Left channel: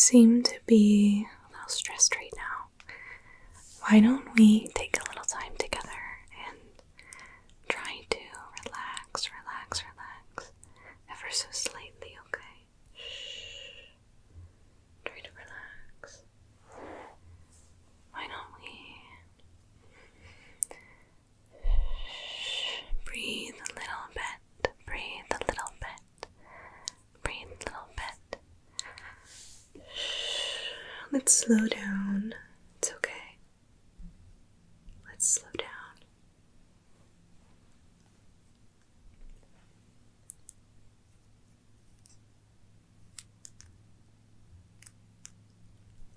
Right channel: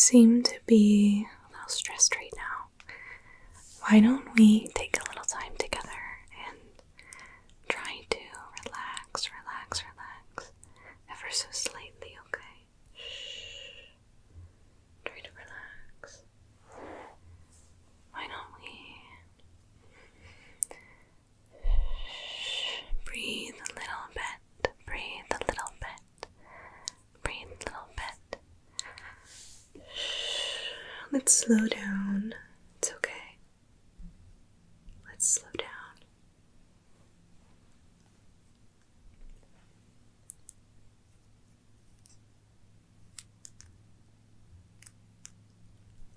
seem to be a little stressed right now. Why don't we take a little time together and try to relax ever so slightly, okay? Try to relax. Why don't we breathe a little bit, breathe a little bit, breathe a little bit. Let's slow down. It's okay. Let's slow down.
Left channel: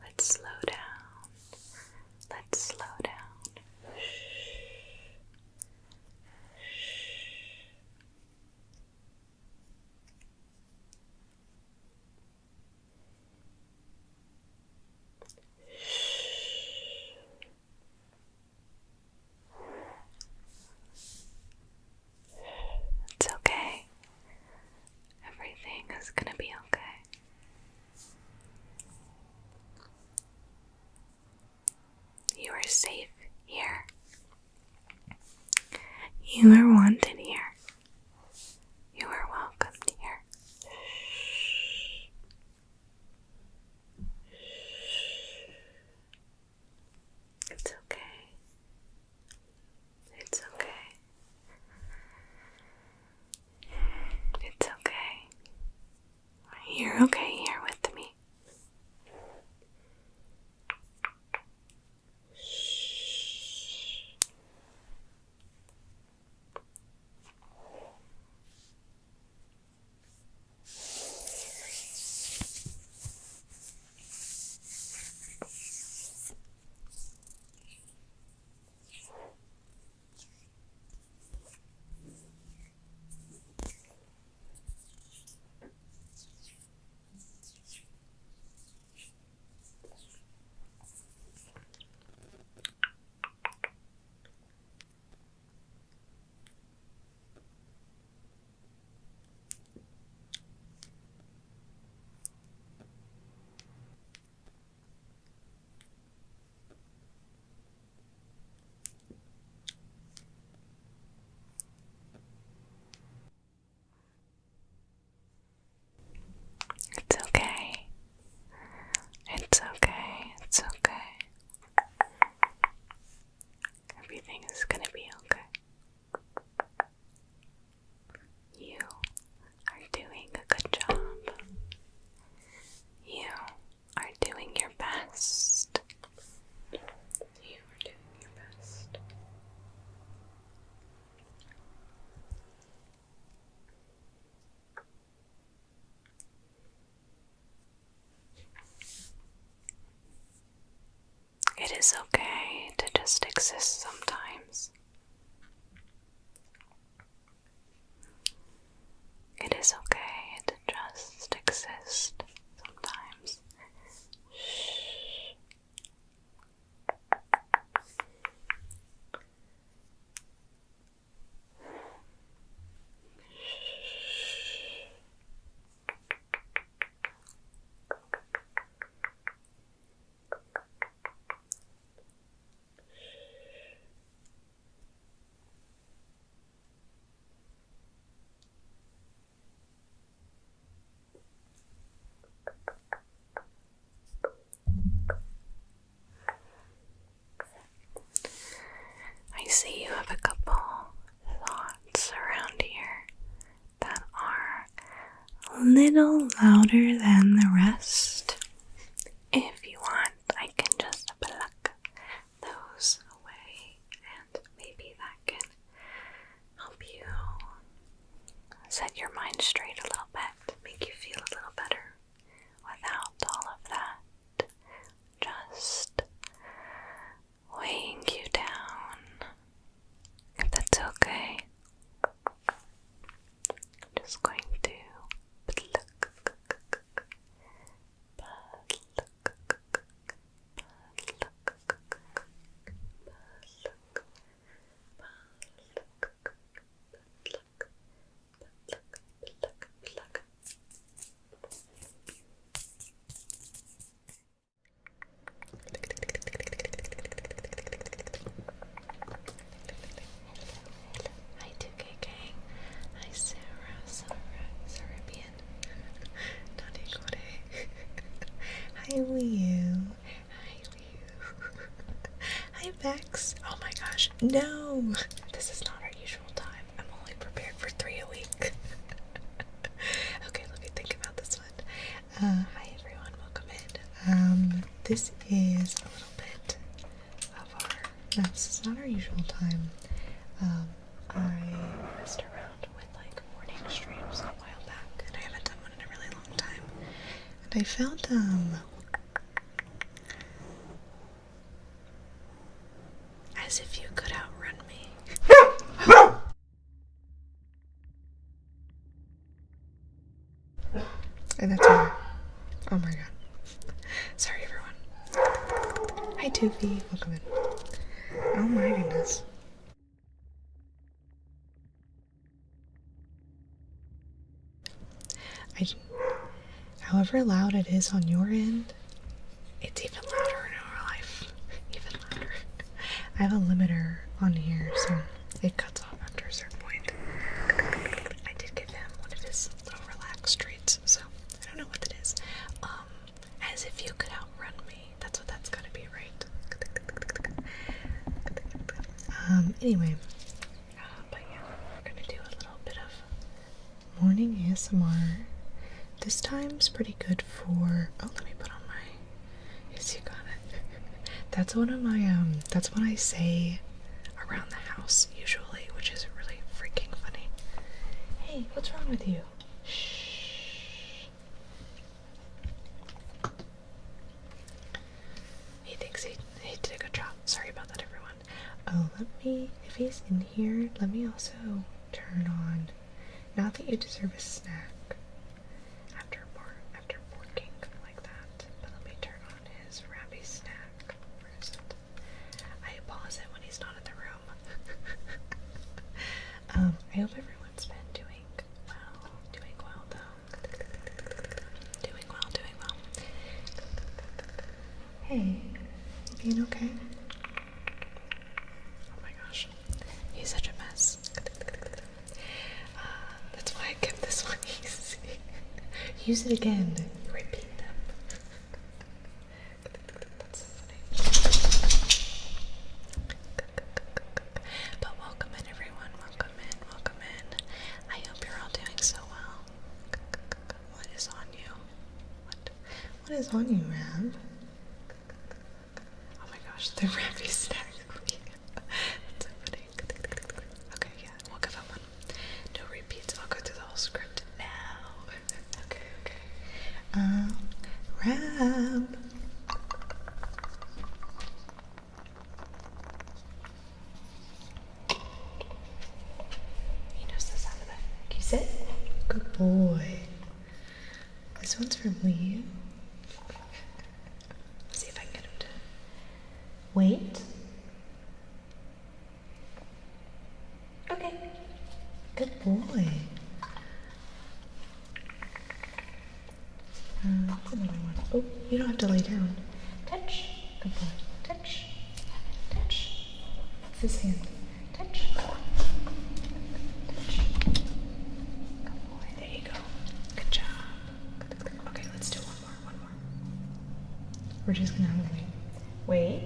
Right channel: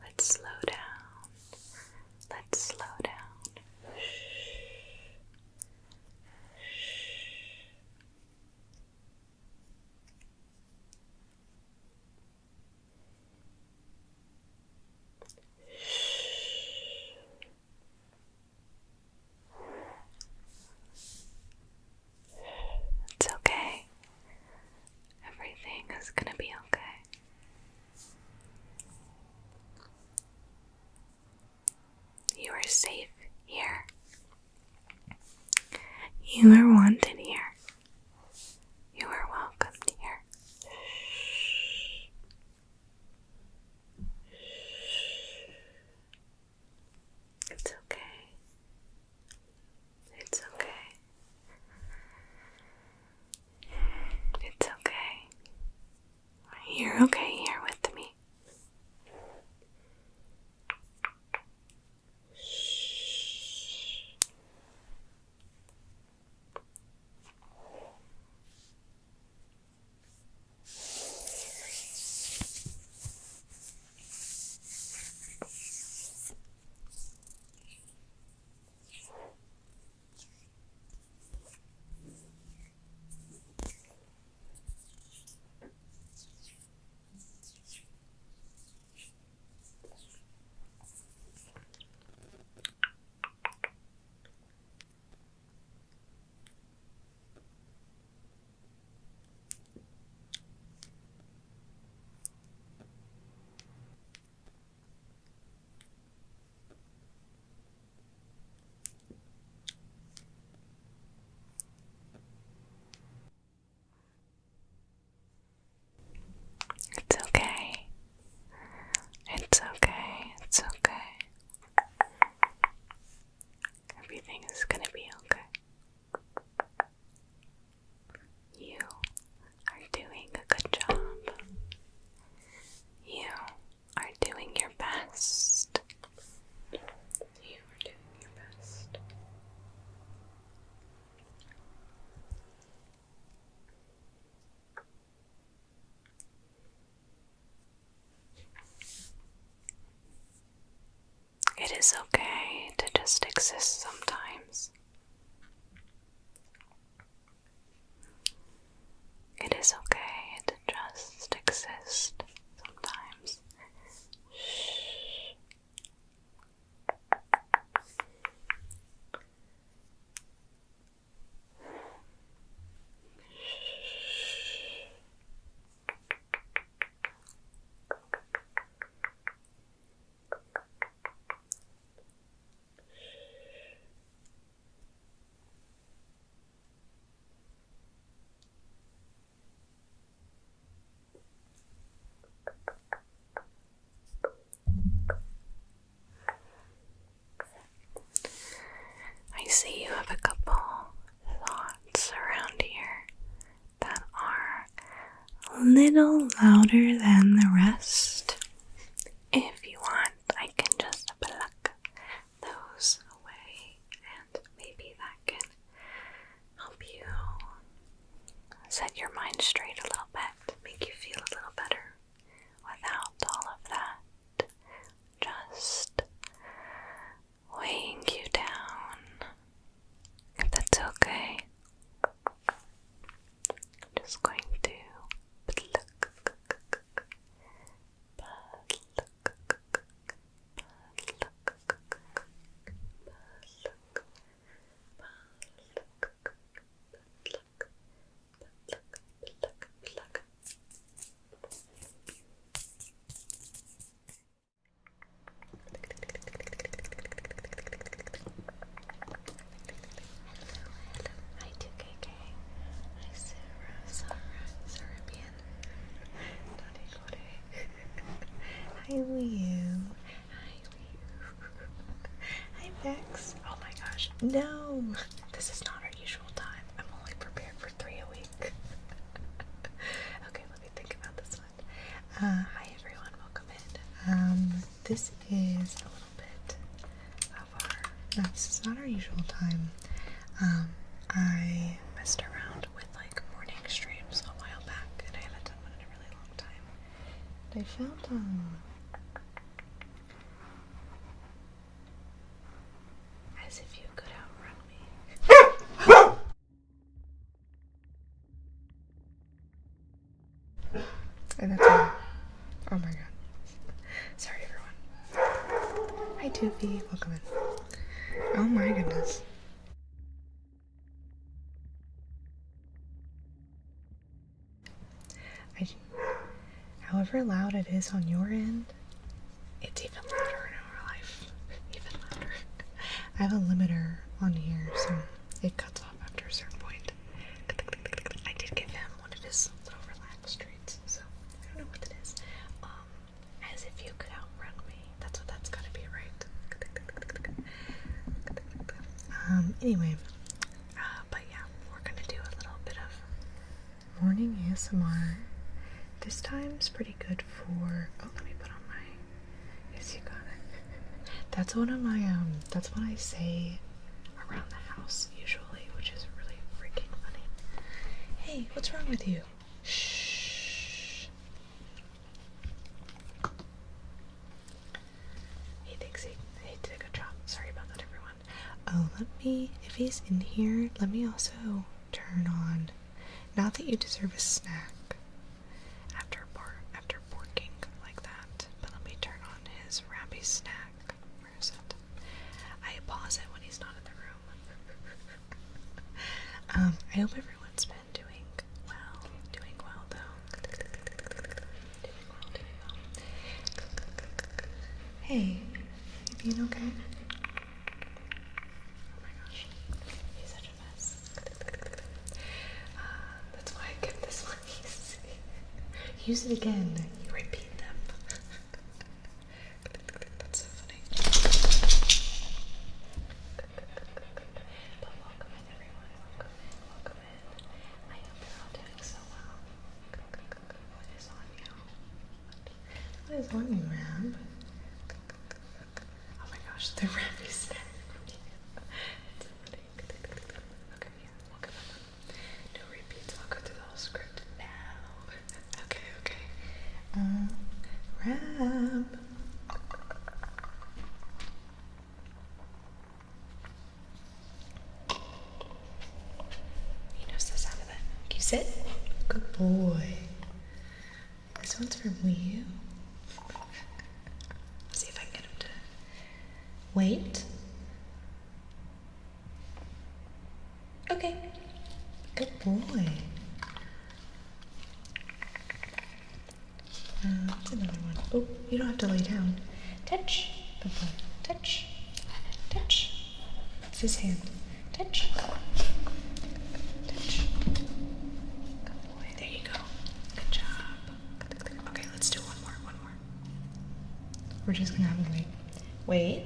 Let's slow down. Let's slow down. It's okay. Everything is gonna be okay. You are safe here. You are wanted here. You are welcomed here. It's okay. It's okay. It's okay. You're okay here with me. It's okay. It's okay. It's okay. Everything is gonna be okay. You are doing a good job. You are doing your best. You are doing your best. It is okay to just exist sometimes. It is okay to just exist sometimes. I see you have a couple thoughts around here that are a little louder than the rest. If you want, I can just pluck those away, and maybe that can help you set your mind straight a little bit, make you feel a little better without all of that just weighing you down. If that's okay, I'm just going to pluck X. Oh my gosh, no! This is not our usual time. I'm only prepared for 3 a week. Okay, let me think about this one. Hi everyone, welcome in. This is a little bit of our... No, this is not our usual time. I messed around with like morning streams a while back, and I haven't done one in a really long time. And I found, as if you could outrun me. And that's all. Oh my god. Sorry everyone. Hi Toofy, welcome in. Oh my goodness. However loud it is on your end, it's even louder in our life. Even louder. I have a limiter on here, so it cuts off after a certain point. I did give him one of his little relaxed treats, so I don't know what it is. As if you could outrun me. That's what that's gotta be, right? Anyway. But yeah, we're gonna do a little bit of morning ASMR. This time's pretty good for... Oh, let me put on my... Yes, you got it. That's one of my, that's what I say around the house, usually, which is really freaking funny. Hey, what's wrong with you? Shh. He thinks he did a good job. Sorry about that, everyone. Oh, let me... If he's in here, let me also turn on... Not that you deserve a snack. After working like that, but let me turn on his Rappy snack. Where is it? I pause it when he's not in the room. I hope everyone's been doing well though. Doing well. Hey, you being okay? Oh my gosh, he's such a mess. That's why I kept this one easy. Use it again. You repeat them. That's so funny. But welcome in, everyone. Welcome in. I hope you're all doing so well. What is on you? What is on you, Rab? Oh my gosh, the Rabby snack. That's so funny. Okay, yeah, we'll give up on no repeats. I'll go through the whole script now. Okay. Rab. He knows the sound of that. Can you sit? Good boy. This one's from Wii U. Let's see if I can get him to wait. Okay. Good boy. What's another one? Oh, you don't have to lay down. Touch. Good boy. Touch. It's his hand. Touch. Good boy. There you go. Good job. Okay, let's do one more. We're just gonna have him wait. Wait.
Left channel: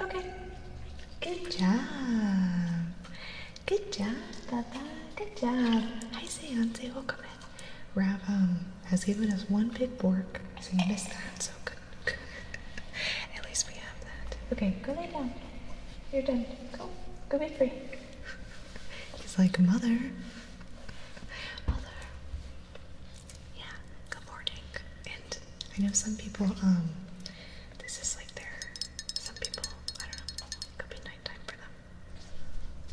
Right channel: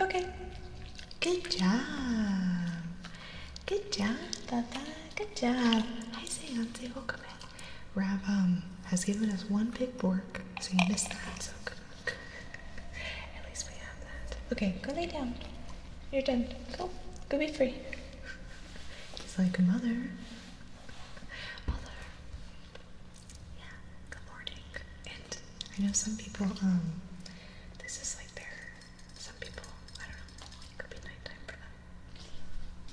Okay. Good job. Good job, Papa. Good job. Hi, Seance. Welcome in. Rab has given us one big bork, so you missed that. So good. At least we have that. Okay, go lay down. You're done. Go be free. He's like, Mother. Yeah. Good morning. And I know some people this is like some people, I don't know, it could be nighttime for them.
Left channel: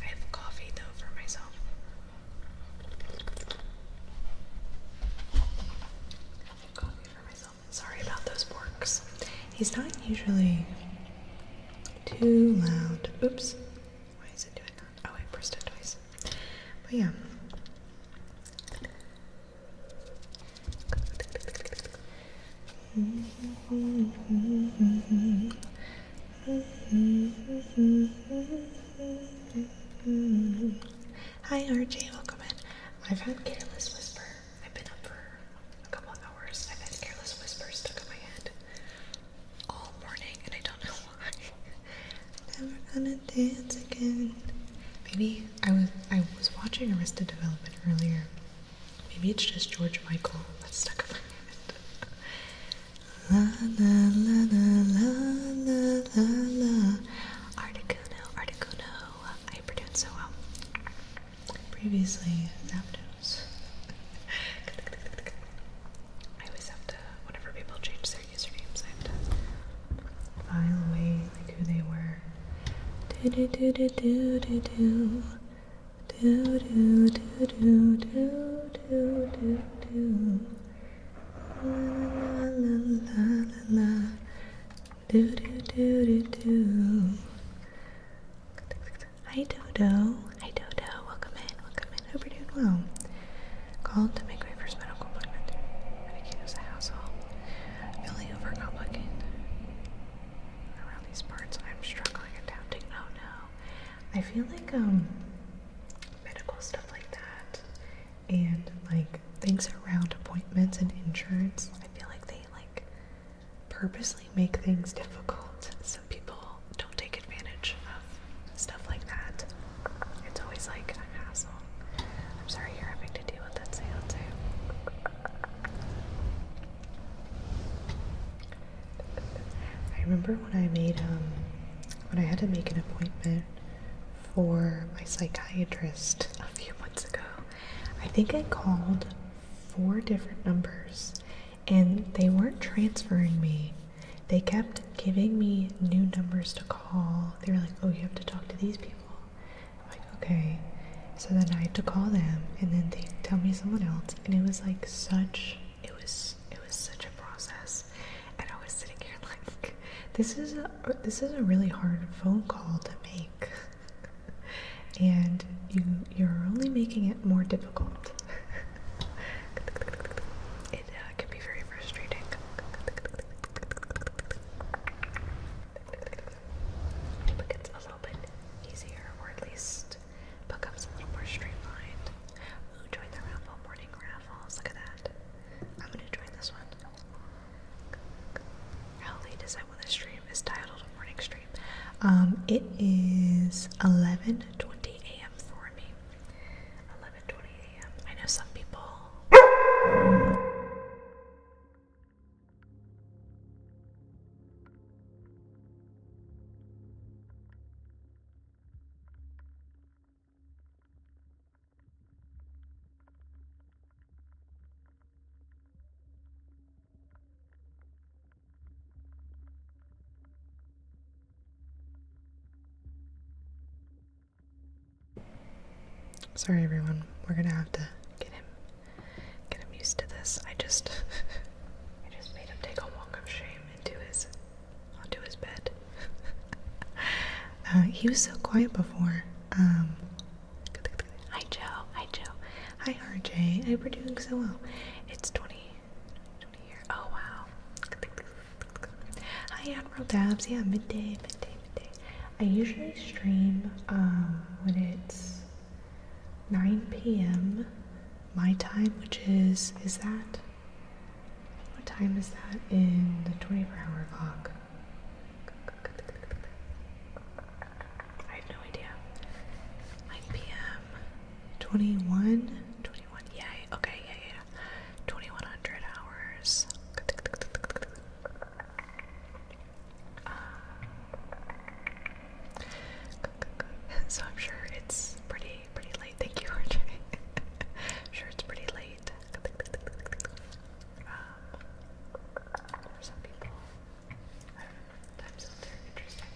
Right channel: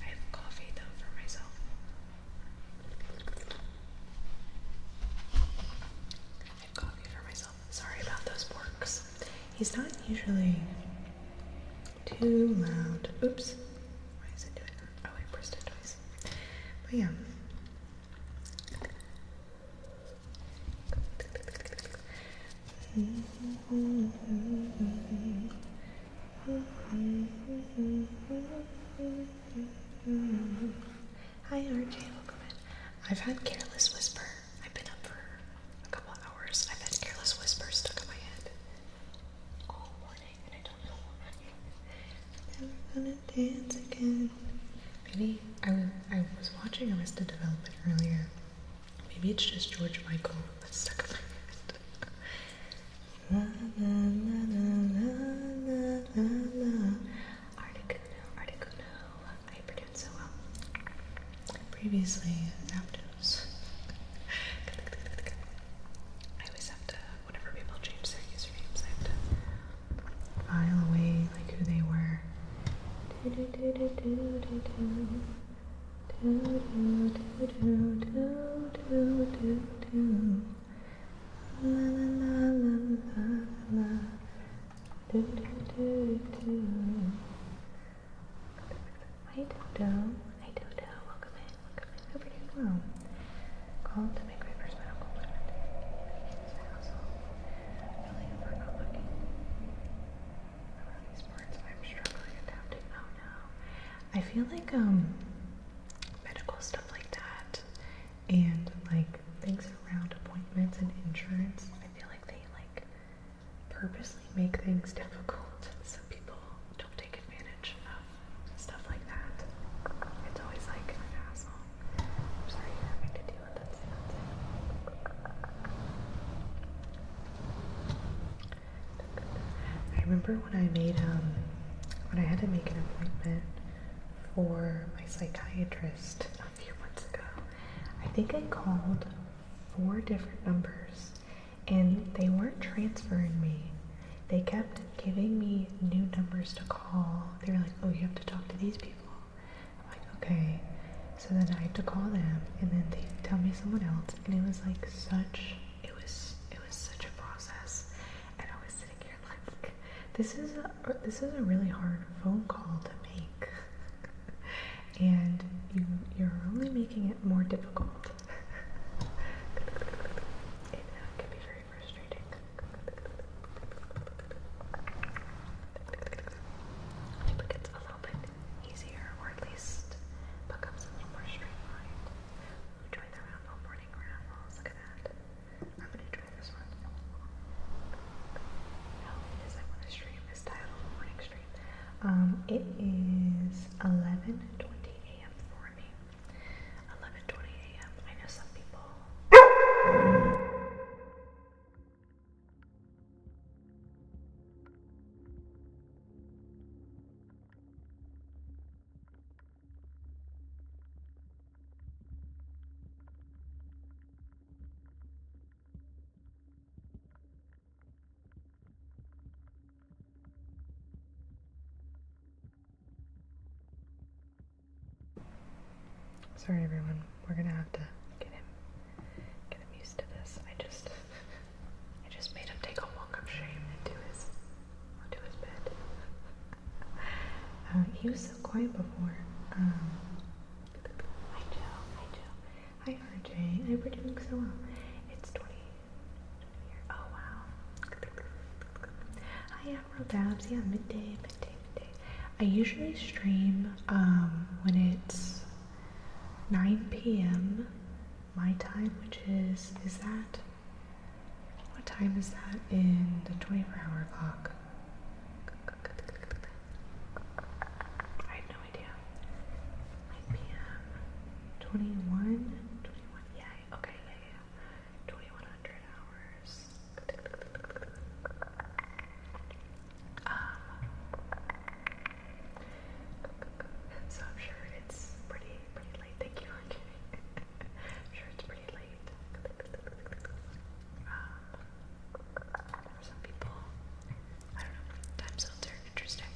I have coffee though for myself. Sorry about those borks. He's not usually too loud. Oops. Why is it doing that? Oh, I pressed it twice. But yeah. Hi RJ, welcome in. I've had Careless Whisper. I've been up for a couple hours. I've had Careless Maybe I was watching Arrested Development earlier. Maybe it's just George Michael that's stuck in my head. La la la la la la la. Articuno, Articuno. I pronounce so well. Previously, Zapdos. I always have to, whenever people change their usernames, I have to file away like who they were. Do do do do do do do. Do do do do do do do do. La la la la la. Do do do do do. Hi Dodo. Hi Dodo. Welcome in. Welcome in. Hope you're doing well. Called to make my first medical appointment. Ridiculous hassle. Really overcomplicated. Around these parts, I'm struggling adapting. Oh no. I feel like medical stuff like that and like things around appointments and insurance, I feel like they like purposely make things difficult so people don't take advantage of stuff like that. It's always like a hassle. I'm sorry you're having to deal with that seance. I remember when I made when I had to make an appointment for my psychiatrist a few months ago. I think I called 4 different numbers and they weren't transferring me. They kept giving me new numbers to call. They were like, oh, you have to talk to these people. I'm like, okay. So then I had to call them and then they tell me someone else, and it was like such such a process. And I was sitting here like, this is a really hard phone call to make. And you're only making it more difficult. It can be very frustrating. It gets a little bit easier, or at least becomes a little more streamlined. Ooh, join the raffle, morning raffles. Look at that. I'm gonna join this one. How late is it when the stream is titled morning stream? It is 11:20 a.m. for me. 11:20 a.m. I know some people. Sorry everyone, we're gonna have to get him used to this. I just made him take a walk of shame onto his bed. He was so quiet before. Hi Joe, hi RJ. I hope we're doing so well. It's 20 here. Oh wow. Hi Admiral Dabs. Yeah, midday. I usually stream when it's 9 p.m. my time, which is that? What time is that in the 24-hour clock? I have no idea. 9 p.m. 21? Yeah, okay, yeah. 2100 hours. So I'm sure it's pretty late. Thank you, RJ. I'm sure it's pretty late. For some people, I don't know, time zones are interesting.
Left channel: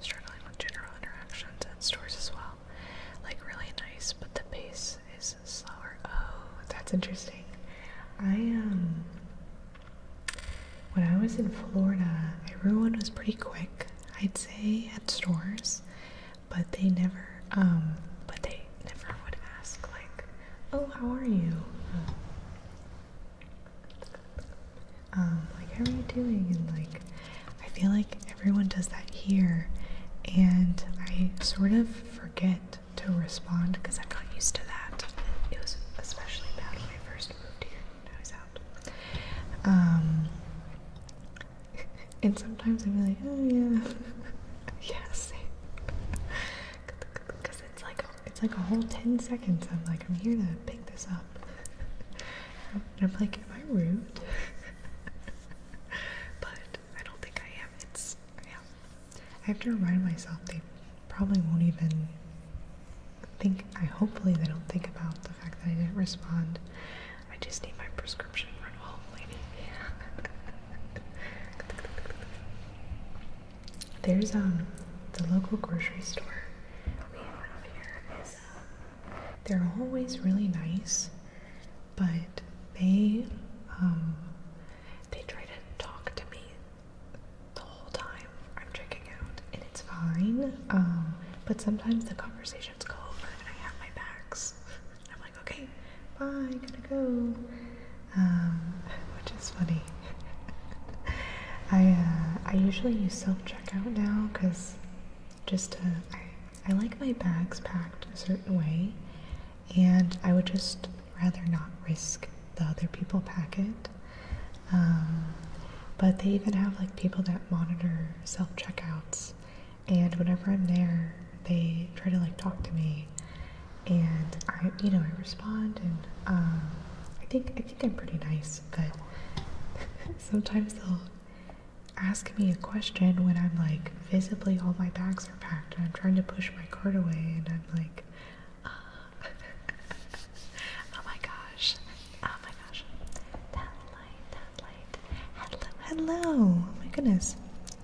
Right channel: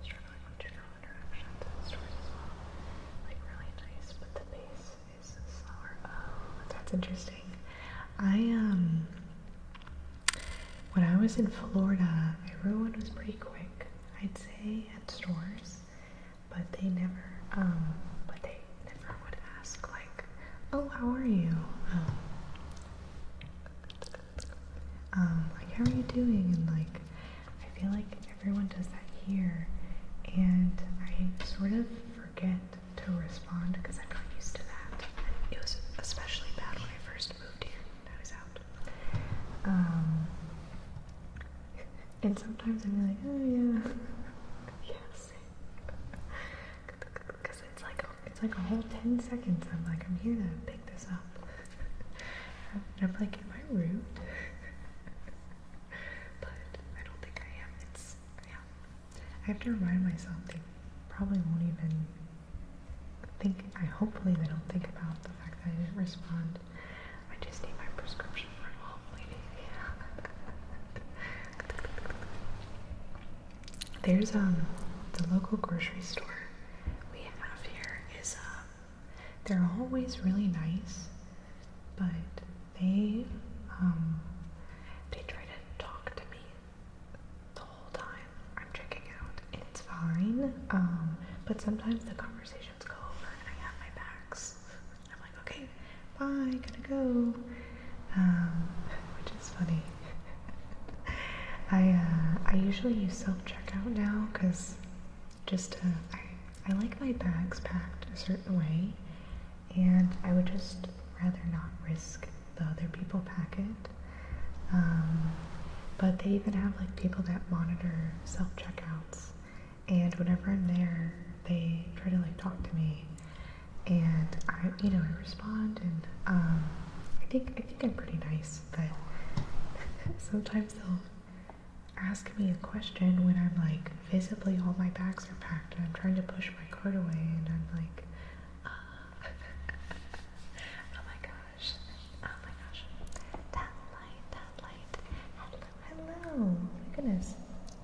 Struggling with general interactions at stores as well. Like really nice, but the pace is slower. Oh, that's interesting. When I was in Florida, everyone was pretty quick, I'd say, at stores, but they never would ask, like, oh, how are you? Like, how are you doing? And, like, I feel like everyone does that here, and I sort of forget to respond because I got used to that. And it was especially bad when I first moved here, when I was out. And sometimes I'm like, oh yeah. Yeah, same. Because it's like a whole 10 seconds. I'm like, I'm here to pick this up. And I'm like, am I rude? But I don't think I am. Yeah. I have to remind myself they probably won't even think, hopefully they don't think about the fact that I didn't respond. I just need my prescription run home, lady. There's, the local grocery store we have here is, they're always really nice, but they try to talk to me the whole time I'm checking out, and it's fine, but sometimes the conversations go over and I have my bags. I'm like, okay, bye, gotta go, which is funny. I usually use self-checkout now, because I like my bags packed a certain way, and I would just rather not risk the other people pack it. But they even have like people that monitor self-checkouts, and whenever I'm there, they try to like talk to me, and I respond, and I think I'm pretty nice, but sometimes they'll ask me a question when I'm like, visibly all my bags are packed and I'm trying to push my cart away, and I'm like, oh my gosh, that light, hello, oh my goodness,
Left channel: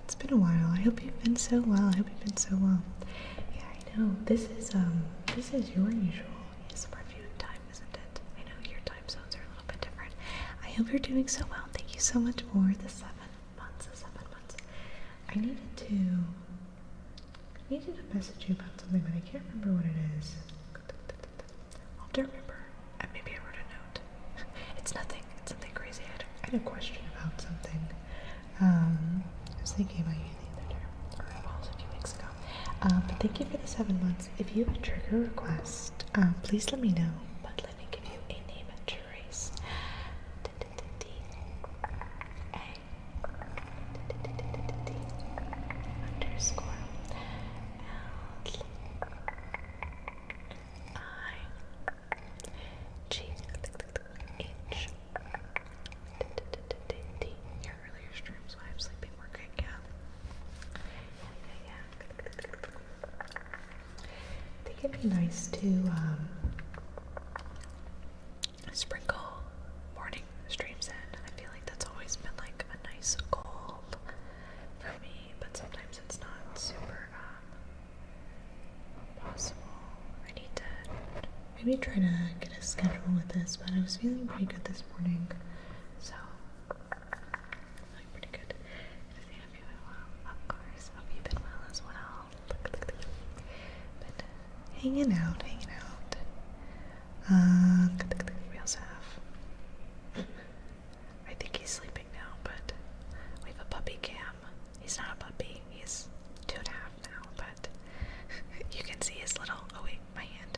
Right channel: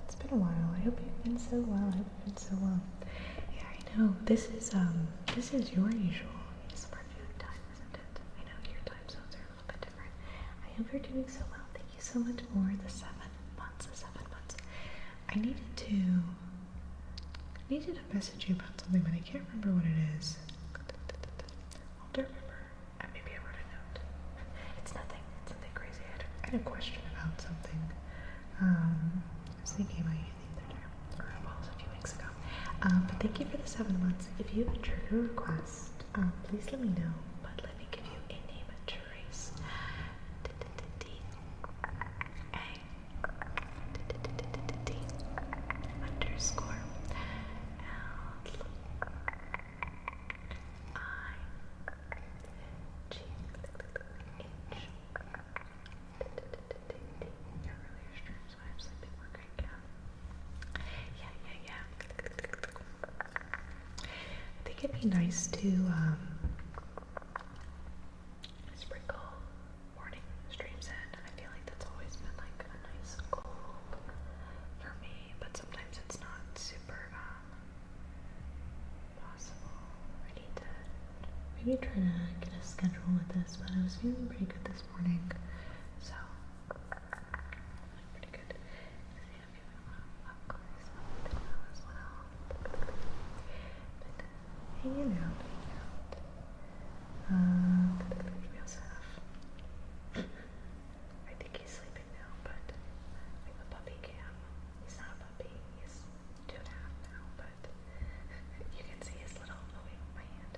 it's been a while. I hope you've been so well. Yeah, I know, this is your usual ASMR viewing time, isn't it? I know your time zones are a little bit different. I hope you're doing so well. Thank you so much for the 7 months. I needed to message you about something, but I can't remember what it is. I'll have to remember, and maybe I wrote a note. It's nothing crazy. I had a question about something. I was thinking about you the other day, or well, it was a few weeks ago. But thank you for the 7 months. If you have a trigger request, please let me know. But let me give you a name trace. Underscore LIGH. Your earlier streams while I'm sleeping were great, yeah. I think it'd be nice to sprinkle morning streams in. I feel like that's always been like a nice goal for me, but sometimes it's not super possible. I need to maybe try to get a schedule with this, but I was feeling pretty good this morning, so feeling pretty good. Good to have you well. Of course, hope you've been well as well. But hanging out. We also have, I think he's sleeping now, but we have a puppy Cam. He's not a puppy, he's 2.5 now, but you can see his little, oh wait, my hand.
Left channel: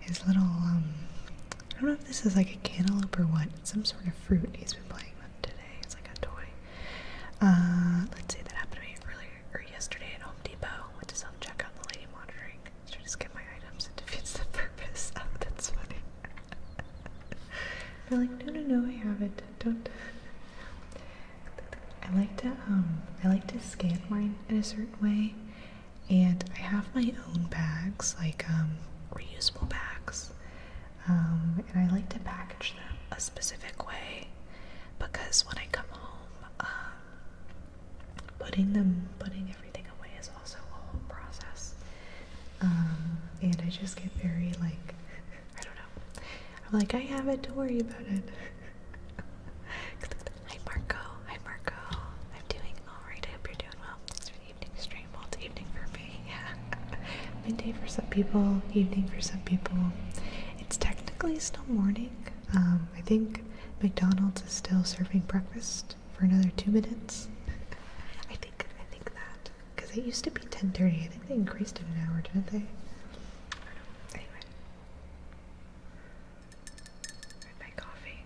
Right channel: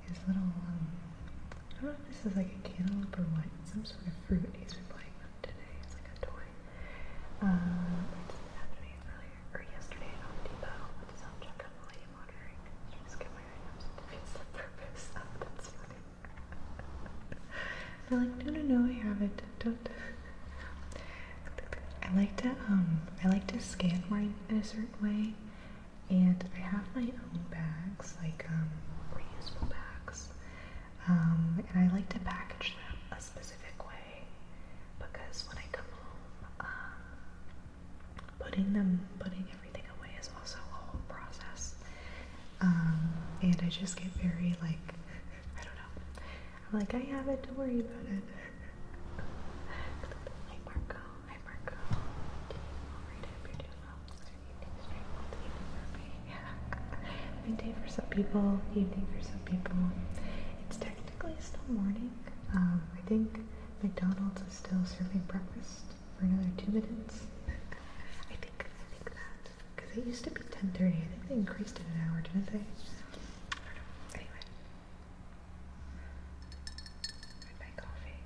His little, I don't know if this is like a cantaloupe or what, it's some sort of fruit he's been playing with today. It's like a toy. Let's say that happened to me earlier, or yesterday at Home Depot. Went to self-checkout, the lady monitoring. Trying to scan my items, it defeats the purpose. Oh, that's funny. They're like, no, I have it. Don't. I like to scan mine in a certain way, and I have my own bags, like reusable bags, and I like to package them a specific way, because when I come home, putting everything away is also a whole process, and I just get very like, I don't know, I'm like, I have it, don't worry about it. Hi Marco, I'm doing alright, I hope you're doing well. Thanks for the evening stream. Well, it's evening for me, yeah. Midday for some people, evening for some people. It's technically still morning. I think McDonald's is still serving breakfast for another 2 minutes. I think that, because it used to be 10:30. I think they increased it an hour, didn't they? I don't know. Anyway, here's my coffee.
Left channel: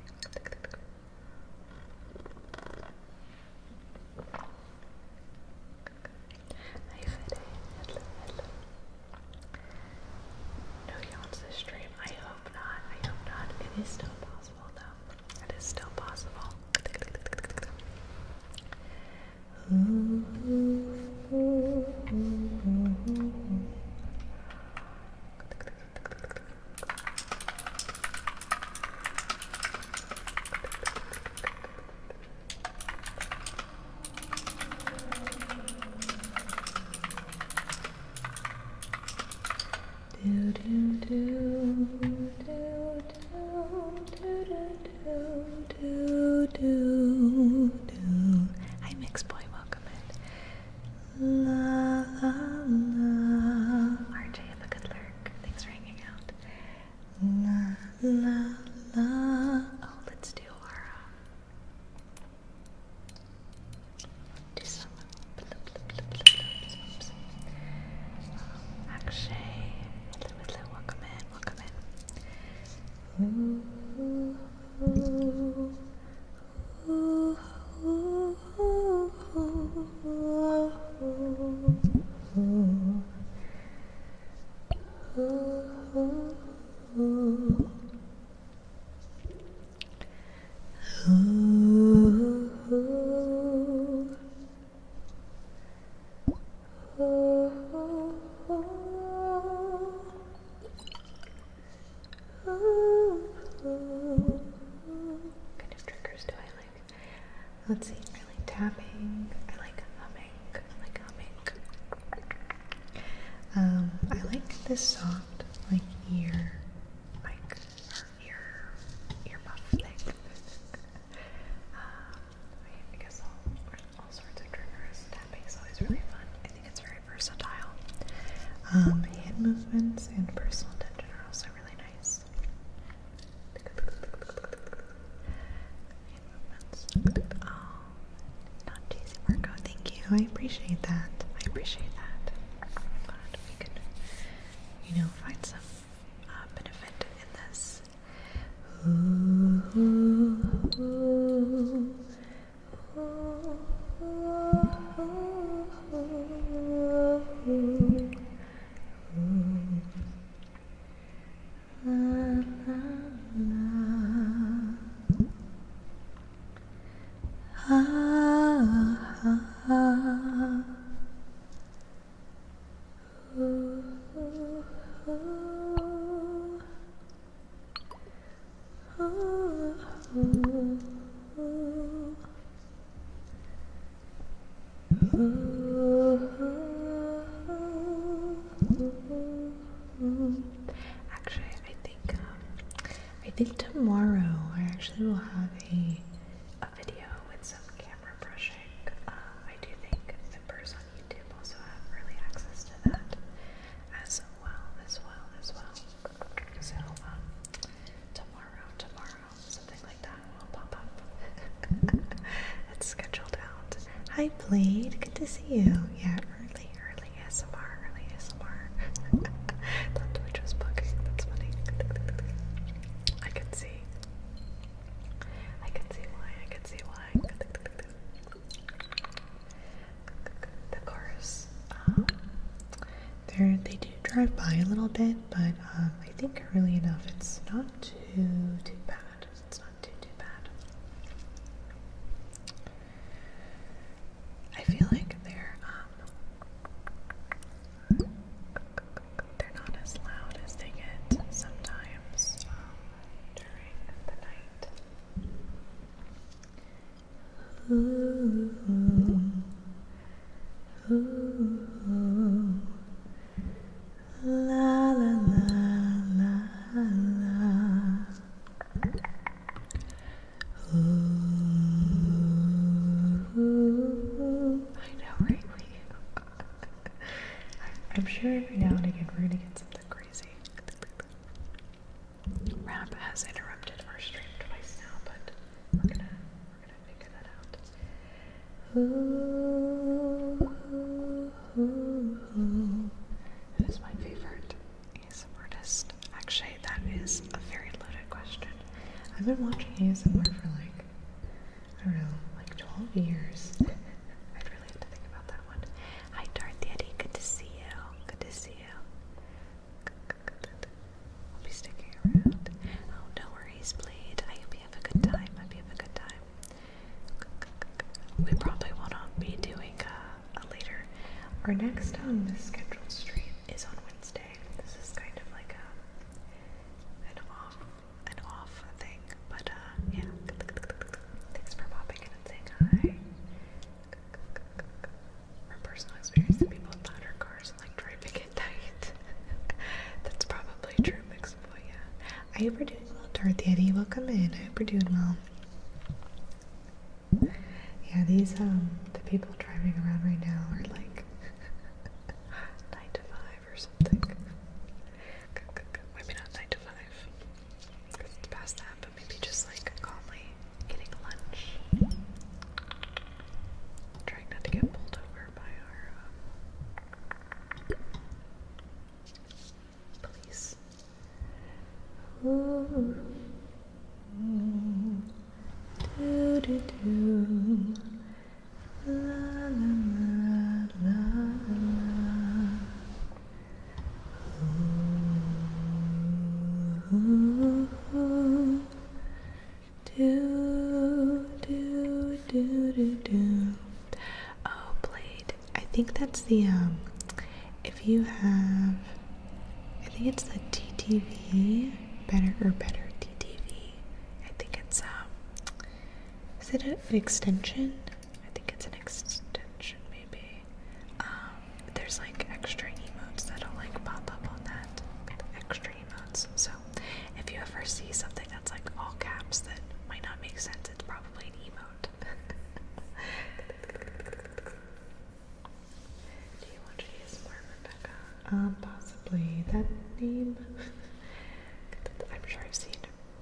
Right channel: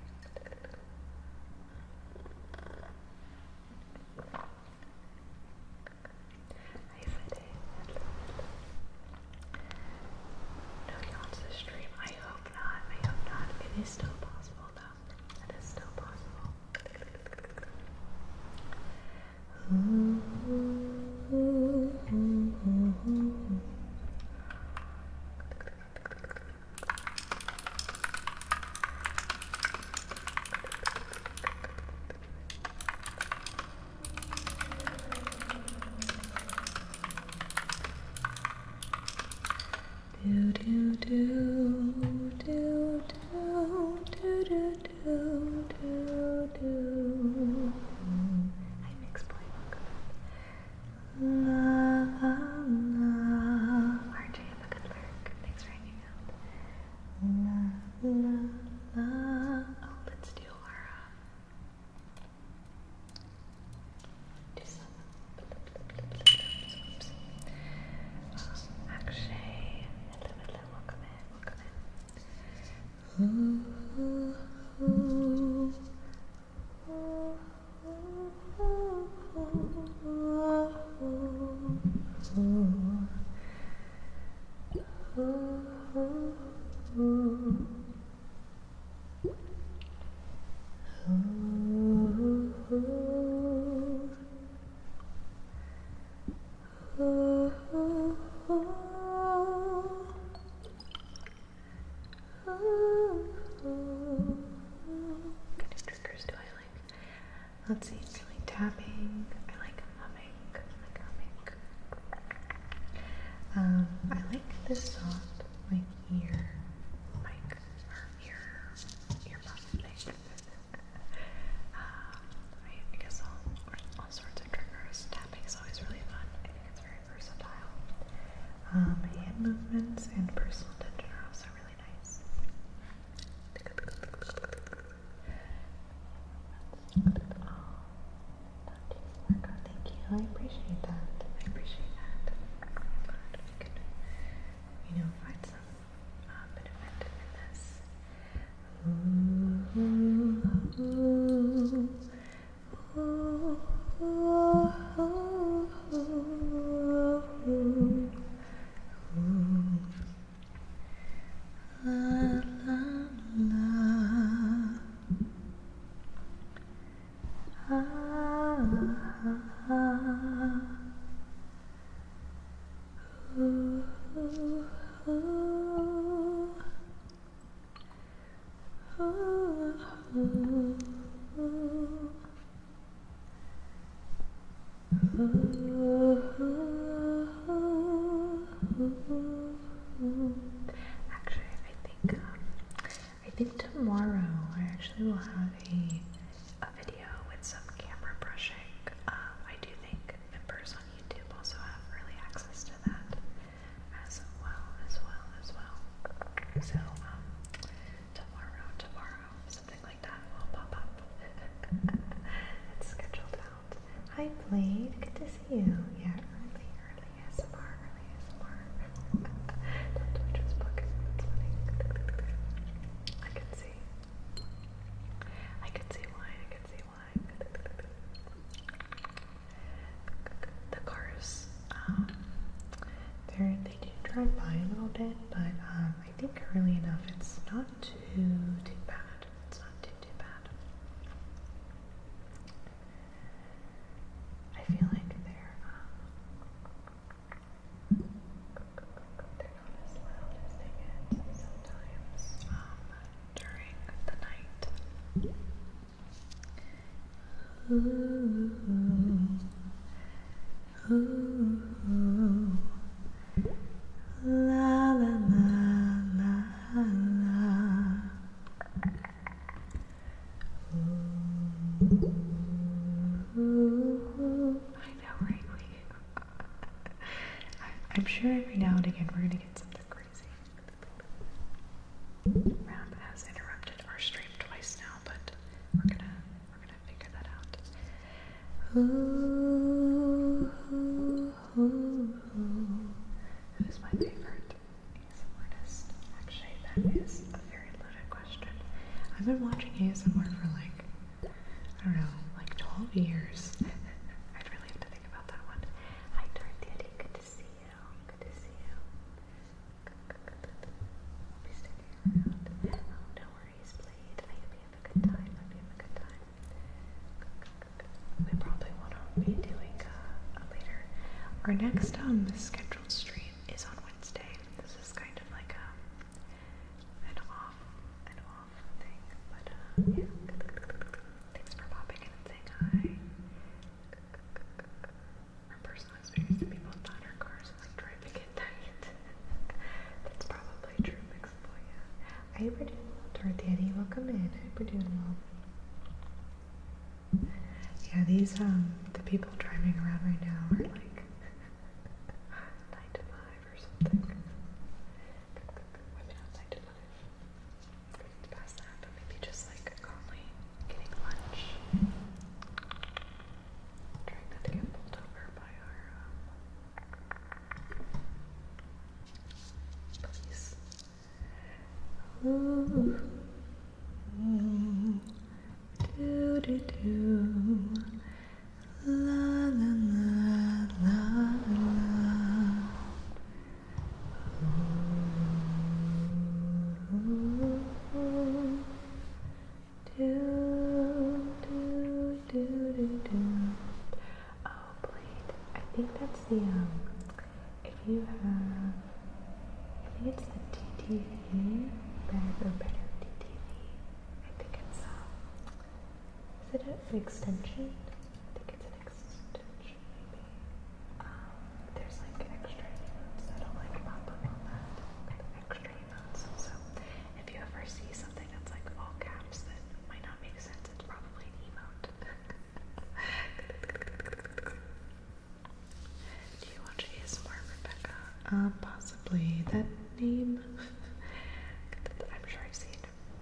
It is still possible, though. It is still possible. Do do do do do do do do do do. Hi, Mixed Boy, welcome in. La la la. RJ, have a good lurk. Thanks for hanging out. La la la. Oh, let's do our do some oops. Akshay, hello, welcome in. Ooh, ooh, ooh, ooh, ooh, ooh, What kind of triggers do I like? Let's see, I like tapping, I like humming, I like this soft, like, ear buff thing. I guess all sorts of triggers. Tapping's always really fun. I think it's very versatile. Hand movements and personal attention are also really nice. Oh, not cheesy workout. Thank you. I appreciate that. I'm glad we could, find some benefit in this. Ooh, ooh, ooh, ooh, ooh, ooh, ooh, ooh. La, la, la. Ah, ah, ah. Ooh, ooh, ooh. Ooh, ooh, ooh. Actually, I think tomorrow I actually will have a video with some camera brushing. I do think members on YouTube also have early access to that as well. So tomorrow, something like that will pop up. It's scheduled out. Hi, Blade. Good to see you. Yeah, early ASMR. Thought Twitch was bugging. That's funny. I can see why. The cars, they do drive by a little bit, but I think early enough it's not too bad. It's not too bad. I feel like they're not as loud as they get sometimes during the night. Ooh, ooh, la la la la la. Ooh, I know, right? I'm sure every now and again we're gonna get something crazy. Rap has interrupted our stream twice now, but we're gonna figure that out. Ooh, ooh, ooh. Who's my favorite ASMR artist? Actually, that is a very loaded question. I've been watching ASMR for I don't know, 12 years. I'd really have to think about that one. Hi, Darth Yeti. Good to see you. I'll be sticking around. Oh, no worries, next scheduled stream is on Wednesday. This is kind of like an off thing, but yeah. Thanks for popping in and saying hi. From personal experience, the people with louder cars like driving at night. That's probably true, Mixable, yeah. I hope you're doing well, Darth Yeti. Welcome in. I hope you're doing well. Yeah, these the people driving around right now are like 9 to 5 or something. Maybe not 9 to 5, because it's past that, but maybe just like calmly getting lunch. Trying not to get pulled over by our police. Ooh. Do do do, la la la la la. Ooh, do do do do do. Oh, Blade. I think that's the If you have, I think it's the TTV, better TTV. I think it's is it an extension? I think it's an extension, maybe. There's like extra emotes that'll like pop up on that. Extra emotes. So if you ever see something that's like all caps that might not make sense, it's probably an emote. Do you watch ASMR, Rebecca? Possibly. That name. I'm sure I've seen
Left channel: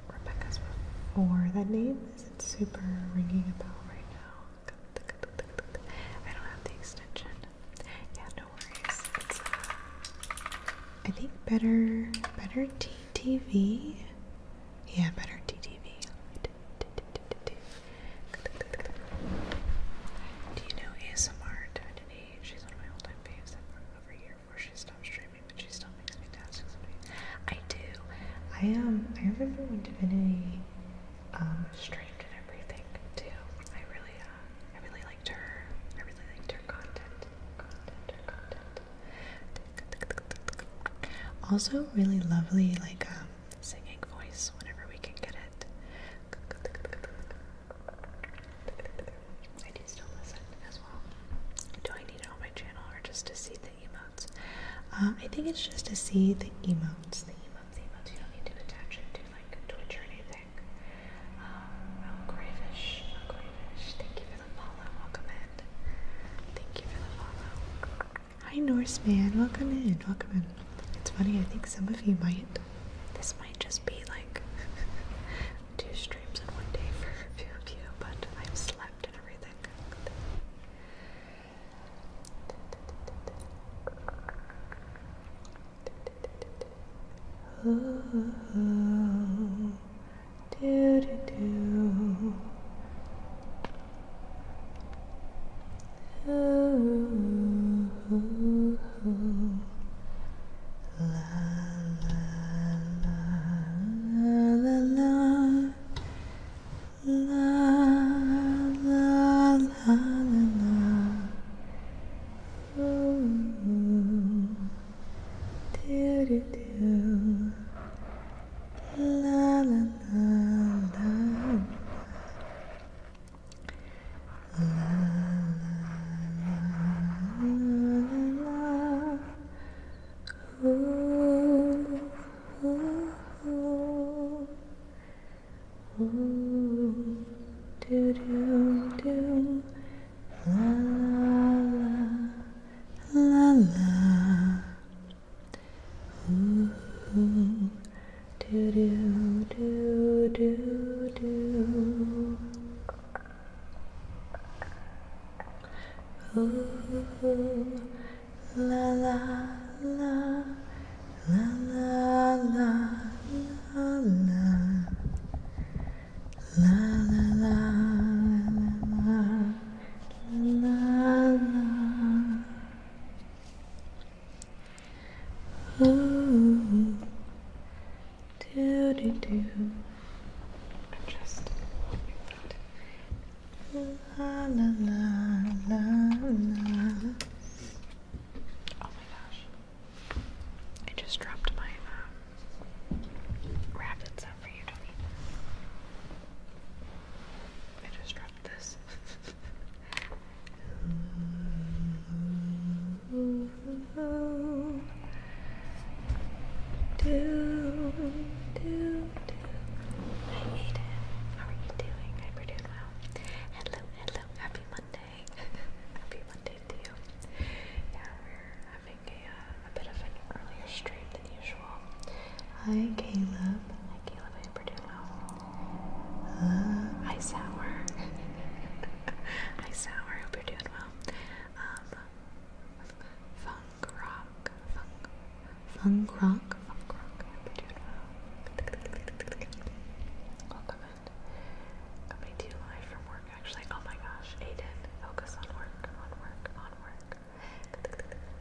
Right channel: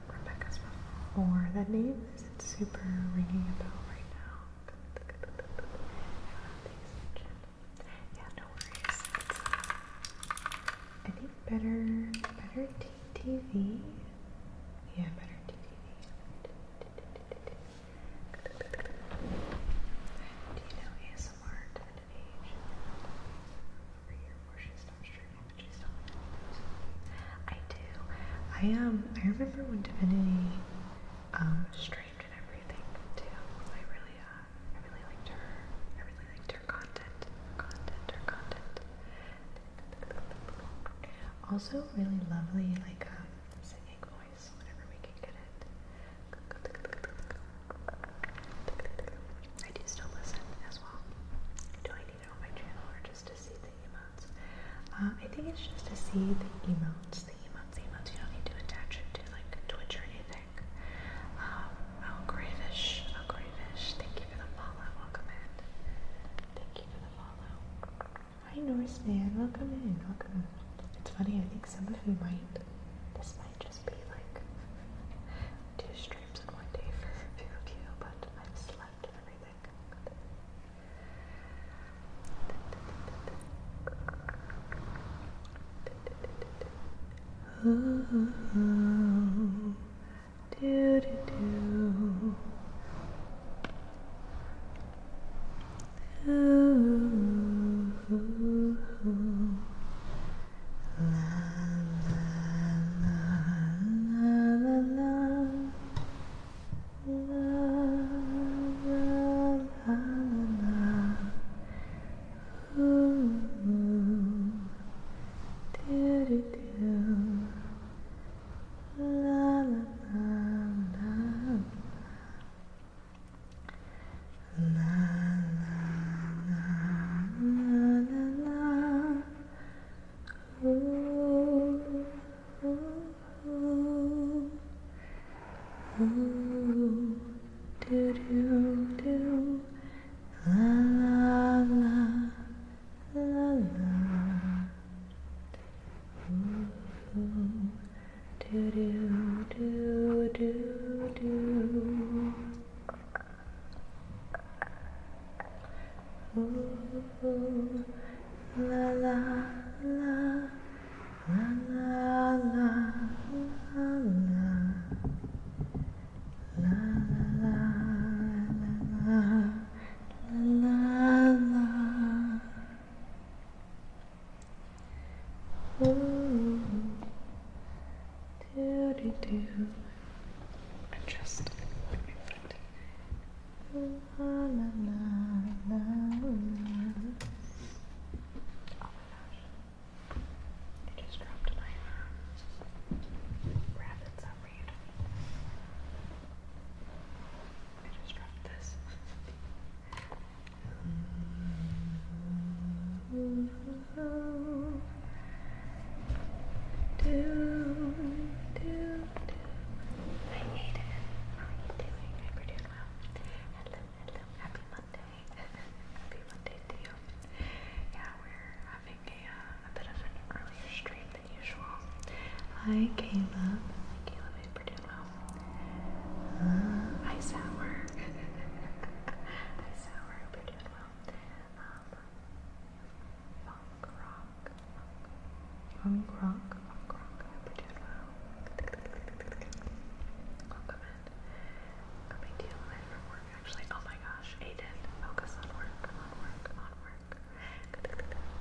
Rebecca's before. That name isn't super ringing a bell right now. I don't have the extension. Yeah, no worries. It's I think better TTV. Yeah, better TTV. Do you know ASMR Divinity? She's one of my all-time faves. I've been over here before she stopped streaming, but she's still making tasks. I do. I remember when Divinity streamed and everything too. I really liked her. I really liked her content. Also, really lovely singing voice whenever we can get it. I do still listen as well. Do I need it on my channel or just to see the emotes? I think it's just to see the emotes. The emotes. You don't need to attach it to like Twitch or anything. Oh, Gravish. Thank you for the follow. Welcome in. Thank you for the follow. Hi, Norseman. Welcome in. It's funny, I think some of you this might just be like 2 streams in one day for a few of you, but I've slept and everything. Ooh, do do do. Ooh, la la la la la la la la la. Ooh, do do do. La la la la. La la la la la. Ooh, ooh, ooh, ooh, do do do, la la la la, ooh, do do do do do. Ooh, la la la la la la la la la la la la la. Ooh, do do do. Adjust my foot. La la la la la. Hi, Caleb. Hi, Caleb. I hope you're doing well. Hi, Sour. Hi, Sour. I hope you're doing well. Funk rock. Funk rock. I hope you're doing well. Welcome in. Coming to you live from work, actually. Oh my gosh, Aiden. Focus on work.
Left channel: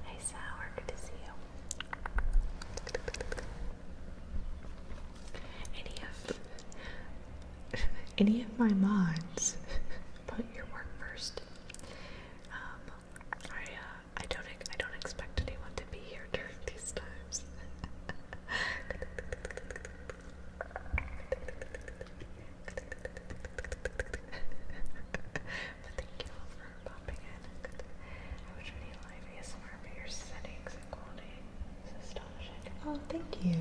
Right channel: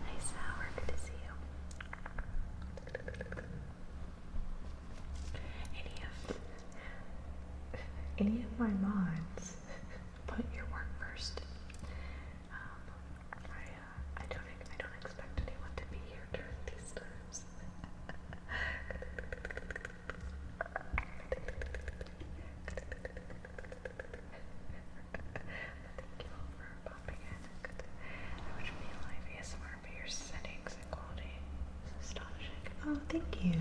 Hey, Sour. Good to see you. Any of my mods, put your work first. I don't expect anyone to be here during these times. But thank you all for popping in. I wish we need live ASMR, but your settings and quality is astonishing. Oh, thank you.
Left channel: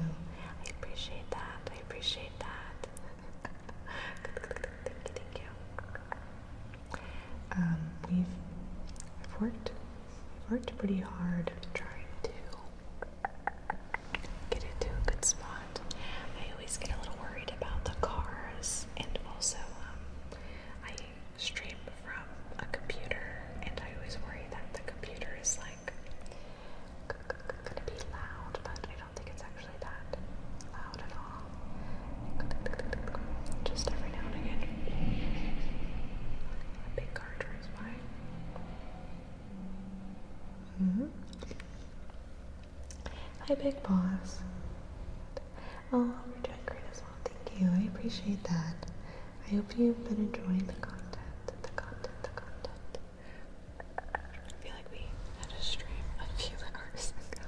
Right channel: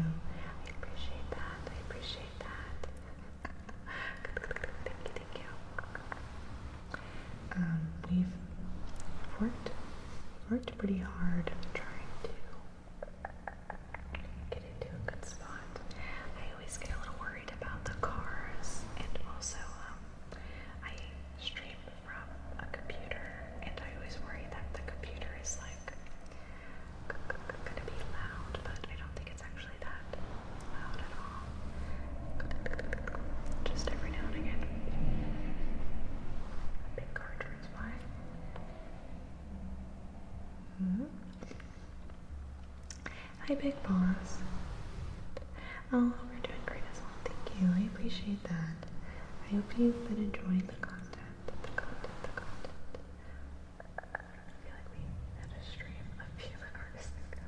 I appreciate that. Thank you. We've worked pretty hard trying to get it to a good spot. I always get a little worried about the cars, and also I stream from a computer, and I always worry that the computer is like gonna be loud, but I don't think it's actually that loud at all. Just every now and again, a big car drives by. Hi, Big Boss. Oh, you're doing great as well. Thank you. I appreciate that. I hope you've been enjoying the content. I feel like we had a stream a few hours ago.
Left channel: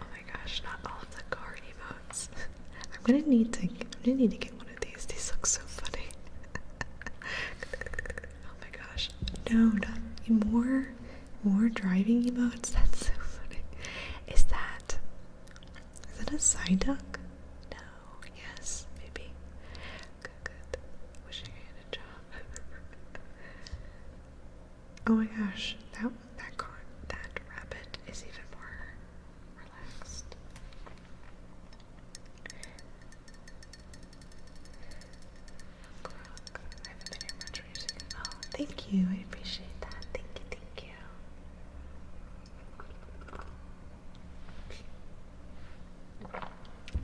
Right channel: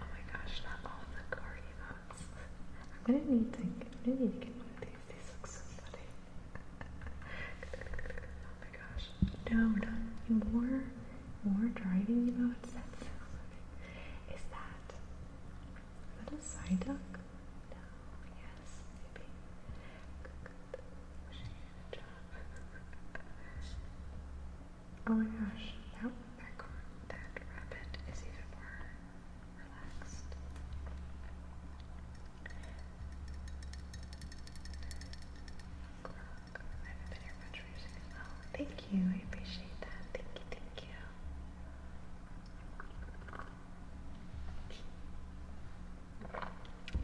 Oh my gosh, not all of the car emotes. I'm gonna need to get one of these. These look so funny. Oh my gosh. No, not more driving emotes. That's so funny. Is it a side duck? No. Yes, maybe. Good. Wishing I had a job. Oh my gosh, that rabbit is even more relaxed. Croc. I haven't been here much recently. Oh, thank you. I appreciate that. Thank you.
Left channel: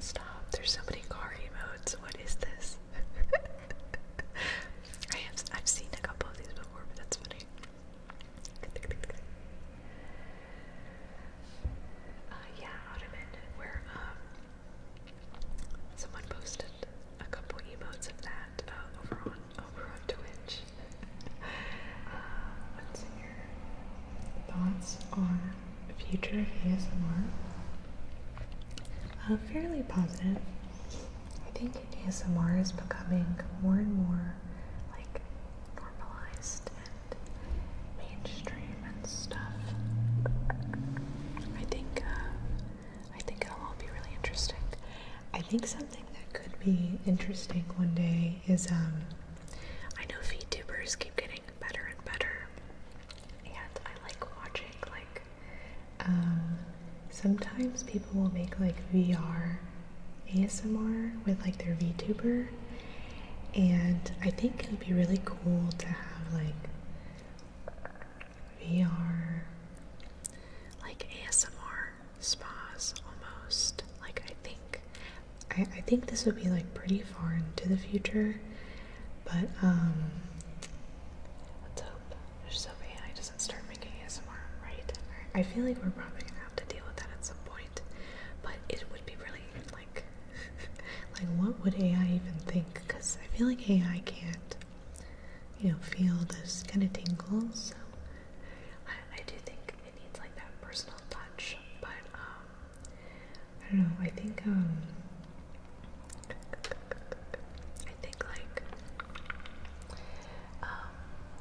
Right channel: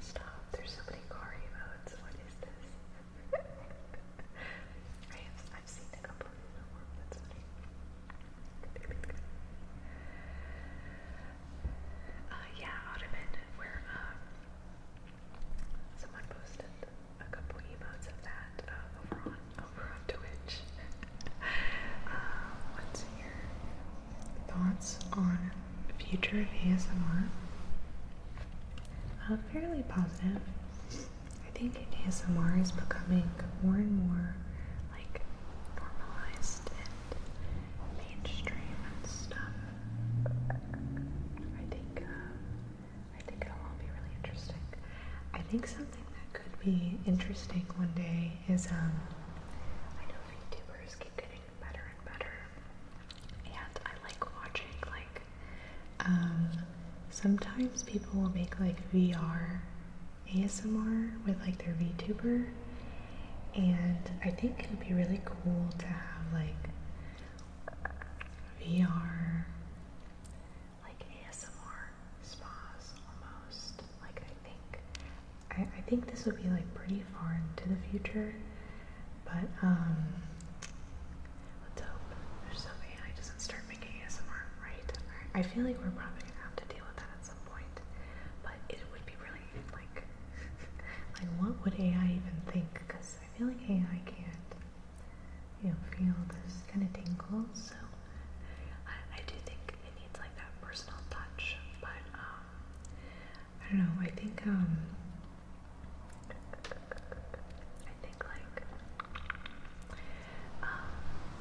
Stop. There's so many car emotes. What is this? I've seen a couple of these before, but that's funny. Yeah, Ottoman, where someone posted a couple emotes of that over on Twitch. What's your thoughts on the future of ASMR? Fairly positive. I think ASMR is becoming more and more like normalized and mainstream and stuff. I think it'll all be really interesting. I think something that could be interesting one day is I know VTubers keep getting better and better, and I like watching sometimes people will make like VR ASMR with like their VTuber, and I think it would be really cool to have like VR like ASMR spas almost. Like I think this would be like pretty far into the future, but let's hope AI doesn't start making ASMR, right? I feel like we're probably gonna have to deal with that at some point, but it would be really like what would AI even think? Because I feel like AI can't, feel this kind of tingle, so I do think it needs like that personal touch, but I don't know, I think like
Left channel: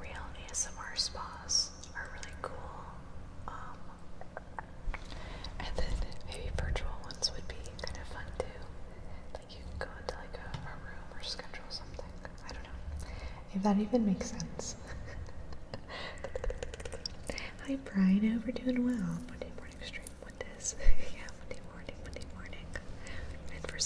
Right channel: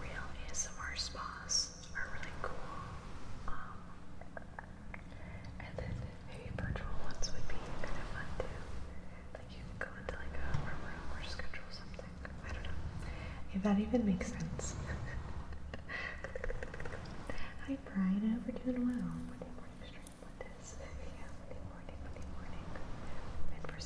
real ASMR spas are really cool, and then maybe virtual ones would be kind of fun too. Like you could go into like a room or schedule something. I don't know if that even makes sense. Hi Brian, I hope you're doing well. Monday morning stream. What is? Yeah, Monday morning. And for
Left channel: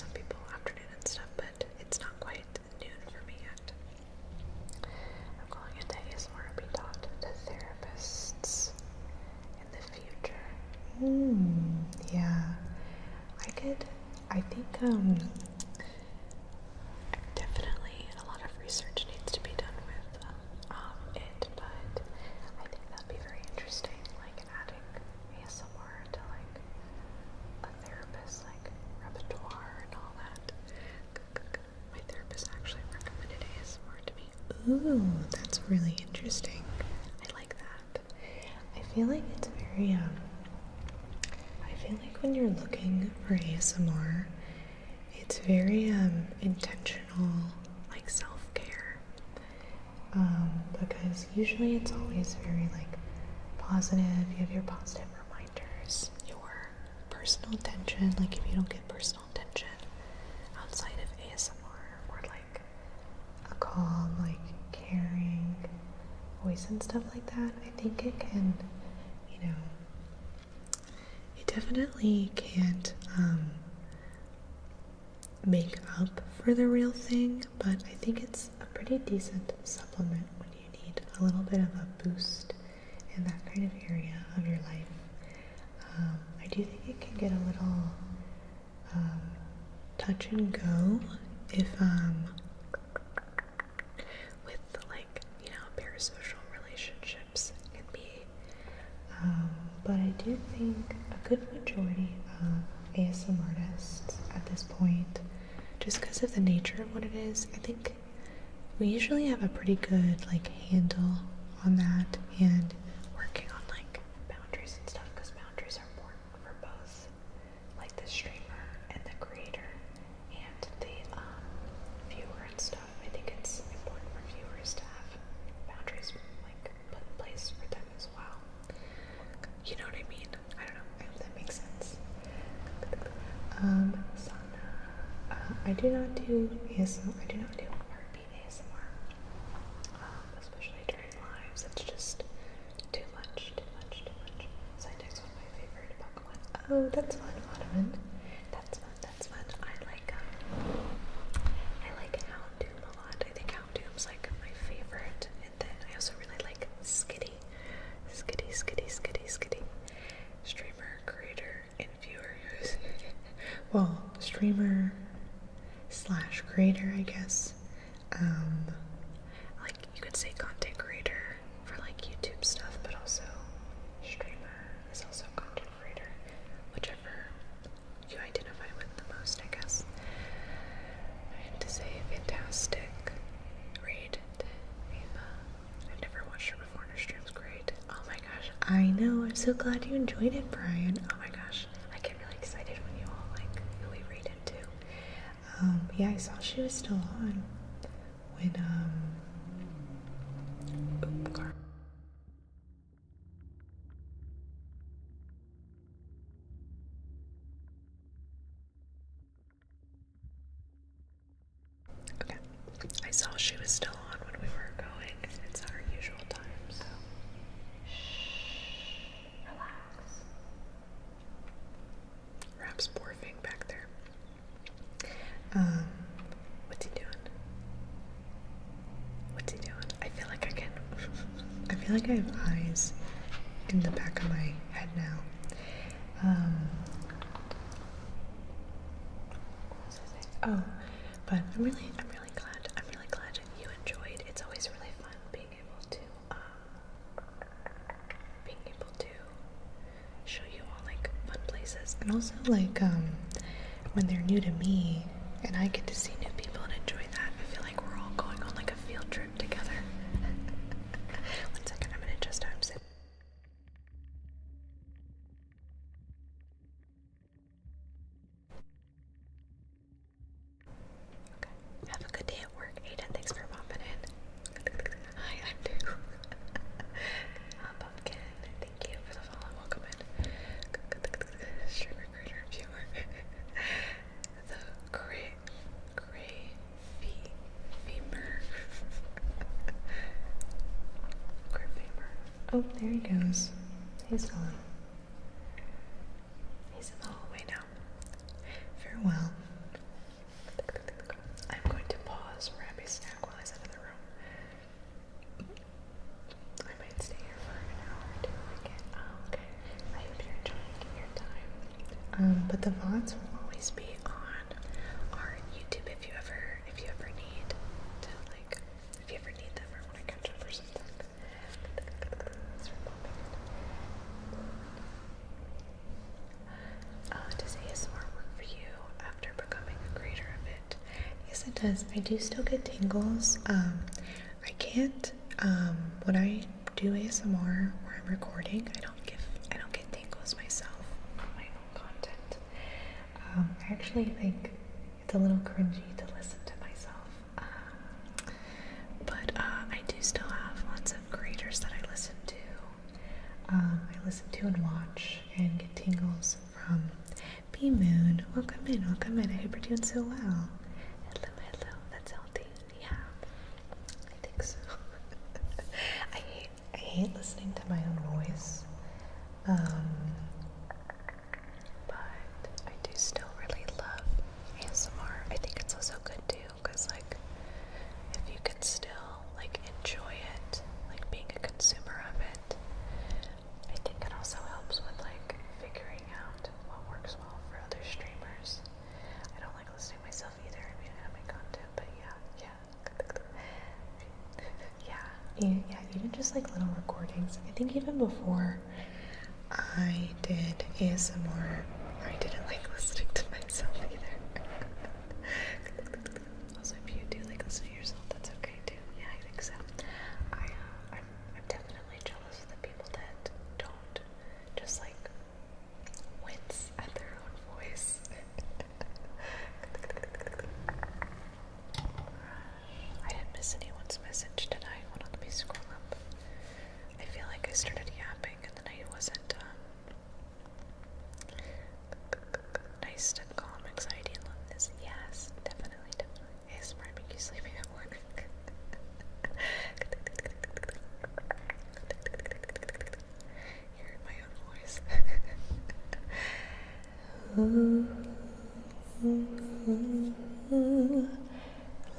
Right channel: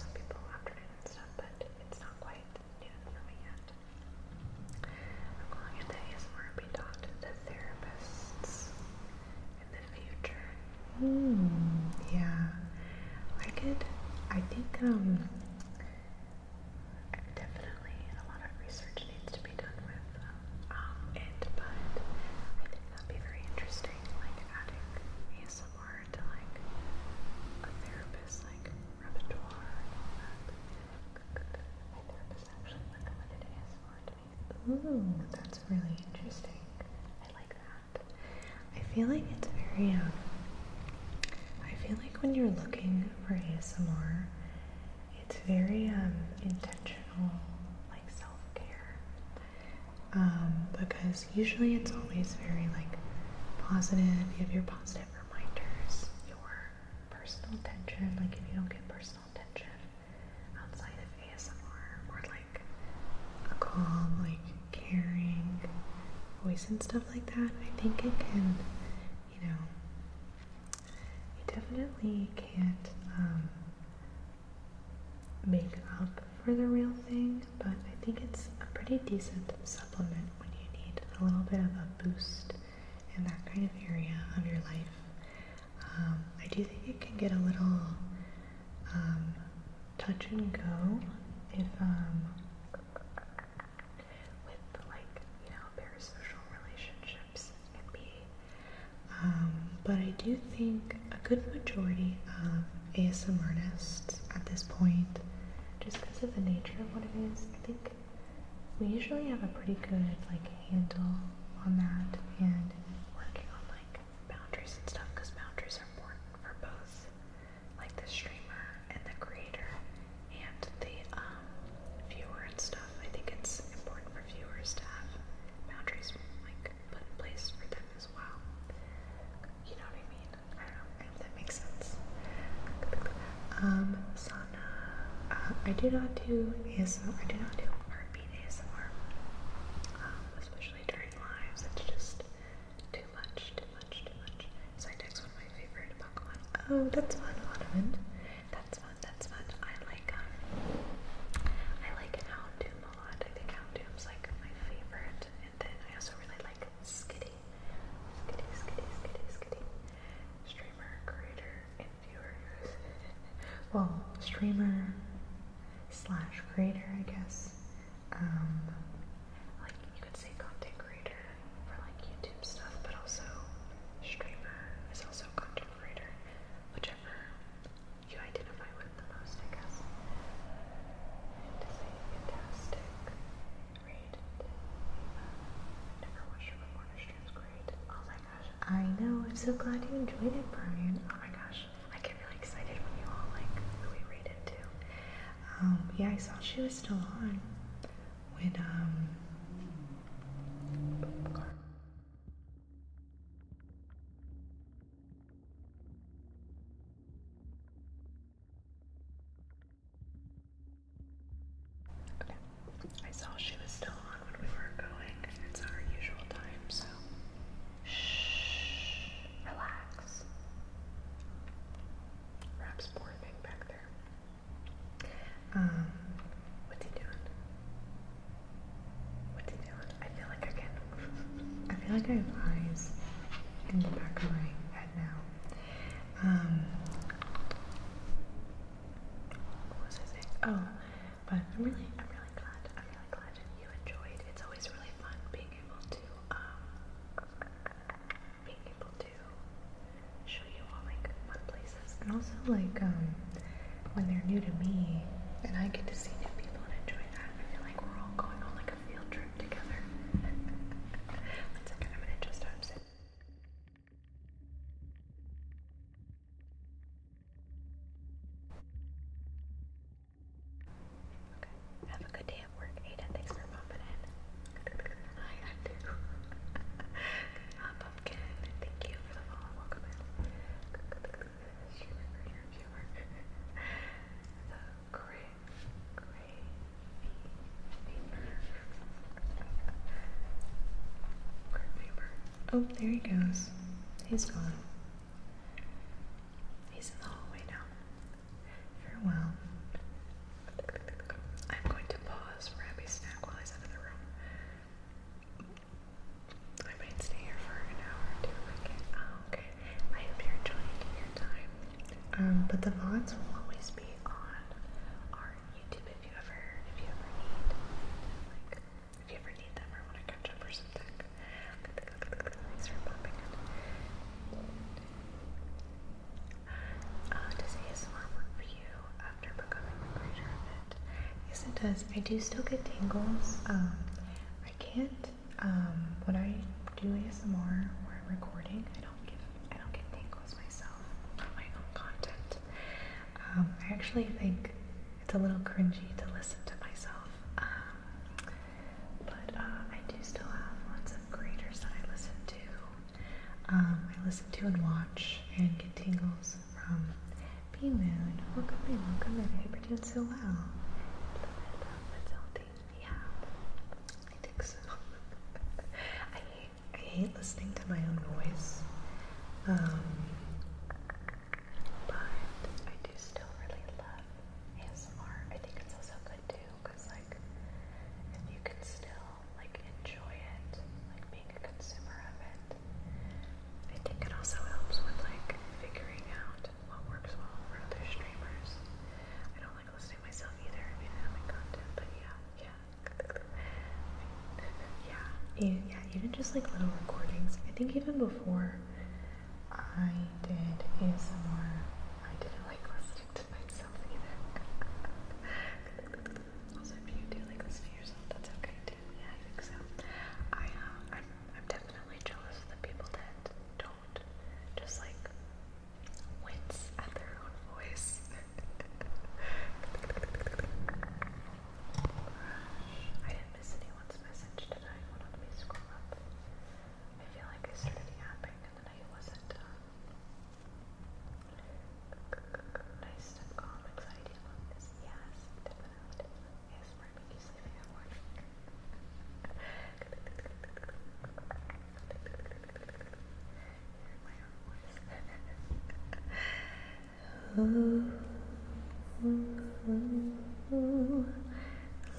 Ooh, that's really interesting. I like that. I feel like it's very, I feel like when you're looking for ASMR, it's very, intentional, like self-care. Because usually it's always very, like, positive. You have your positive reminders, your personal attention. Like, if you don't get personal attention outside of ASMR or like a calm, like caring voice and stuff like that, I think it can, you know, it definitely can't make up for the real thing, but I think it's a pretty decent supplement when you need a little bit of a boost in that kind of area of your life. I do think it can get a little touch and go if with like, you know, parasocial relationships can be, but I do think a good majority of ASMR artists at this point, just because of the nature of what it is, I think we usually have a pretty good like handle on that and working on like boundaries and stuff, because boundaries are important for both like the streamer and the creator and the viewer and stuff. I think it's important for viewers to have boundaries like put in place for them as well. You know what I mean? I don't know. I hope that makes sense. Sana, I do not do ASMR. I do not do heartbeat ASMR, especially during lives. It's just too much. Psyduck's one of my favorite Pokemon. Oh, that's fun, Ottoman. That's fun. I like Houndoom a lot. I think Houndoom's like my favorite. And then I also really like Skitty. Streamer, creator, and viewer. Well, streamer slash creator, I guess. Like you could say content creator for like YouTube stuff, but also streamer is also content creator, whichever you identify with the most, I guess. I have to say, fantastic. Raid Ava. I've never watched her before, and her stream's great. Oh my gosh. I know. I'm so glad you enjoyed it, Brian. Oh my gosh. I get really excited when you all like really read it too. Yeah, I saw she was still on when okay. I saw she was still on when we were going. It's our usual time, so shh, relax. Rap's morphing back there. What's he doing? I feel like I have eyes in the back of my head now. What was I saying? Oh, but I'm really glad you enjoyed. It's always really fun being able to show you all like fun places, and also like when they're new to me and I get to see new people and enjoy that. I feel like we're all going on like a field trip together. One second, I'm gonna adjust how I'm sitting. Okay. Have a good day at work, Aiden. Thanks for popping in. Hi, I'm new. Pumpkin, thank you for the follow. Welcome in. Streamer, creator, viewer. The gray femur. Gray femur. Oh, there he goes. He's gone. He's in the hallway now. Farewell. I'm going to pause for Abby's snack while he's out of the room. I might stay here for an hour or two if I can. Oh, okay. I hope you're enjoying your time. But the VODs will always be on our YouTube if you ever need to, like, if you ever need them or want to catch up or something. Thanks for popping in. Does ASMR work for you after becoming a creator of it? Yes, it does. I do still get tingles I can't, when I do ASMR or I'm recording, I don't get tingles myself on my own content. I actually think it's a little cringy to listen to myself. But I do still have lots of creators that I listen to. I listen to and watch and get tingles from B Moon. Welcome in, welcome in. I hope you're doing so well. Hello, hello. That's healthy. Yeah, I think so. I hate listening to my own voice. But I do still really love ASMR. I think it's also good too, because like if you can still like enjoy it, like being a consumer of it, I think it also helps with like figuring out what works well for other streamers. I don't like listening to myself either. I mean, I have my content, but yeah. Even just like little recordings. I think even before I did ASMR, I didn't like listening to myself either. Also, if you do like listening to yourself, that's okay too. Yeah, I think so. I'm definitely jealous of the people that don't just like wince at their own voice. I didn't miss anyone's message tonight. Hold on, let me scroll up. I feel like I started yapping and then I wasn't nice to calm anxiety and loneliness. Yes, definitely. ASMR make you sleepy at work. Hearing my own voice.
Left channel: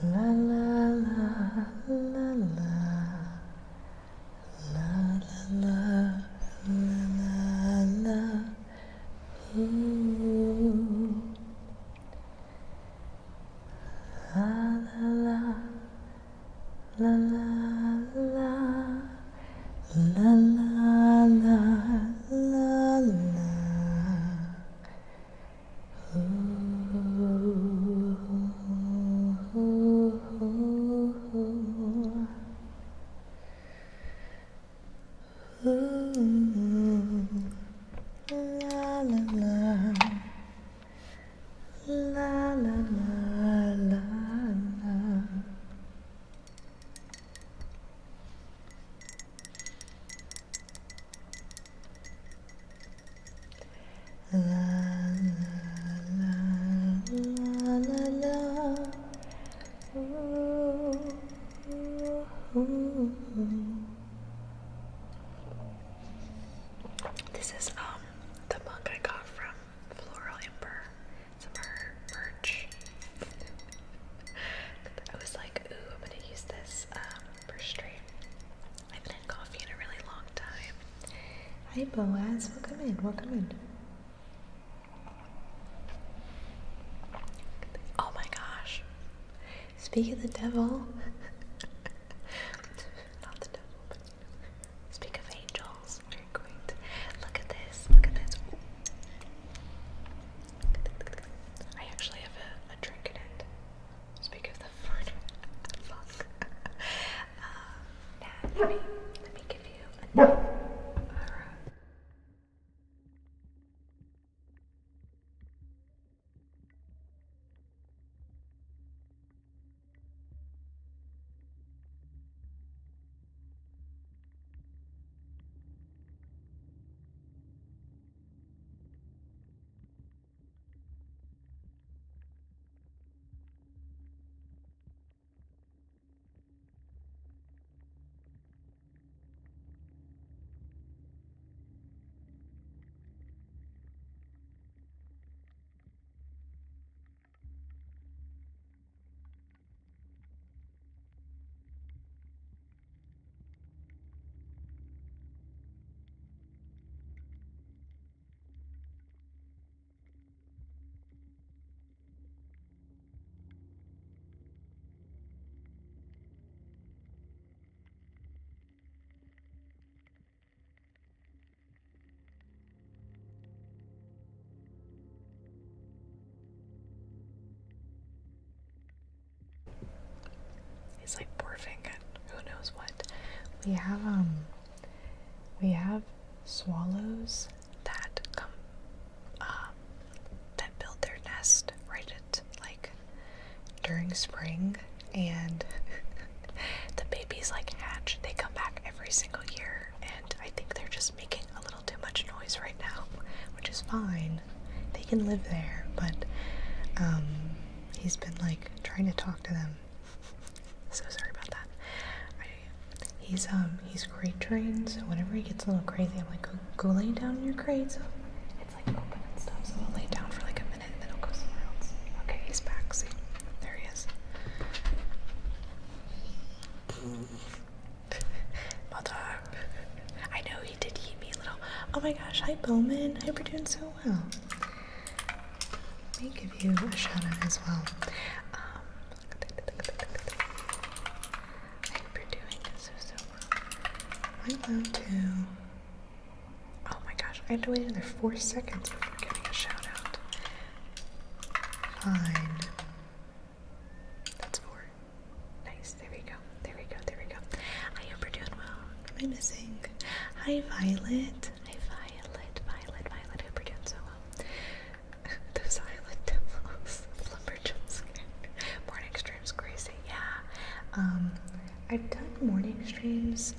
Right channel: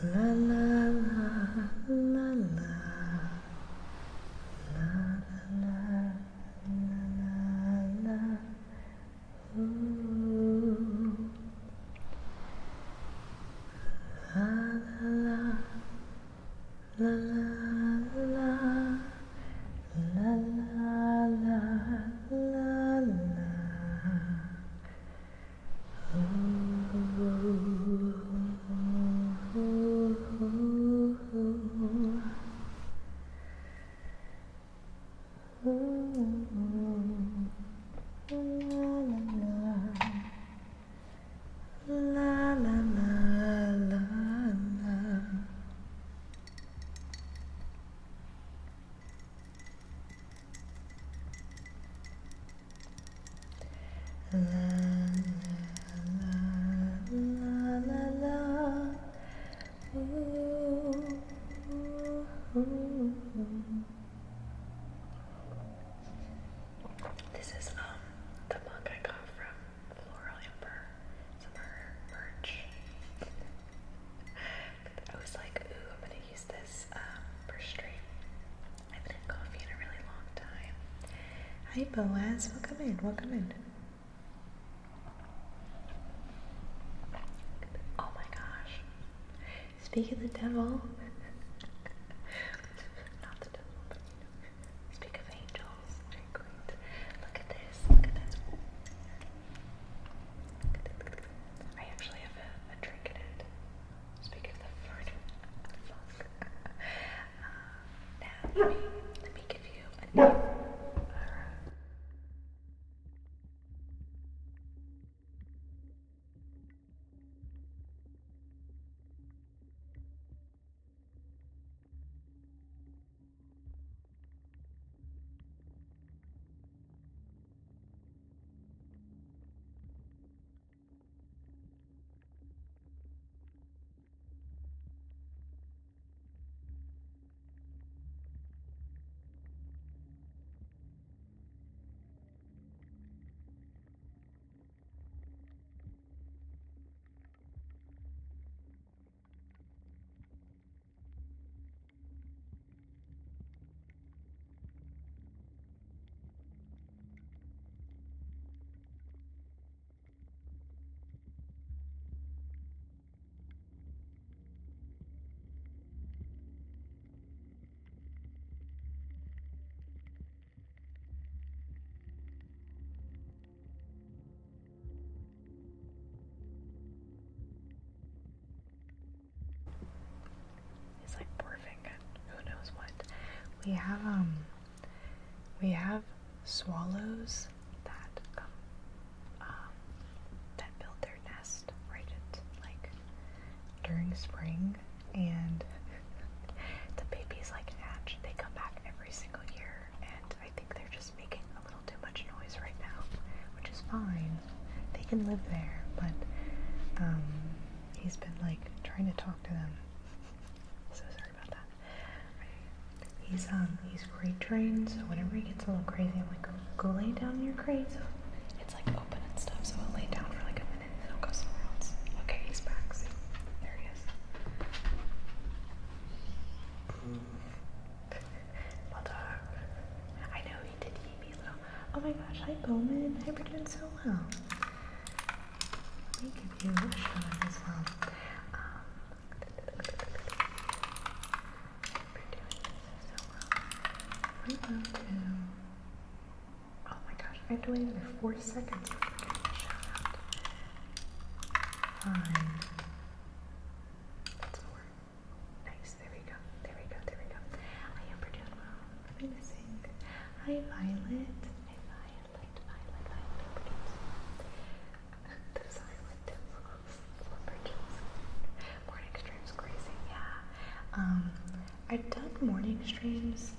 La la la la la la la la la. Ooh. La la la la la la la la la la. This is the mug I got from Floral Ember. Some of her merch. I was like, ooh, I'm gonna use this for stream. I haven't had coffee in a really long time. Hi Boaz, welcome in, welcome in. Oh my gosh. Speak of the devil. Not the devil, but you know. Speak of angels. Very quaint. Look at this. Look at this. Ooh. I actually have a drink in it. Speak of the fun. Now, let me give you a name. He's like barfing at who knows what. We have swallows that come that build their nest right at like during spring, and the babies like hatch. They come back every single year, and I think they're just making a little too much noise right now, which is fine. They can live there, but he's been like trying to talk to them. So sorry about that. He's crate trained, so whenever he gets a little crazy, I'm like, go lay down in your crate. So it's like open and stuff, so I'll lay down for like a minute and then I'll go somewhere else. Okay, he's back. See, there he is. Mother. I know he did eat me a little. Oh my gosh, hi Bowman. I hope you're doing so well. Let me give you a shout out as well. I hope you're doing so well. Am I allowed to? Oh my gosh, I have to wait another 4 seconds before giving a shout out. Fine. That's 4. Nice. There we go. I hope you're doing well. What am I missing? Hi Violet. Violet. I hope you're doing so well. Those island devils. Lumberjacks. Morning streams crazy. Yeah. I've done morning streams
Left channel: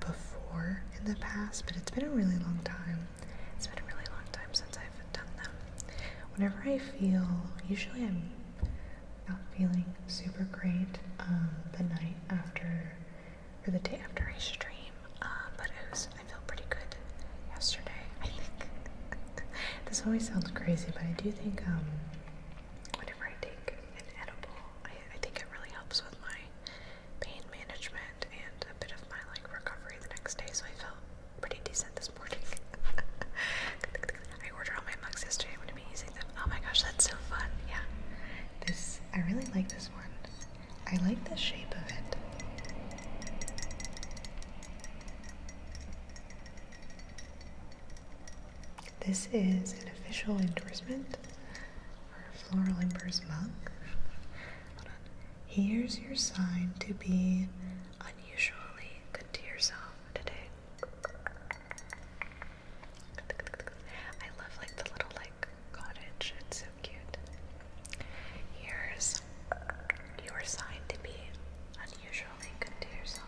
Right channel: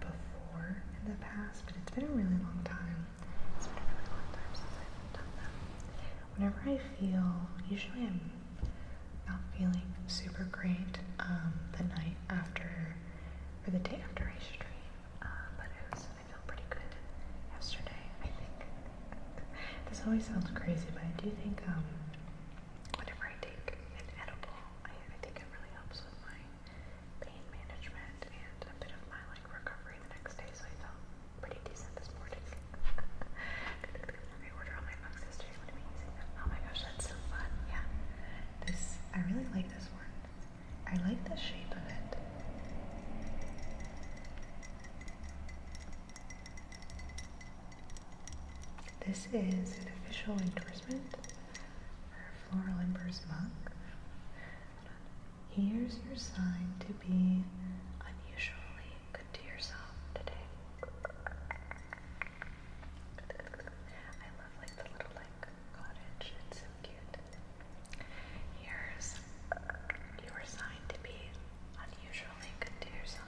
before in the past, but it's been a really long time. It's been a really long time since I've done them. Whenever I feel, usually I'm not feeling super great the night after, or the day after I stream, but I feel pretty good yesterday, I think. This always sounds crazy, but I do think whenever I take an edible, I think it really helps with my pain management and a bit of my like recovery the next day, so I felt pretty decent this morning. I ordered all my mugs yesterday. I'm going to be using them. Oh my gosh, that's so fun. Yeah. I really like this one. I like the shape of it. This is an official endorsement for Floral Ember's mug. Hold on. Here's your sign to be unusually good to yourself today. I love like the little like cottage. It's so cute. Here's your sign to be unusually good to yourself.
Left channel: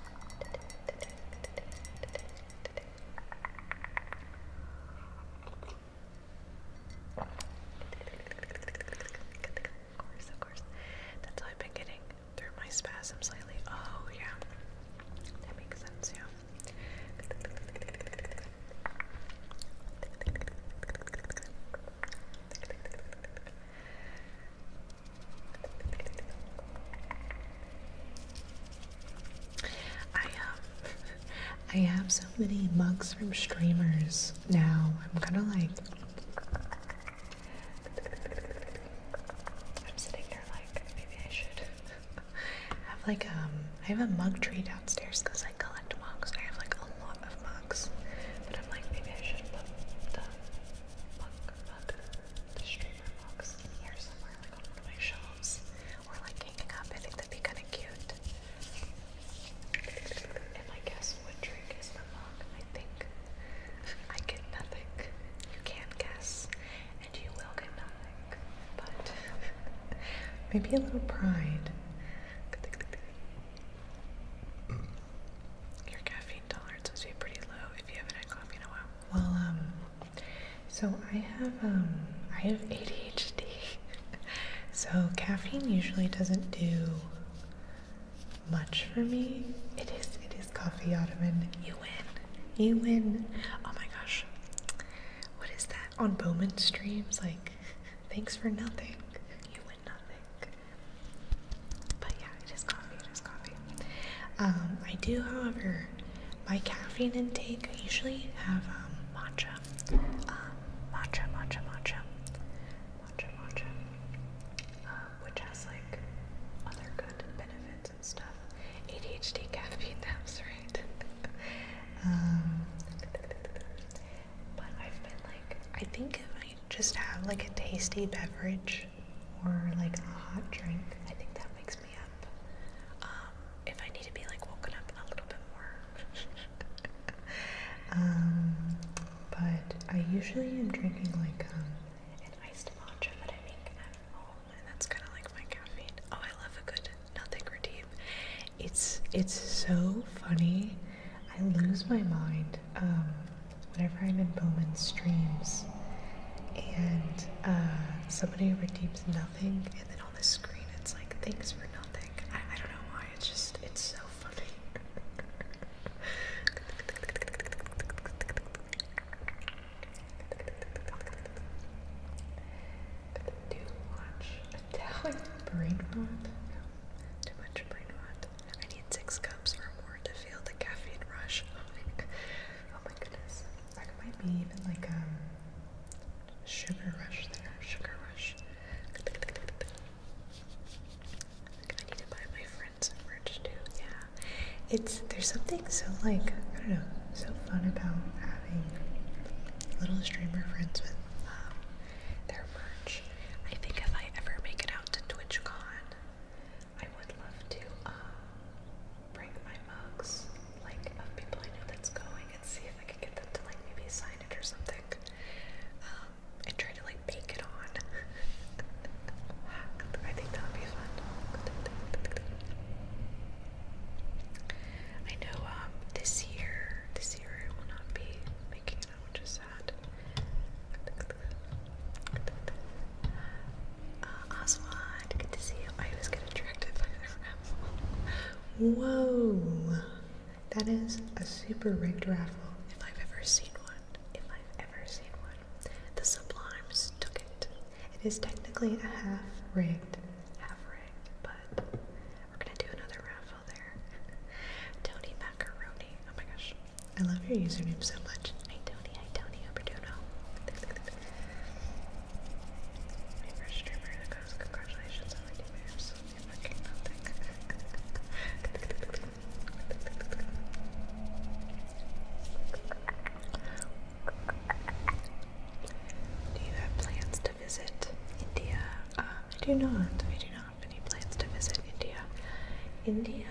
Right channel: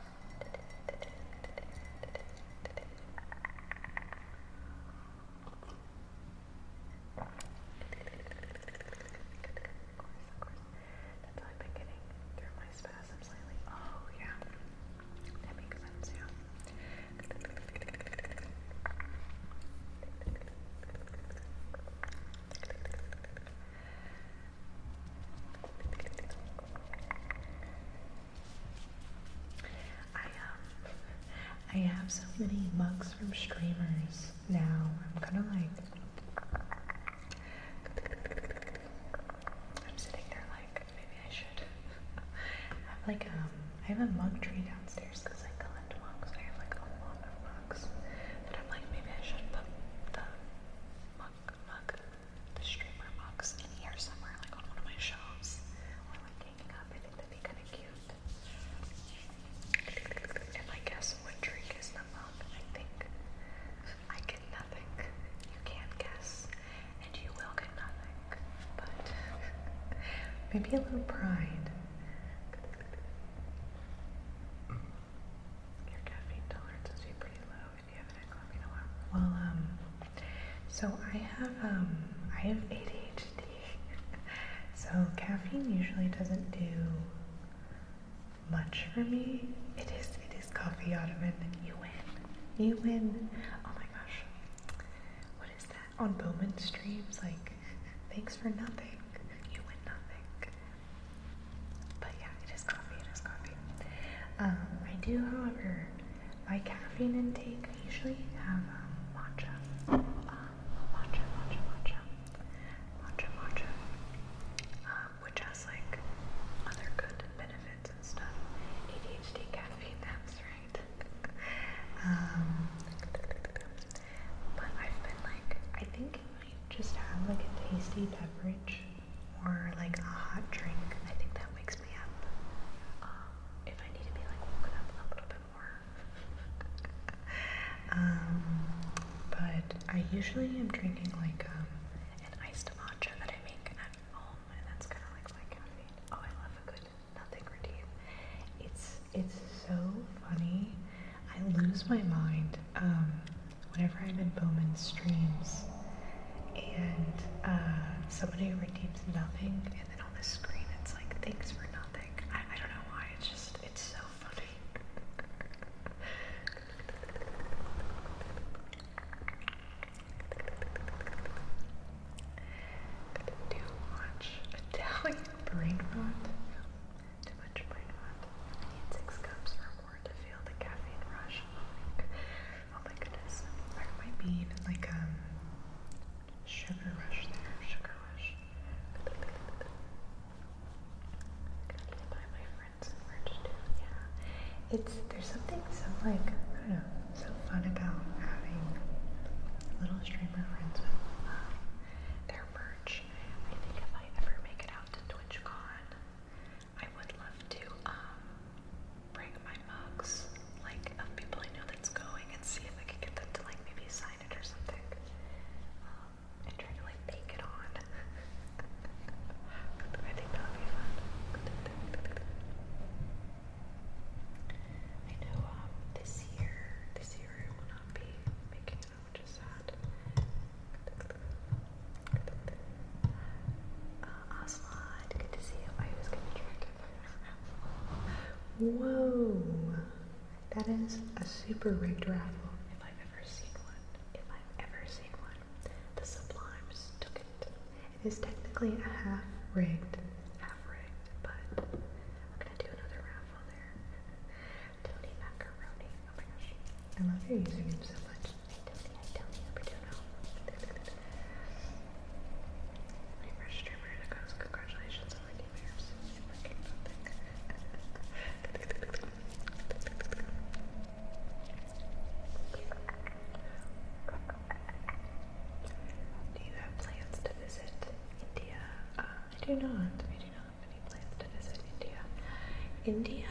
Of course. That's how I've been getting through my spasms lately. Oh yeah. That makes sense, yeah. I have so many mugs from streamers now. I'm kind of like, I'm sitting here like, maybe I should have like, I have a mug tree downstairs because I collect mugs. I have like a lot of mugs, but I'm like, maybe I should put the streamer mugs in here somewhere, like on one of my shelves, or like hanging up. I think that'd be kind of cute. If I guess what drink is the mug, I think I get nothing. You can guess, and you will get nothing, but maybe a little pride. Your caffeine tolerance must be pretty low if you haven't had coffee in a while. Well, so I have ADHD, so caffeine usually doesn't do much for me. It is coffee, Ottoman. You win. Oh my gosh. What is that? On Bowman streams, like, thanks for nothing. You win nothing. But yeah, it is coffee. I do, however, my caffeine intake, I usually have matcha. Which has like other good benefits and stuff. ADHD caffeine naps, right? But I've been like, I think if I just have like a tasty beverage or like a hot drink, I think that wakes me up. usually am drinking like an iced matcha that I make at home, and that's kind of like my caffeine. Oh, I love a good nothing redeem. It's so funny. I lose my mind whenever I'm in Bowman's streams and somebody redeems nothing, and then on the screen it's like thanks for nothing. I don't know why. It's so funny. Do watch Italian brain rot. Too much brain rot. I need 6 cups or more to feel the caffeine rush. Oh my goodness. That might be even like sugar rush there. Sugar rush. I need to buy my friends some merch too. Yeah. There's something so like, I don't know, so fun about having little streamer friends with their merch. I think if I ever make it out to TwitchCon, I would love to bring my mugs, like, of people I know that's going, and see if I could get them to like maybe sign it or something, and try to like bake it on. I think that would be fun. I know this year I will not be making it out, which is sad. Oswald, good to see you. I always get attracted by the raffle. Whoa! That is a super rigged raffle, if I've ever seen one. If I've ever seen one. The Sublimes took it. It is technically a half rigged, but we're gonna do another raffle there. Tony Macaroni. Oh my gosh. I love your username so much. Hey Tony, hope you're doing well. My first streamer that goes, congratulations on my new bears. Fucking nothing. Do you have plans to visit India? I do not. I do not have any plans to visit India. India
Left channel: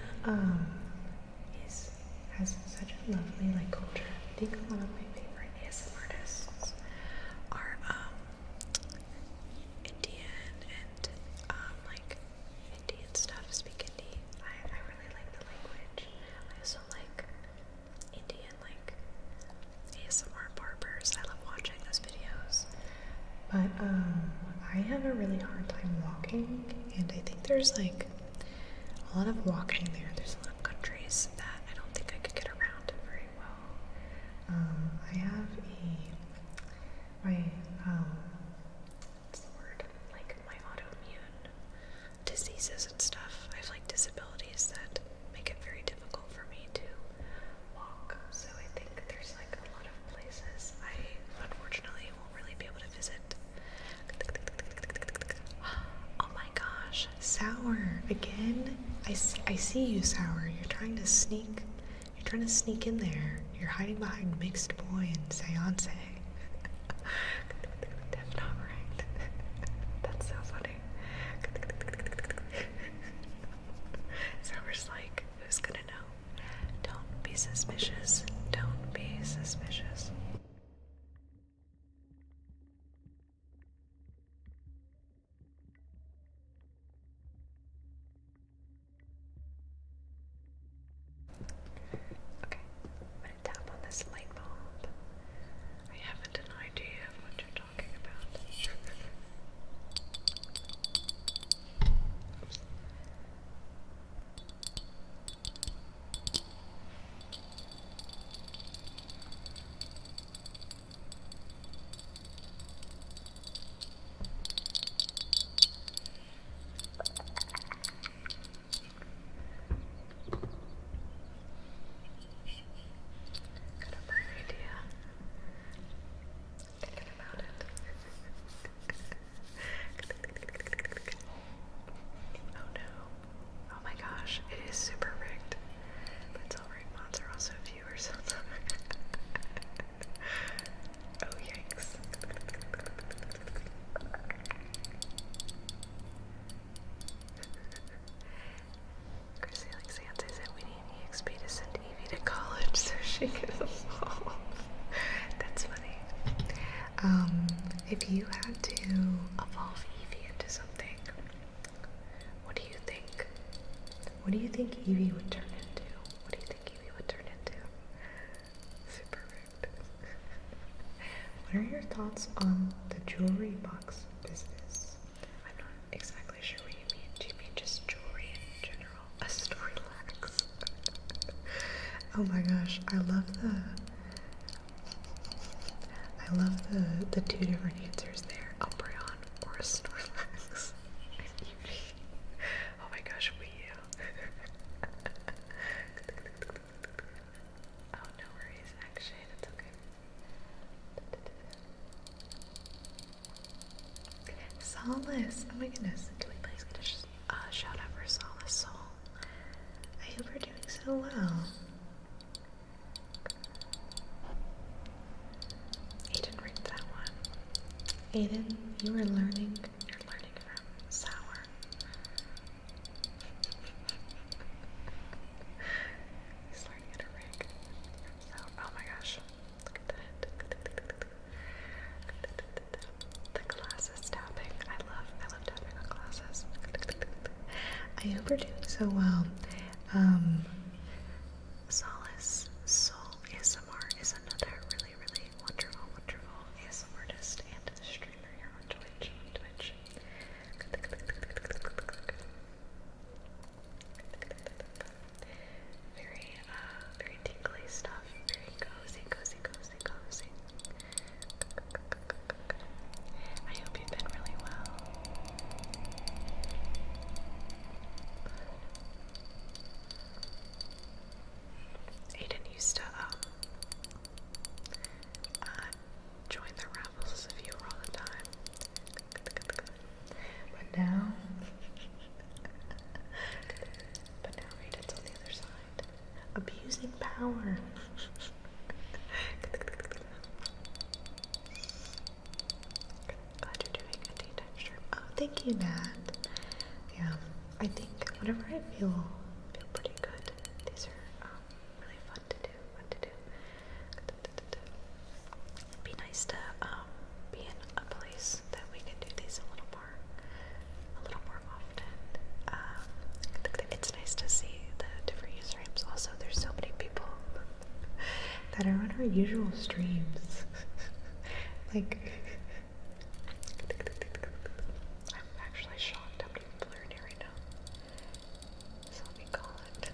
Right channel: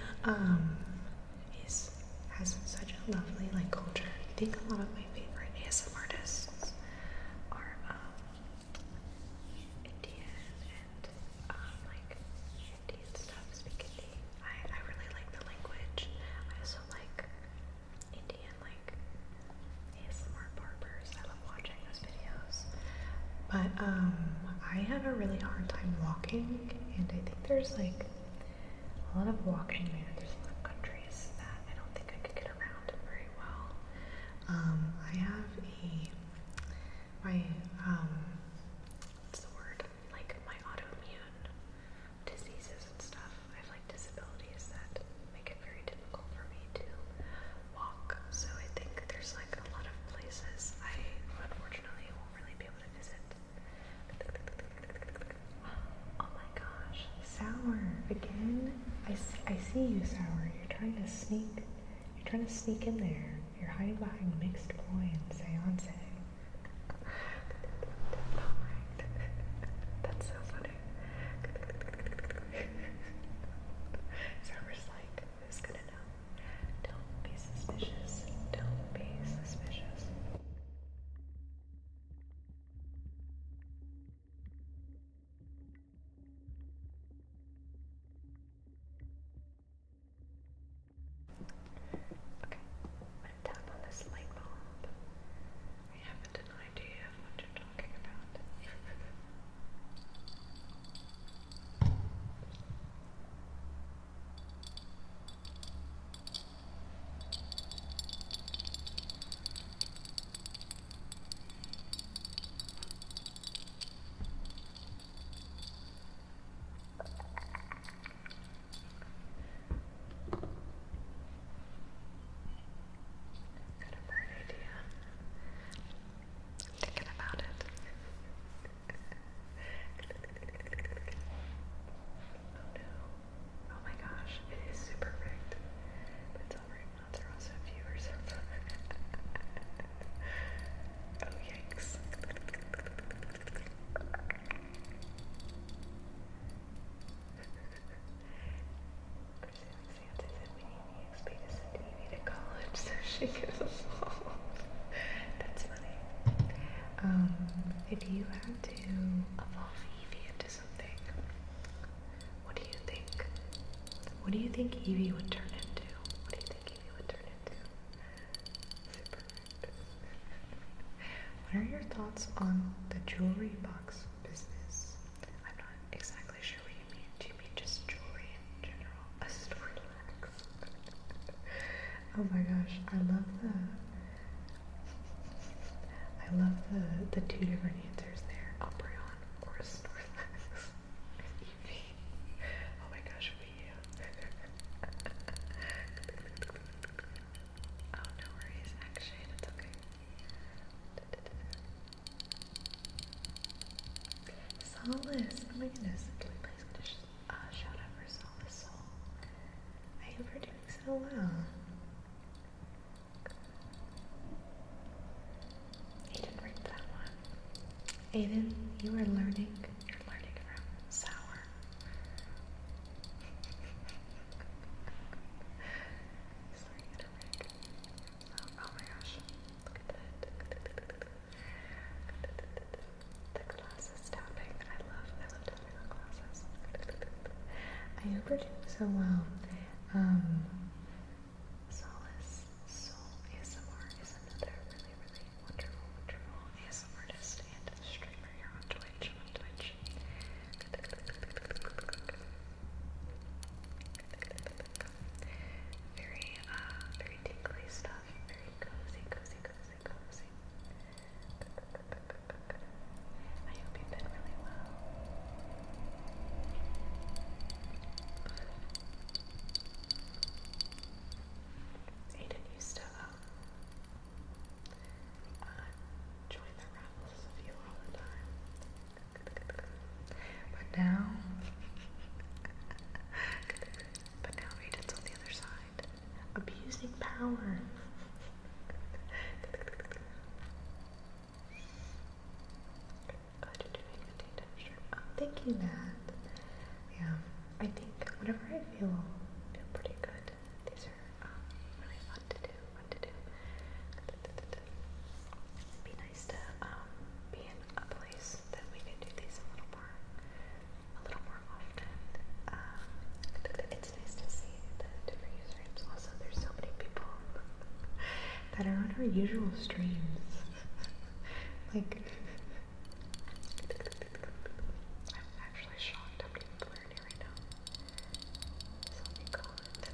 has such a lovely like culture. I think a lot of my favorite ASMR artists are Indian and like Indian stuff, speak Hindi. I really like the language. I also like Indian like ASMR barbers. I love watching those videos. But I have a really hard time walking, and I think there's like a lot of walking there. There's a lot of countries that I don't think I could get around very well. I have what's the word? Like my autoimmune diseases and stuff. I have like disabilities that make it very difficult for me to walk. So I think there's like a lot of places I unfortunately won't really be able to visit. Oh my gosh, Sour again. I see you, Sour. You're trying to sneak in there. You're hiding behind Mixed Boy and Seance. That's not right. That's so funny. Sour's like, who's gonna know? Don't be suspicious. Don't be suspicious. Okay, I'm gonna tap on this light bulb. I haven't an idea of what to If you had to evolve Evie into something, what do you think? What do you think Evie would turn into? What do you think Evie would turn into? Super rude. What are your thoughts on the jewelry box business? I'm not exactly sure what you mean. Do you mean just jewelry in general? A Snorlax. Oh my gosh, I love the two different answers there. Umbreon or a Snorlax. And Eevee. Oh my gosh, Wii U. Oh, no worries, actually, that's okay. Solace! Oh my goodness, can we please get a shout out for Solace Soul? I hope you're doing so well. Aiden rigged that one. Aiden, you're learning from Sour. He's learning how to rig. So, oh my gosh, look at that. The glasses tapping. I love tapping on glasses. I hope you're doing so well. Solace Soul ASMR is another really, really wonderful ASMR artist and streamer here on Twitch. Very tingly stuff. Very cozy. I hope you've been really well. Aiden used to join the Rebels of you all the time. But now Aiden's on the other side. Abusing power. Glad you're doing a daytime stream. Oh, thank you, Nat. Yeah, I think whenever I feel pretty good, these are really fun to do. It'd be nice to be in a place that we can do these a little more often. It's nice to see the different usernames. Also, there's so many people that are on our usual streams. Like, I'm actually shocked how many people are in here right now. So let me call it.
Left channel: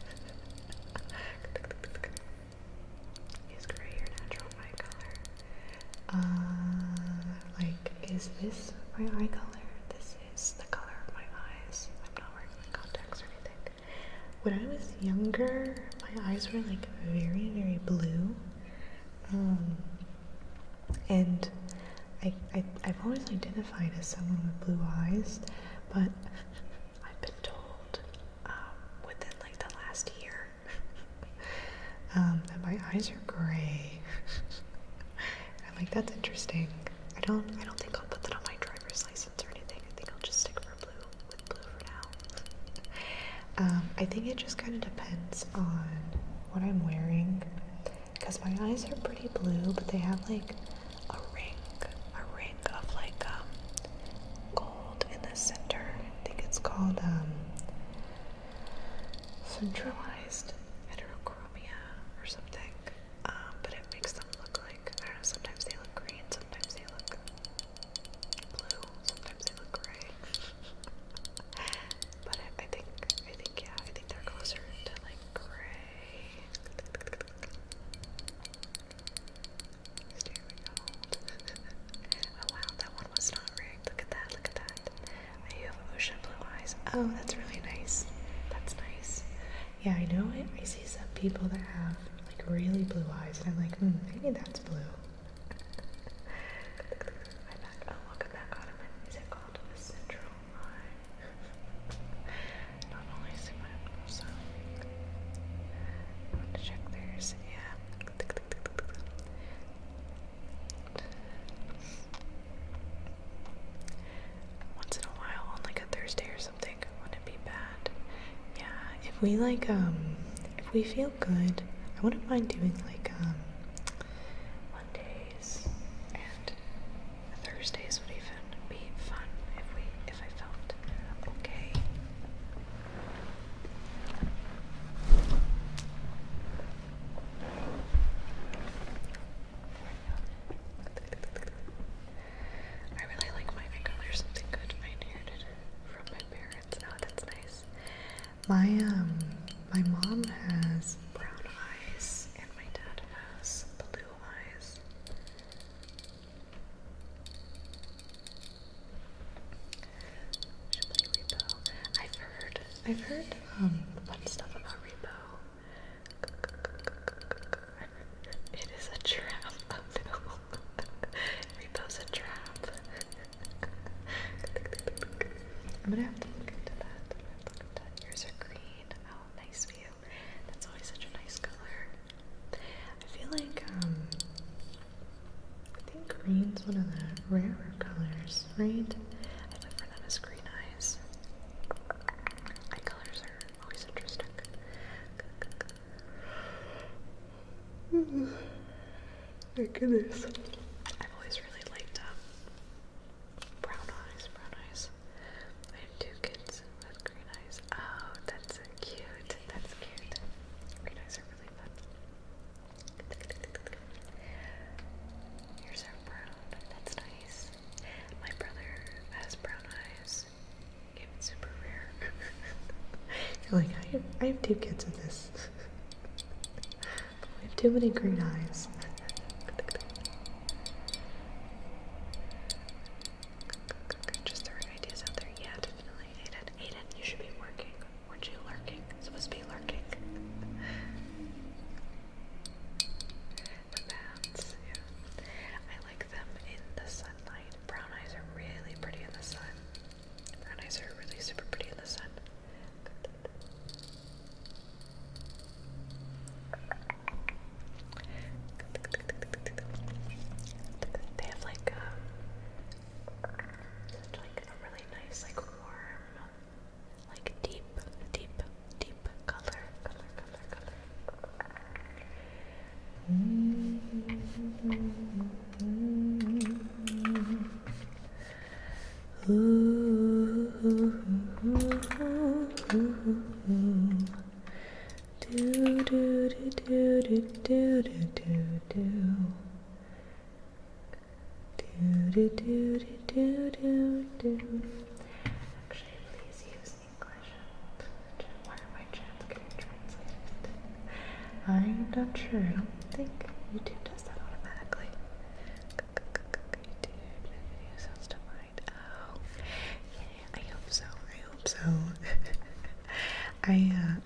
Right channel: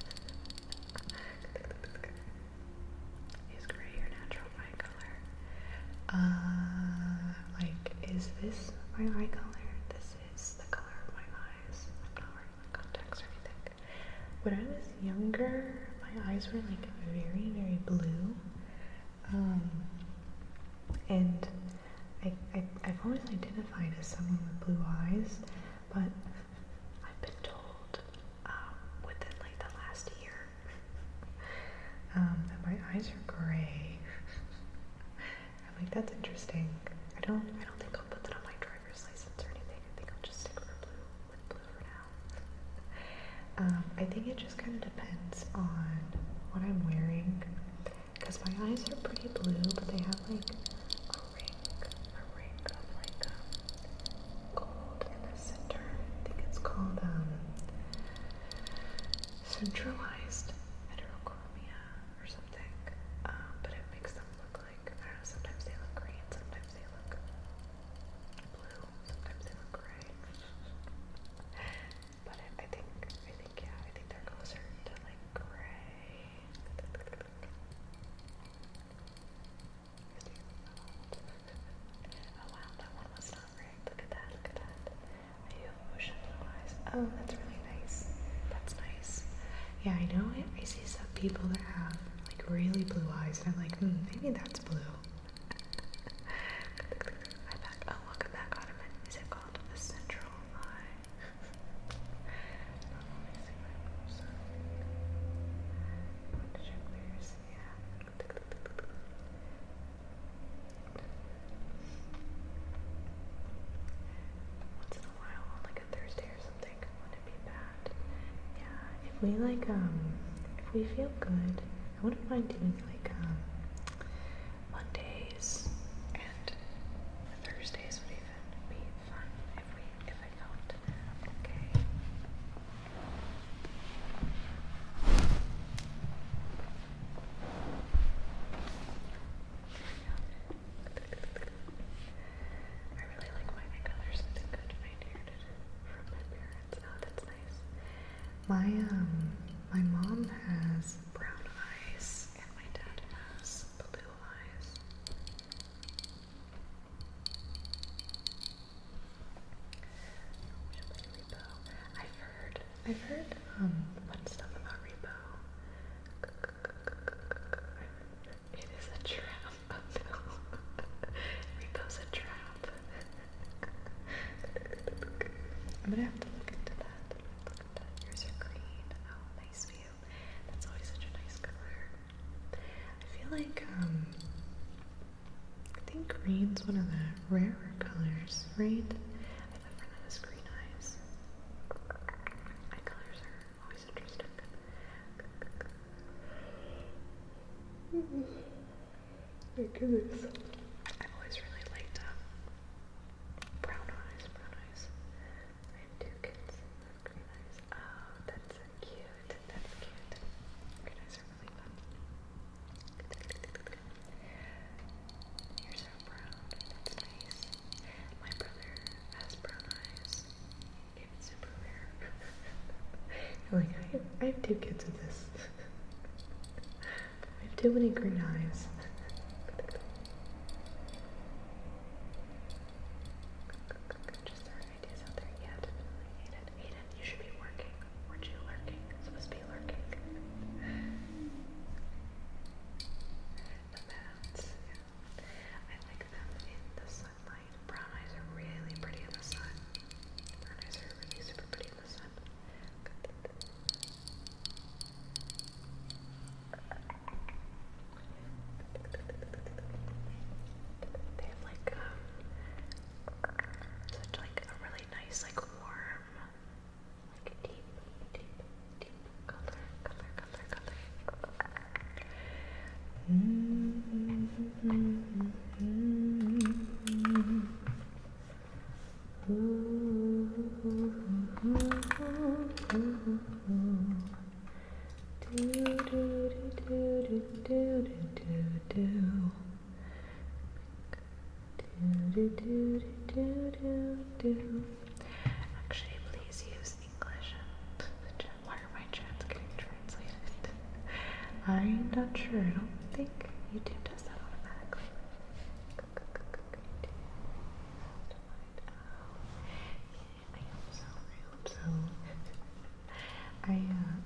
Is gray your natural eye color? Like, is this my eye color? This is the color of my eyes. I'm not wearing my contacts or anything. When I was younger, my eyes were like very, very blue. And I've always identified as someone with blue eyes, but I've been told within like the last year that my eyes are gray. I'm like, that's interesting. I don't think I'll put that on my driver's license or anything. I think I'll just stick with blue for now. I think it just kind of depends on what I'm wearing, because my eyes are pretty blue, but they have like a ring of like gold in the center. I think it's called centralized heterochromia or something. But it makes them look like, I don't know, sometimes they look green, sometimes they look blue, sometimes they look gray. But I think they're closer to like gray. Oh wow, that one was not rigged. Look at that. You have ocean blue eyes. Oh, that's really nice. That's nice. Yeah, I know I see some people that have like really blue eyes, and I'm like, maybe that's blue. I'm back. Oh, welcome back, Ottoman. Is it called a central eye? Not always, but also I want to check theirs. Yeah. Once in a while, on like a Thursday or something, wouldn't be bad. Yeah, if we like if we feel good, I wouldn't mind doing like Mondays and Thursdays My mom has brown eyes and my dad has blue eyes. We should play Repo. I've heard fun stuff about Repo. It is a trap. Oh no. Repo's a trap. I'm gonna have to look into that. Yours are green. Oh, nice view. That's always such a nice color. I feel like, I think green's one of the rarer colors, right? I look for them as green eyes. Eye colors are always interesting. My goodness. I've always really liked, brown eyes. I have two kids with green eyes. Oh, that's cute. That's cute. Green eyes are really fun. Yours are brown. That's nice. My brother has brown eyes. It's super rare. You're like, I have two kids with this. We have too many green eyes. Just throwing ideas out there. Yeah, definitely. Aiden, you should be working. Weren't you lurking? Supposed to be lurking. The bats, yeah. I like them in the sunlight. Brown eyes are really pretty in the sun. Brown eyes are really super pretty in the sun. They have like such like a really nice like warm, like deep color. Actually, please use English. Why are my chats getting translated? I'm not sure. I don't think YouTube does that automatically. YouTube sounds defined. Oh, yeah, I hope so.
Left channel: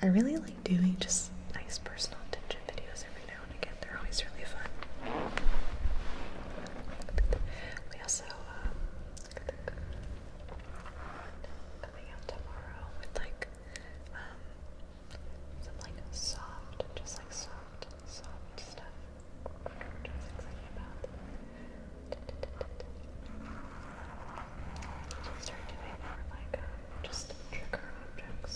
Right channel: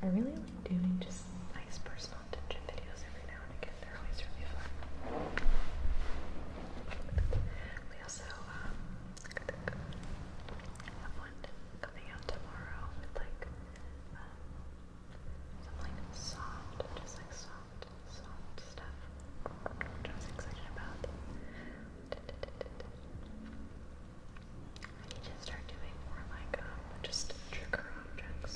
I really like doing just nice personal attention videos every now and again. They're always really fun. We also coming out tomorrow with like some like soft stuff, which I was excited about. Start doing more like just trigger objects.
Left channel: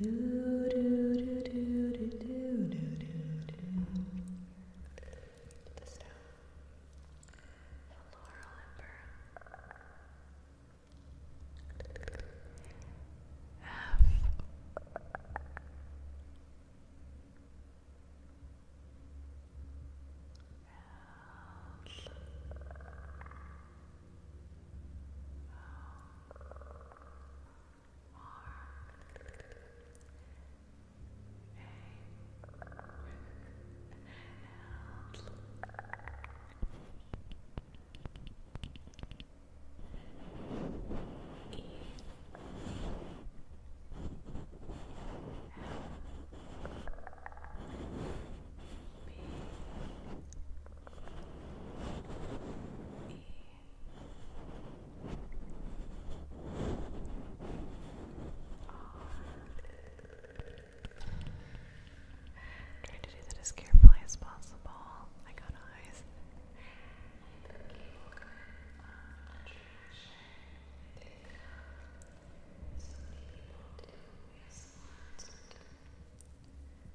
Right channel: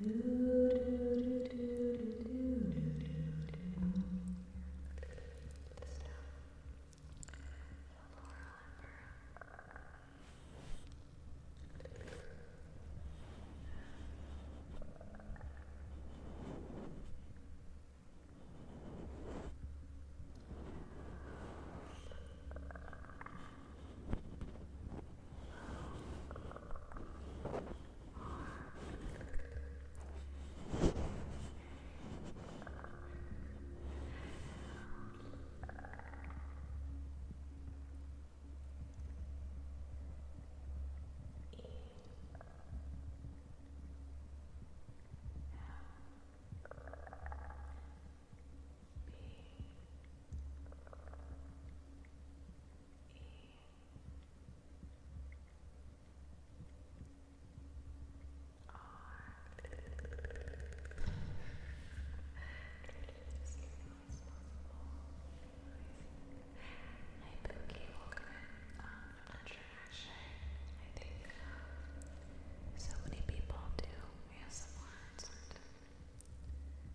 Do, do, do, do, do, do, do, do. Put this down. Floral ember. Trying to do that as carefully as possible. I got eyes. Hi, Pookie. Welcome in. I'm not sure actually. I think so many people do ASMR. It's hard to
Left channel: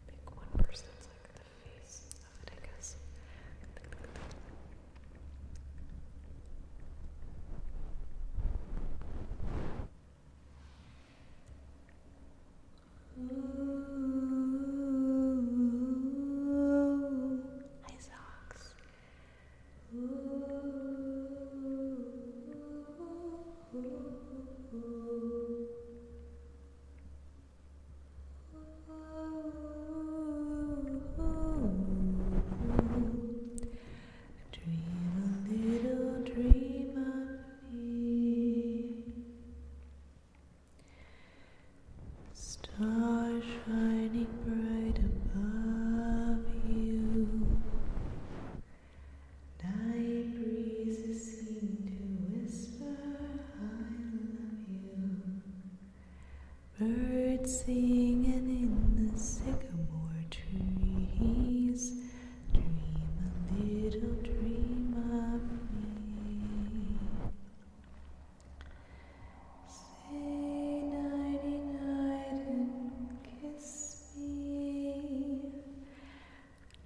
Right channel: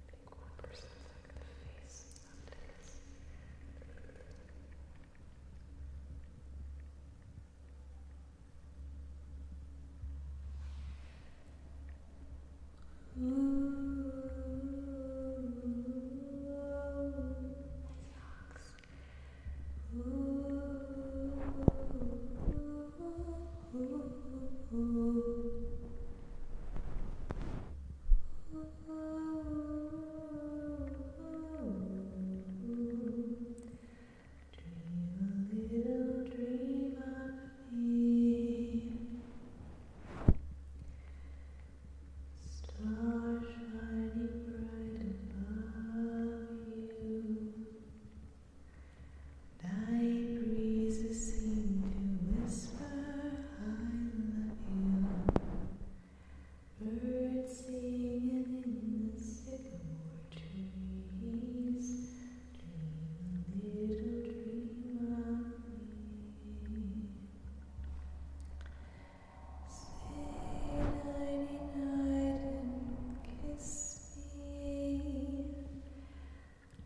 pick one person that's like the face of it, I guess. Hi, socks. Dream a little dream of me. Stars shining bright above you. Night breezes seem to whisper, I love you. Birds singing in the sycamore trees. Dream a little dream of me. Say nighty night and kiss me.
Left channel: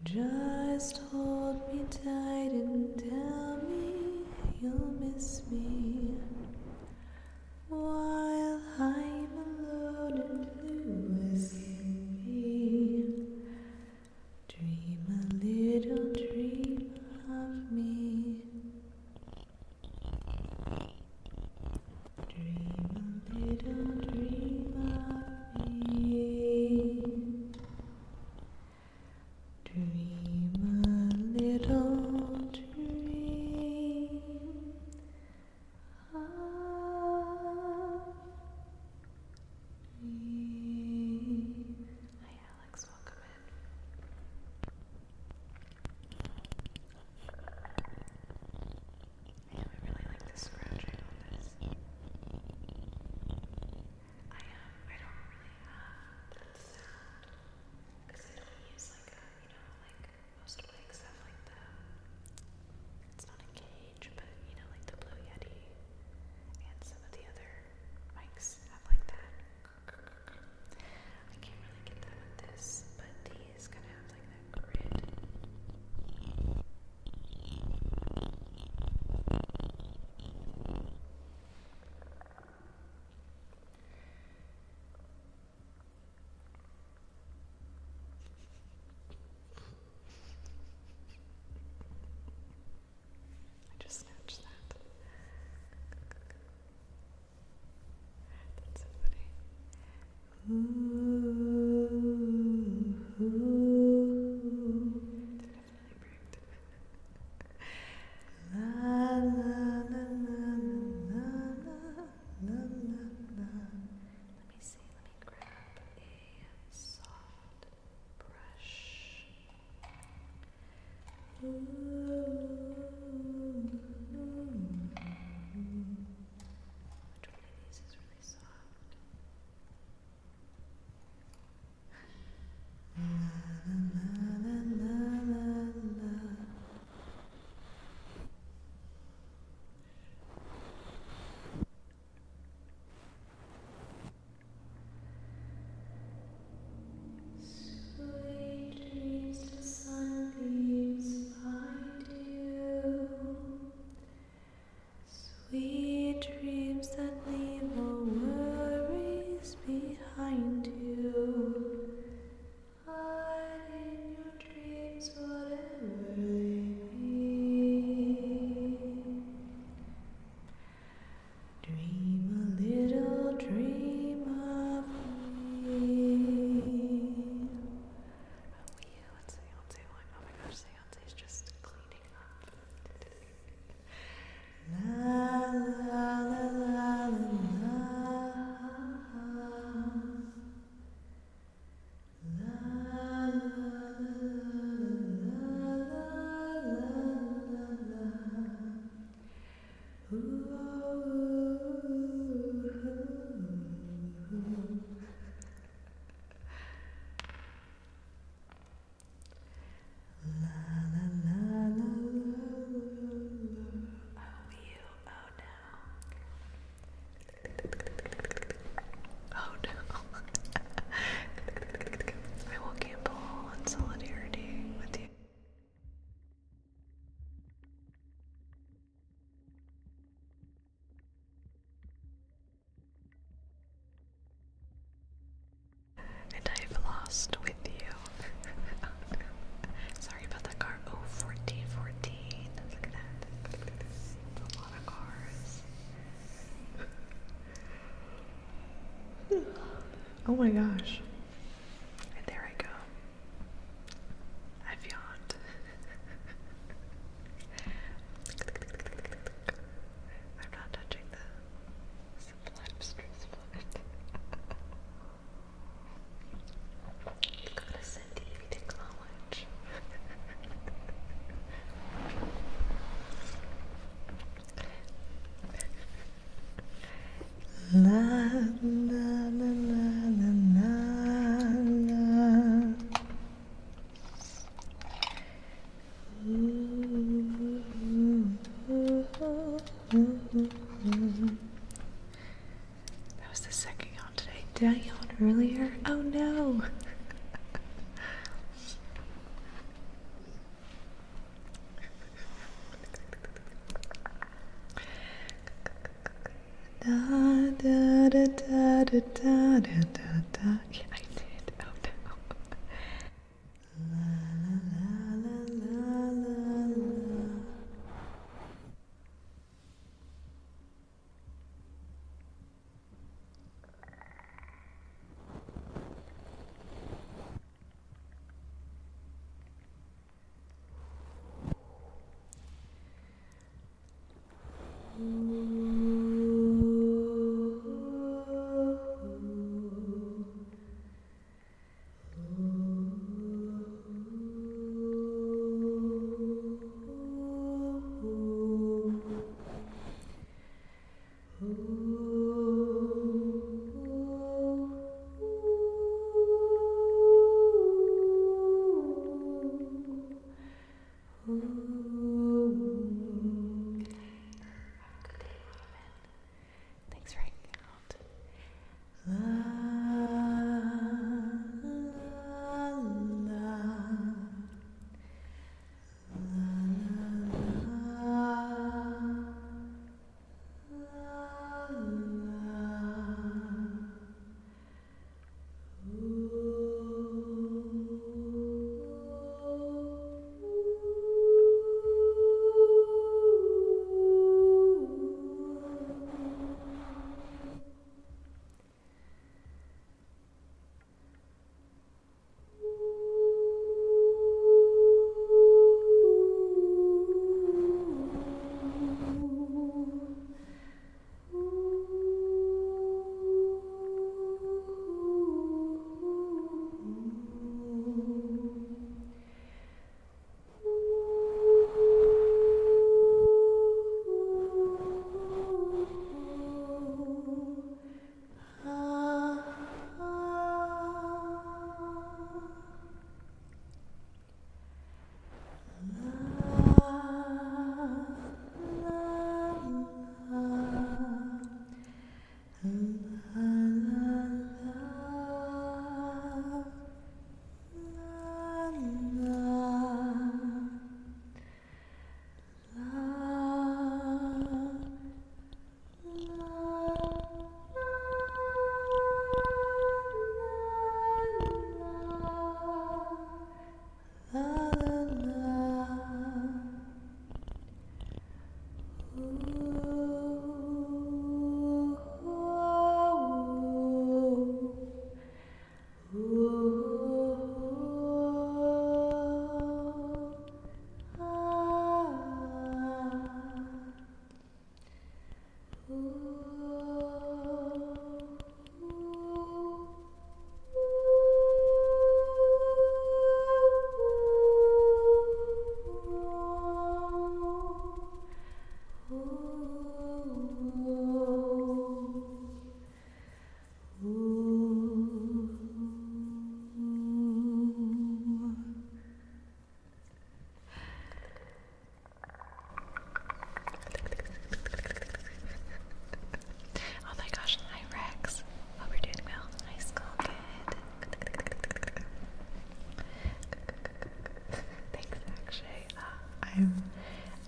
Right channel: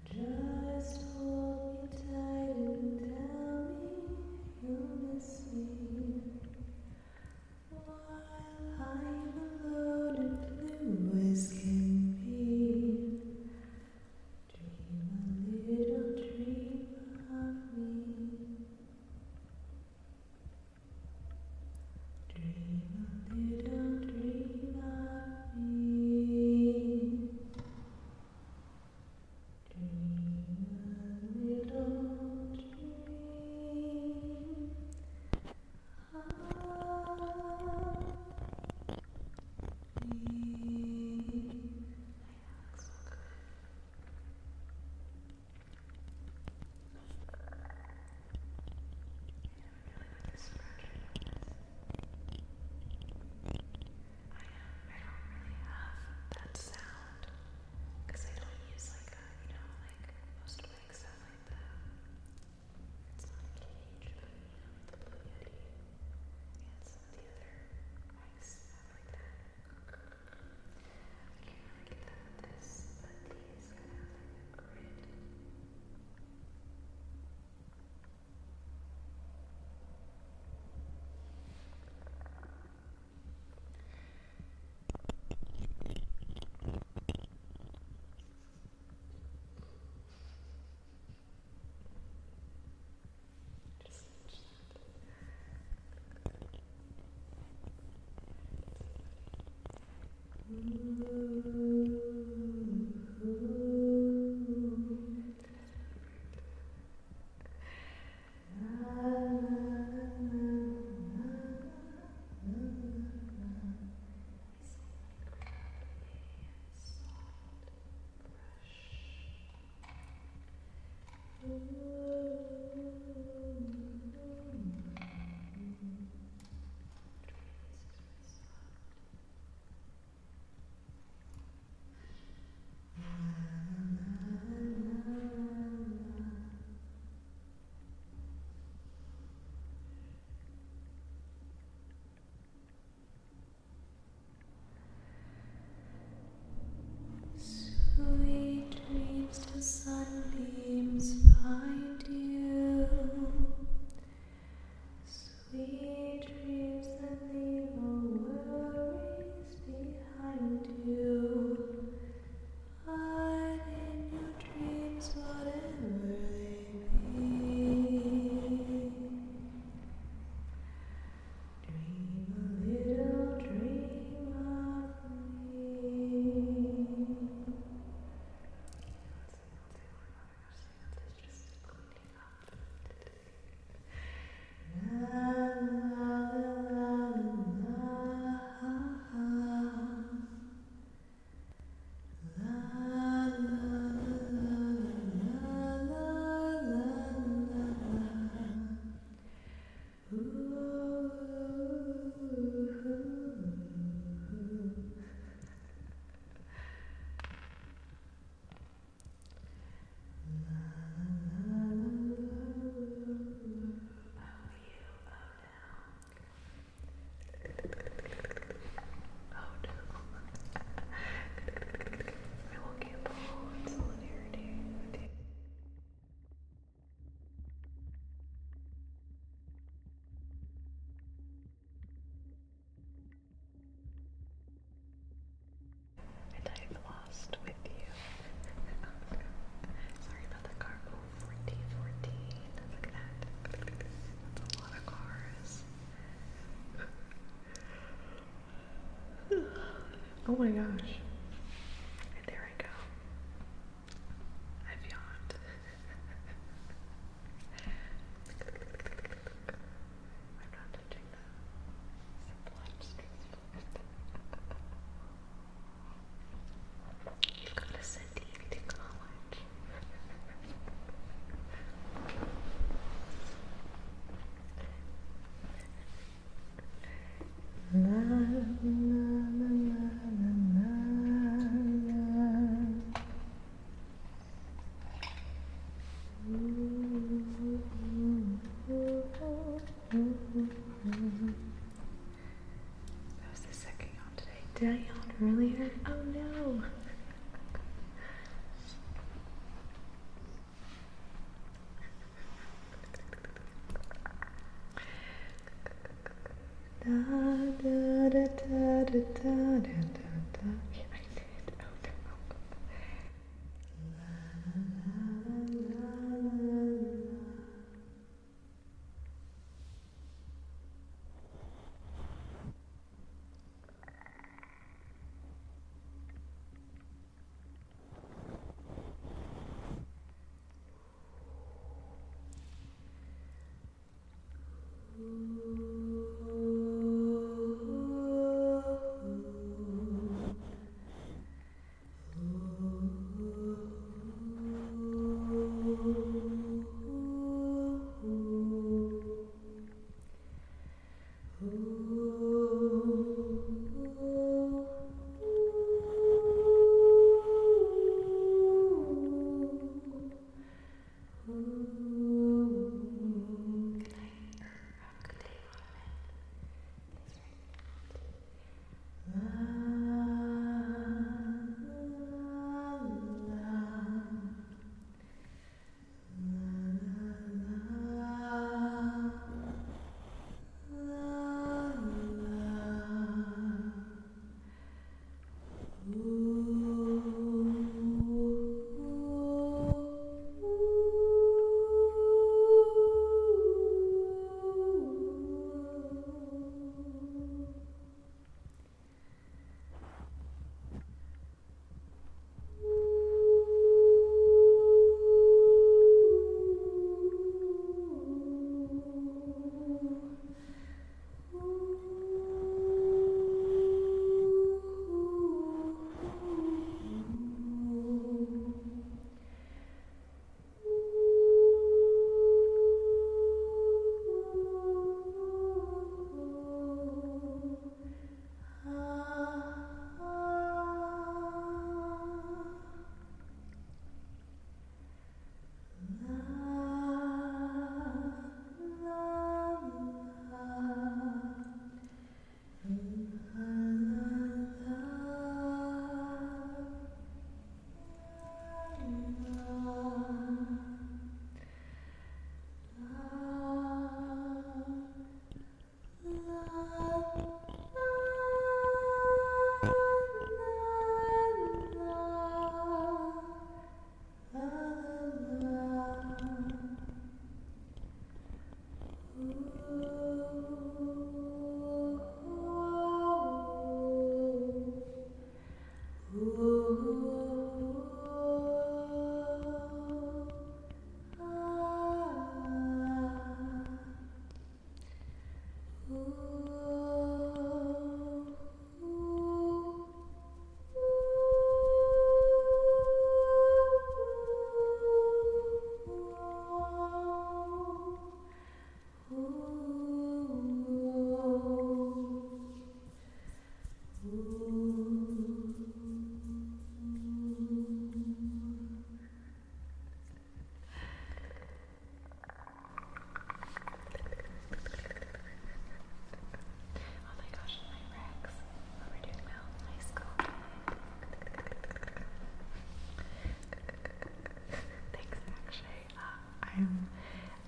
Just hold me tight and tell me you'll miss me. While I'm alone and blue as can be. Dream a little dream of me. Dream a little dream of me. Dream a little dream of me. Hi Alex, welcome in. I know I really like the scratching on this. I don't really have that sound because I don't use like most mics have like it's not a cage, but like the Blue Yeti and some of the other mics have like that. I can't really get that with this, but these kind of have like that grid. I just snatched that. That's so funny. They're definitely pricked. La la la la la la la la. Let me see. Let me grab a soft brush. Which one of these is really soft? lost with you. Sorry about that car. Oh, 1414. Look at that. That's a lot of cars. Oh my gosh. And there I go. I've yawned. I'm not touching the You've got to send Evie to college. La la la la la la. That was the second yawn today. Did I yawn earlier? Oh no! Da da da da da da da da. Yeah, I did. Oh no. La la la la la la. Thanks for hanging out. La la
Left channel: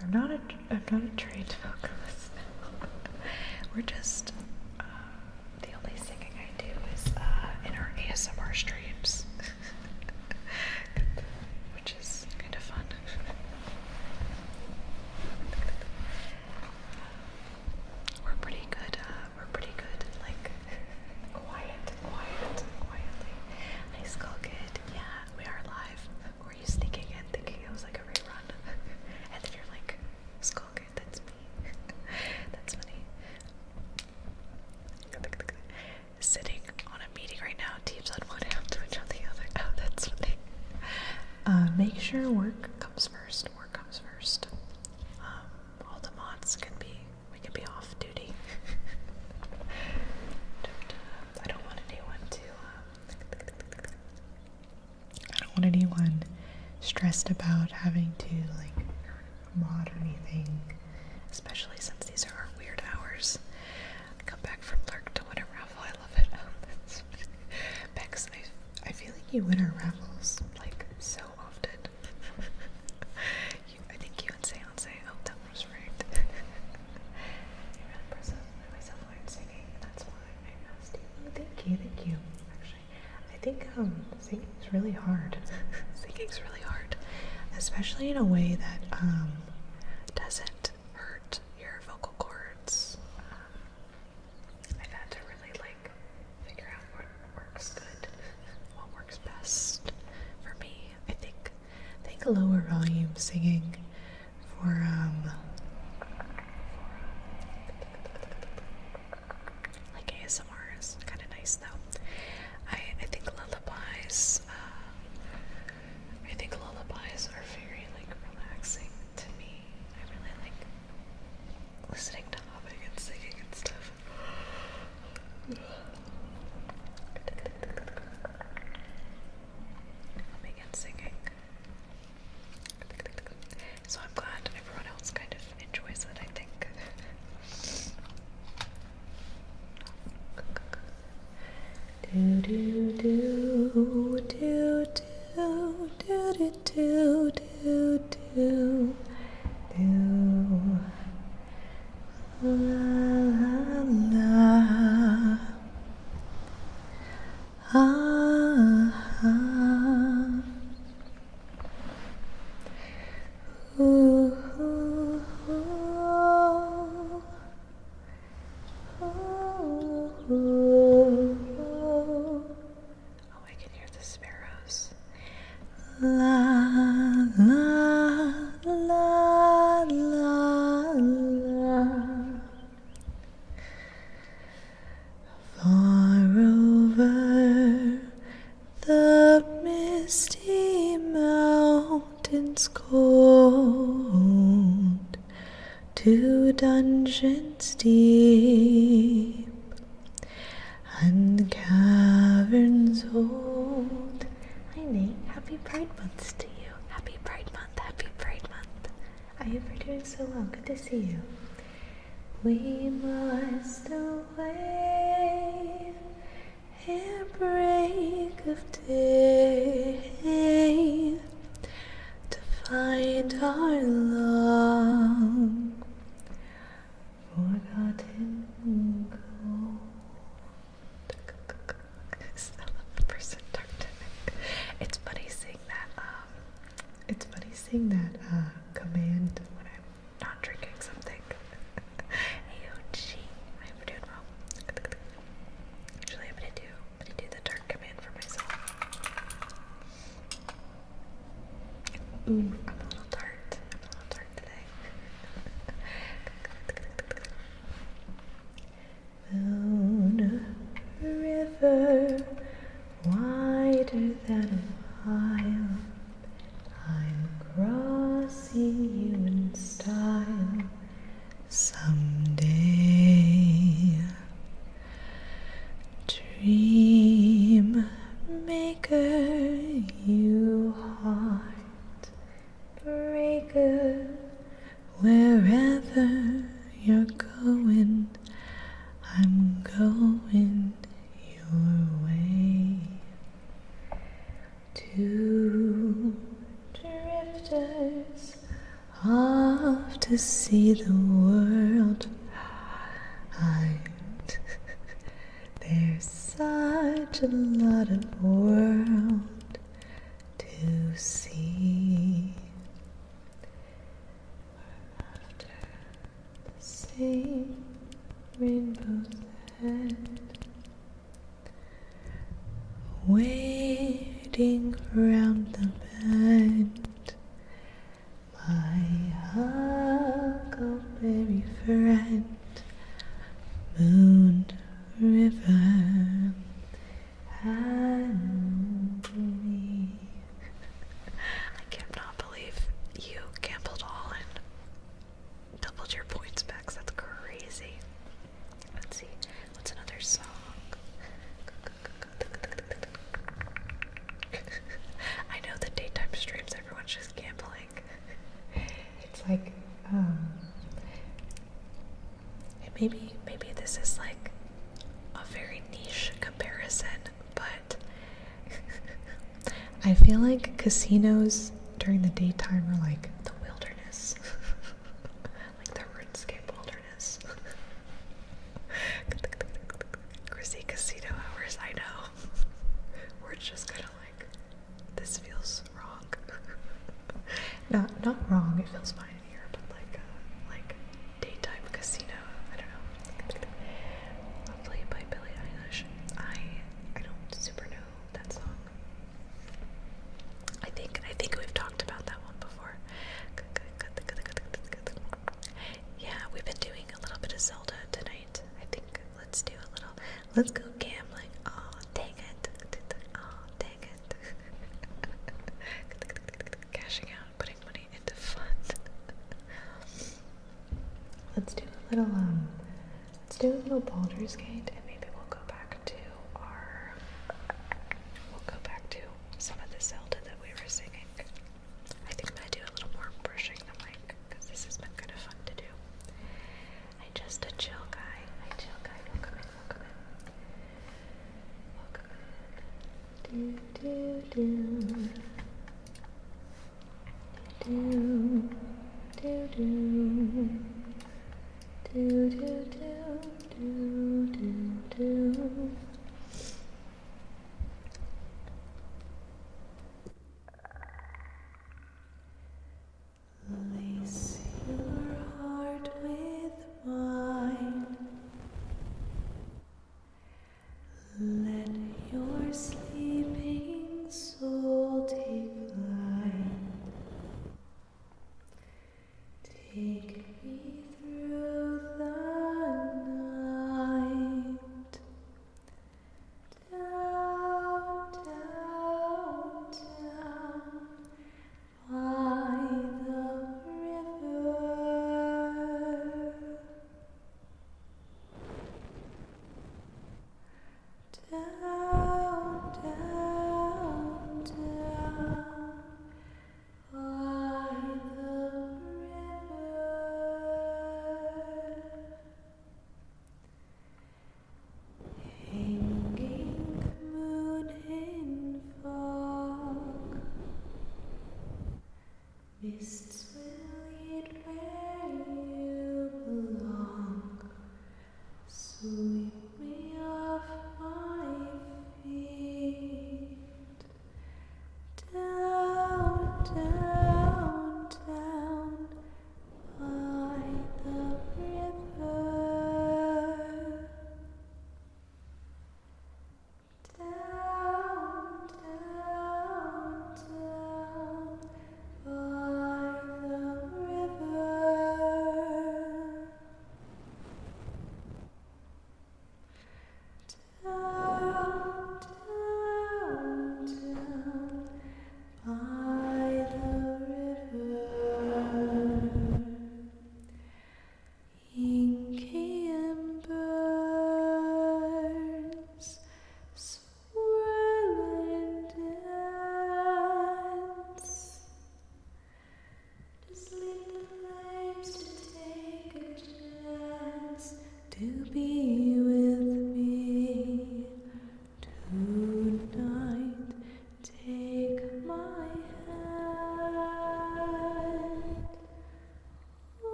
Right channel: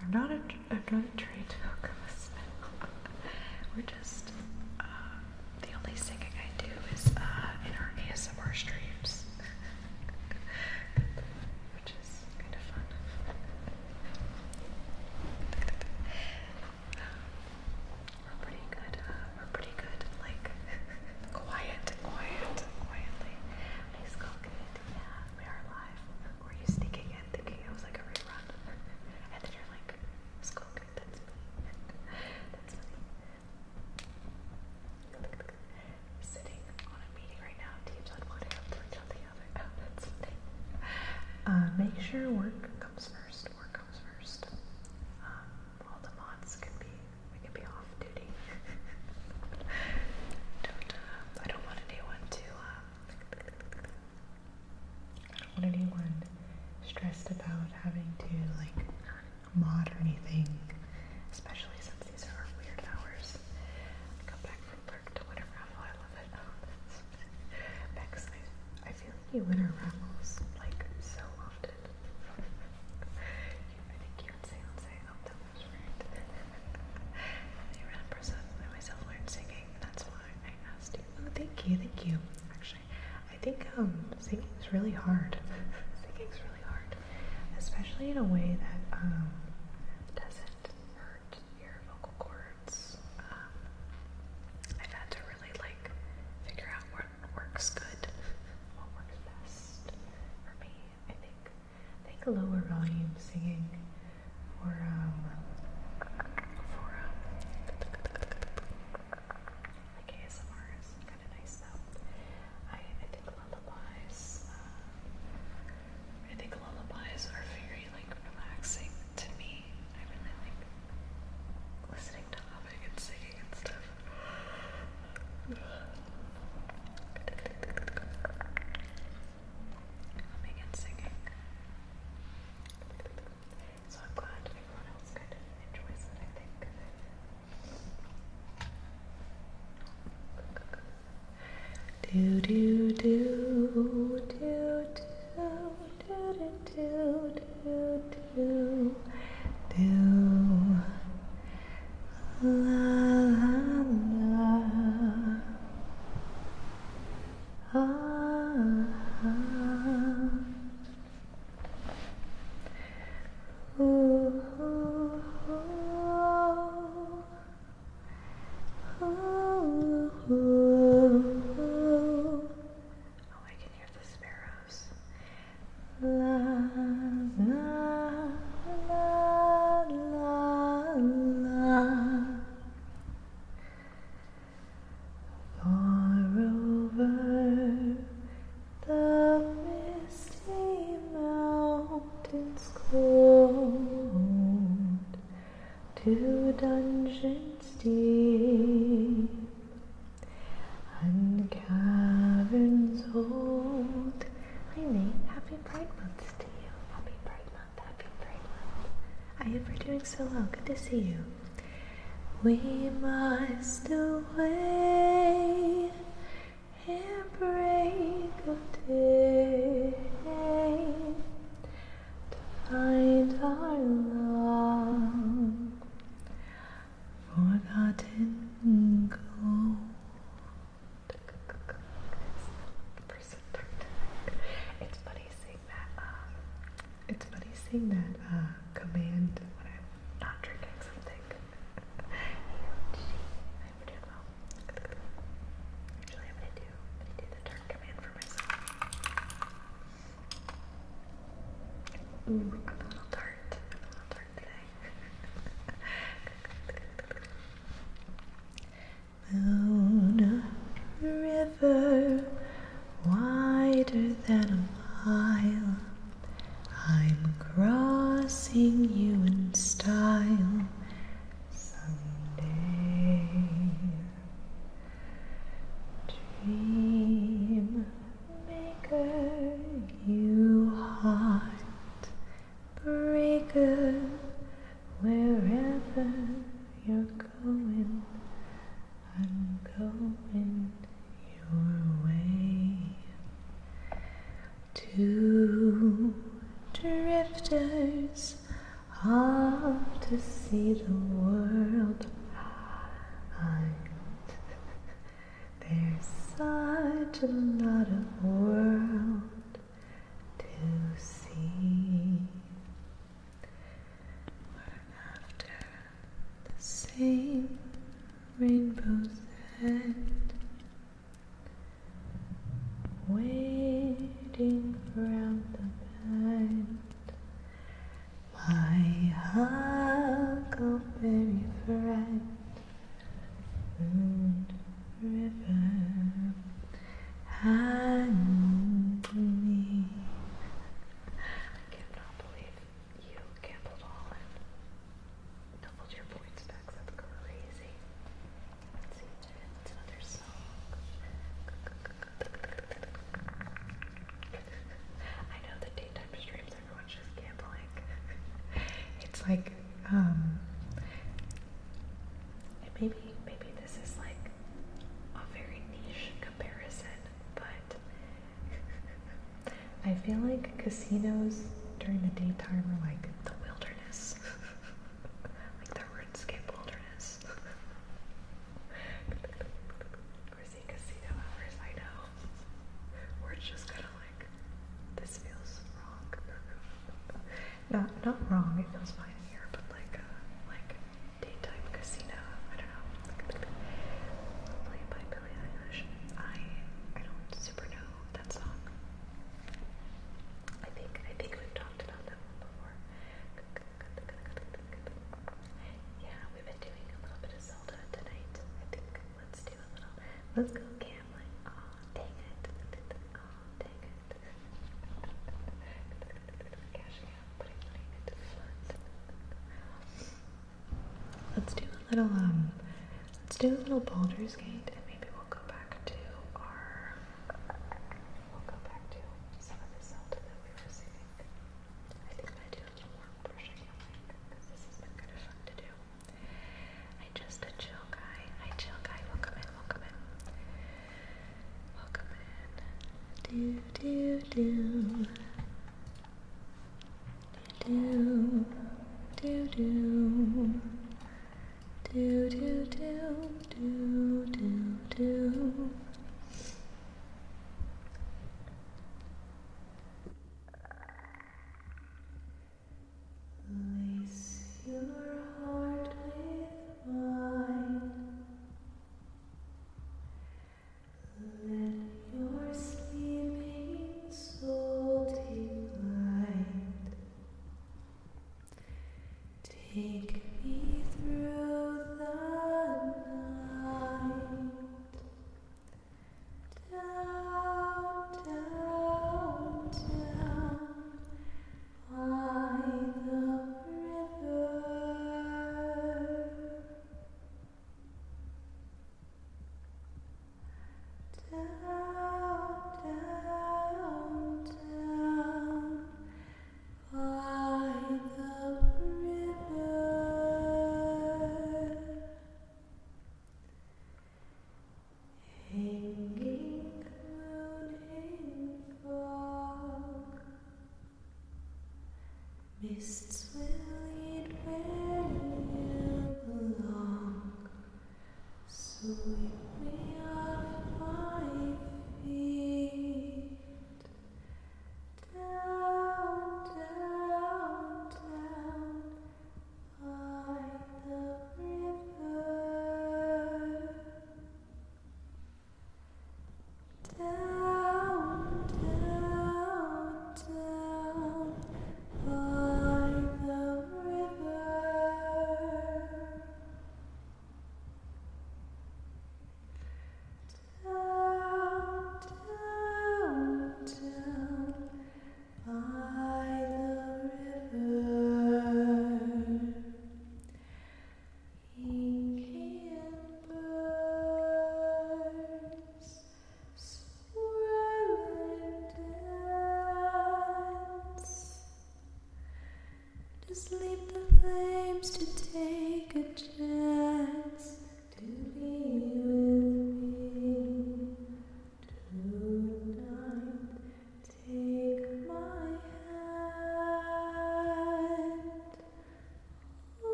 I'm not a trained vocalist. We're just the only singing I do is in our ASMR streams. Make sure work comes first. Work comes first. All the mods we can be off duty. I don't want anyone stressed about having to like mod or anything, especially since these are our weird hours. I come back from lurk to win a raffle. I love it. Bex, I feel like you win our raffles like so often. I think you and Seance. Oh, that was right. You're really impressive. I myself learned singing. That's why I asked you. Oh, thank you. Actually, I think singing's really hard. Singing's really hard, especially in a way that doesn't hurt your vocal cords. I've had to really like figure out what works good, what works best for me. I think lower volume singing for like ASMR is kind of nice though. I think lullabies are very like relaxing to me. I really like listening to humming and singing and stuff. Humming and singing. So I'm glad everyone else kind of enjoys it, I think. Do do do do do do do do do do la la la ah ah ooh ooh ooh ooh ooh. Oh, I can hear the sparrows. La la la la la. Far over the misty mountains cold, to dungeons deep and caverns old. Hi Nate, happy Pride Month to you. Happy Pride Month, happy Pride Month. I hope you're doing so well. Good to see you. We must away ere break of day to find our long forgotten gold. It's funny seeing that command when I'm not drinking something. Hey Ochi, I hope you're doing well. Actually, I'm gonna do the dark command for myself. Ooh, I'm a little tart. Today. Moon river wider than a mile, I'm crossing you in style someday. Dream maker, you heart breaker, wherever you're going, I'm going your way. Two drifters off to see the world. There's such a lot of world to see. We're after the same rainbow's head, waiting round the bend. My huckleberry friend, Moon River and me. I feel like casinos during the daytime are like the wilderness. Like the RuneScape wilderness. Chrissy casino hours, I know. Where it's just kind of like, this feels wrong. Not wrong, it feels fine here, but like daytime casino, I don't know. Hopefully by Billie Eilish. I don't super know that song. I think we've talked about that one before. Yeah, we've been doing a little bit of Zelda tonight. I think let's go gambling. Oh, dang it. Oh, dang it. Cashing out, putting money into fun. Let's do a little Baldur's Gate, and maybe we'll go back to some of the Zelda that we were singing. I think I'm gonna do a little more brushing the mic, because this has been kind of fun to do. I just a chill guy. Welcome in. Lace your heart with mine. Let your sleeping soul take flight. Take me through the night.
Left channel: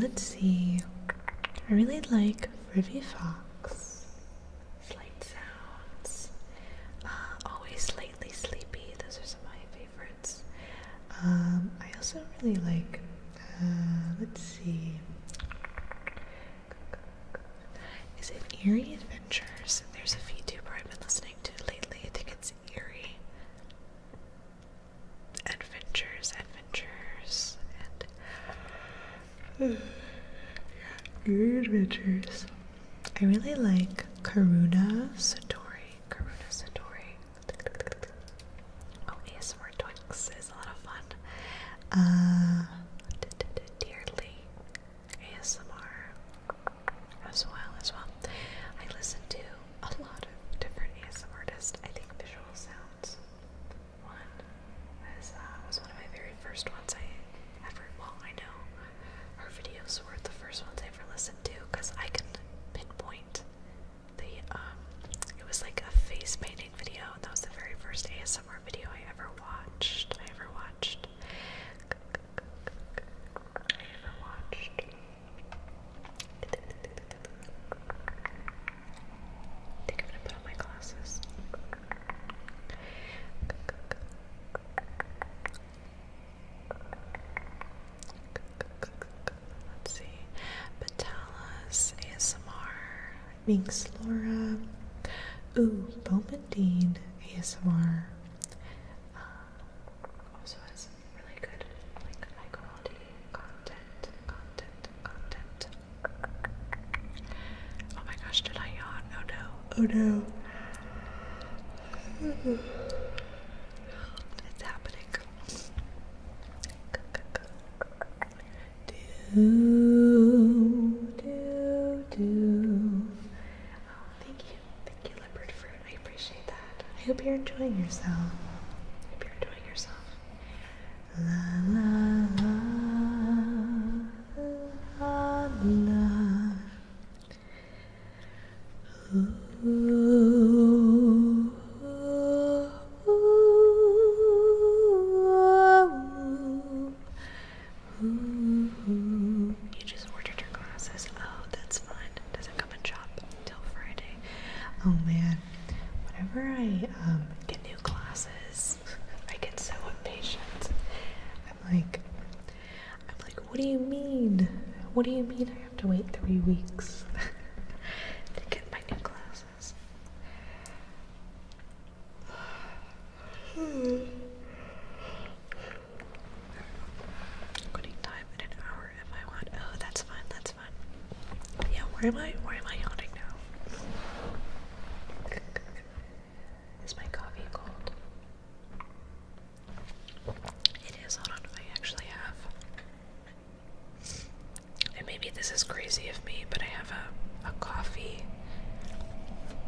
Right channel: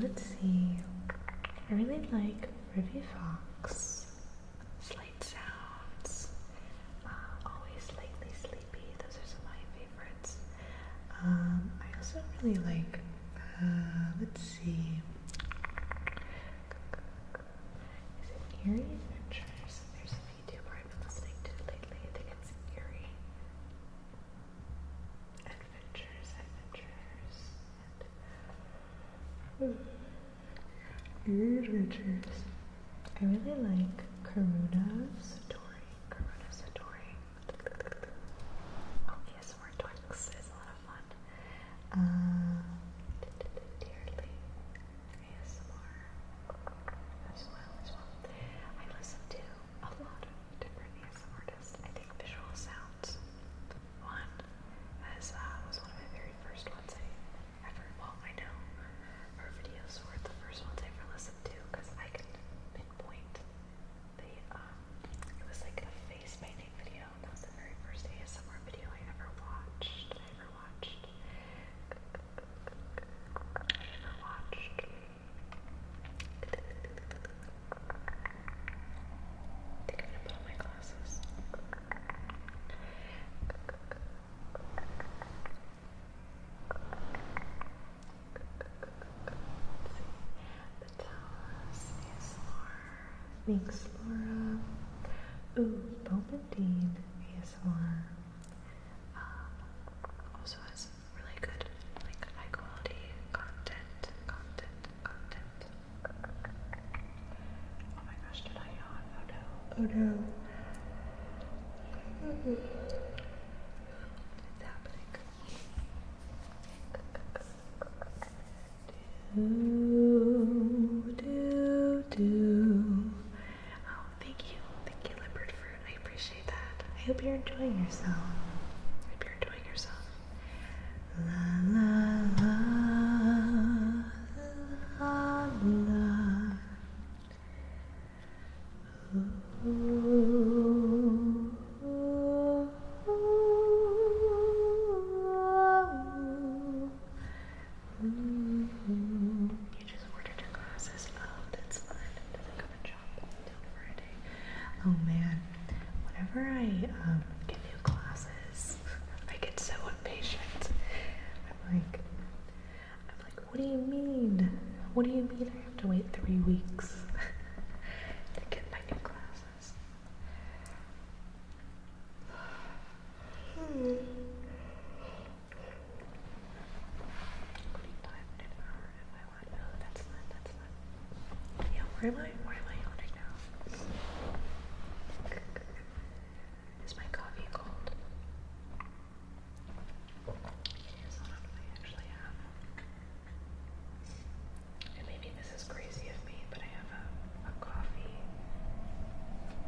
Let's see. I really like Ruby Fox, Slate Sounds, Always Lately Sleepy. Those are some of my favorites. I also really like, let's see. Is it Eerie Adventures? There's a VTuber I've been listening to lately. I think it's Eerie Adventures, and Eerie Adventures. I really like Karuna Satori. Oh, ASMR Twix is a lot of fun. Dearly ASMR as well. I listen to a lot of different ASMR artists. I think Visual Sounds was one of my very first ones I know her videos were the first ones I ever listened to, because I can pinpoint it was like a face painting video, and that was the very first ASMR video I ever watched. I think I'm gonna put on my glasses. Let's see. Batalas ASMR. Minx Laura. Ooh, Bomandine ASMR. Also has really good, like, high quality content. Oh my gosh, did I yawn? Oh no. It's happening. Oh, thank you, Leopard Fruit. I appreciate that. I hope you're enjoying yourself. La la la la. You just ordered your glasses. do you mean? What do you mean I have to wait 3 weeks to get my new glasses? Quitting time in an hour if I want. Oh, that's fine, that's fine. Yeah, where am I yawning now? Is my coffee cold? It is. Hold on, I actually have. And maybe this is crazy of me, but I have a coffee.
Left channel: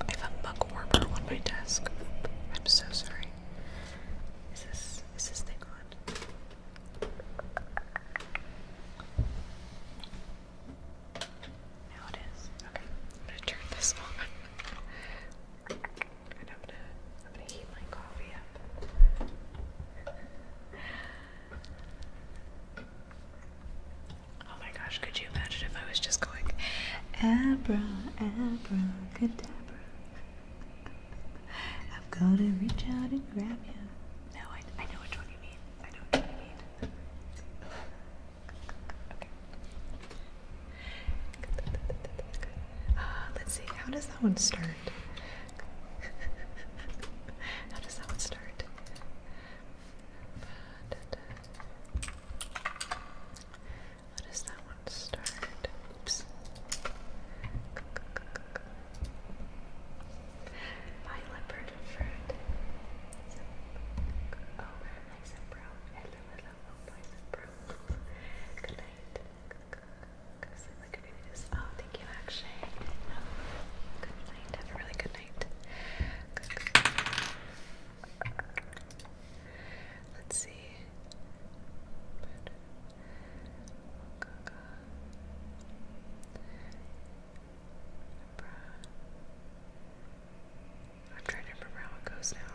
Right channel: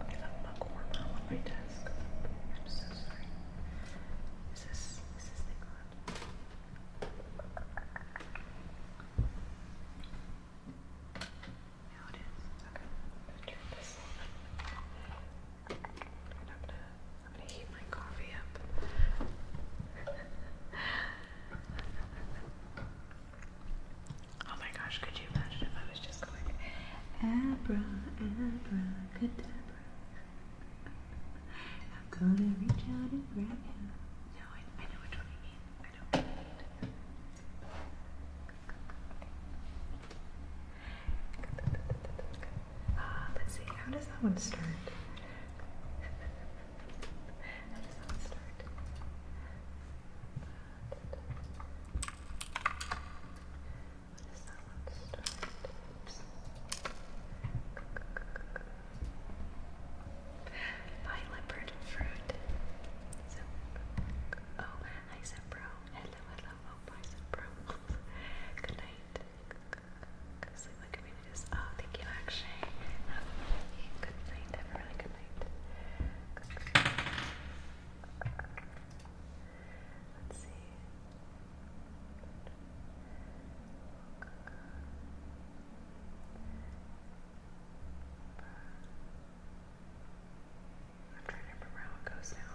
I have a mug warmer on my desk. I'm so sorry. Is this thing on? Now it is. Okay. I'm gonna turn this on. And I'm gonna heat my coffee up. Oh my gosh, could you imagine if I was just going abracadabra? I'm gonna reach out and grab you. No, I know which one you mean. I know which one you mean. Okay. Let's see, how does that one start? How does that one start? How does that one start? Oops. Bye, leopard fruit. Oh, hi, Zebro. Hello, hello. Oh, bye, Zebro. Good night. Go to sleep like a baby just. Oh, thank you, Akshay. Have a really good night. Have a really good night. Let's see. I'm trying to remember how it goes now.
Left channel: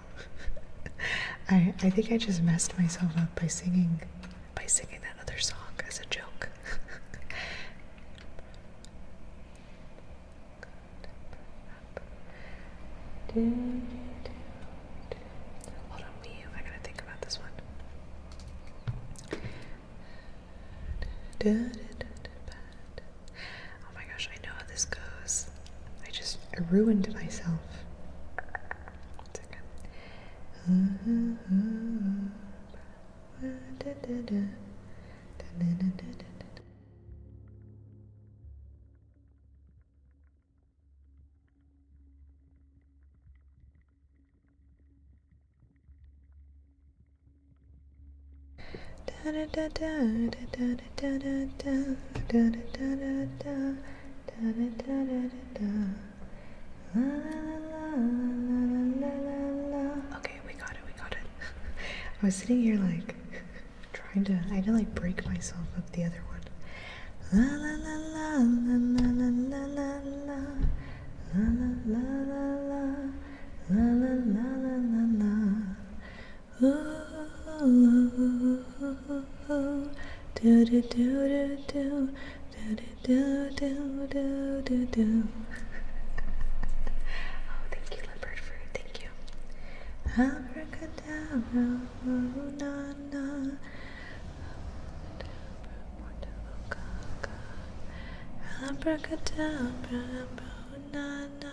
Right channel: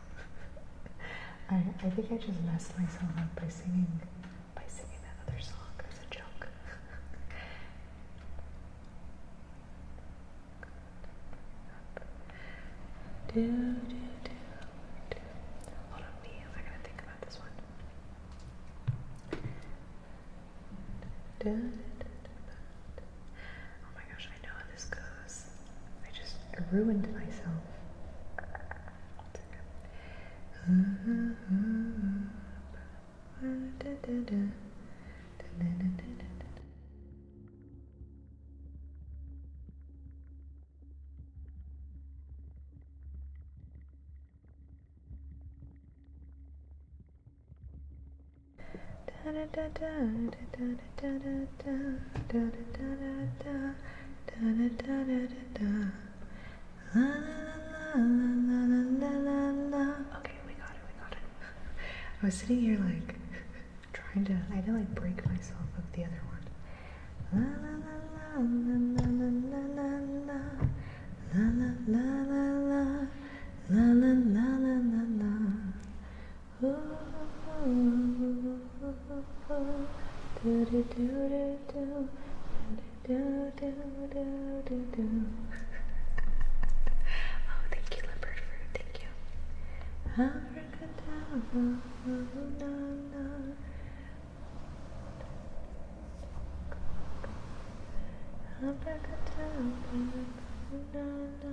I think I just messed myself up by singing that other song as a joke. Hold on, Wii U. I gotta think about this one. Oh my gosh, I know how this goes. I ruined myself. 1 second. Okay, we got it. I was sitting here like I had to like break myself up the other one. La la la la la la la la la la la la la la la la la la la. Ooh, do do do do do do do do do. Oh, thank you, leopard fruit. Thank you. Abracadabra, oh, na na. Abracadabra, oh, na na.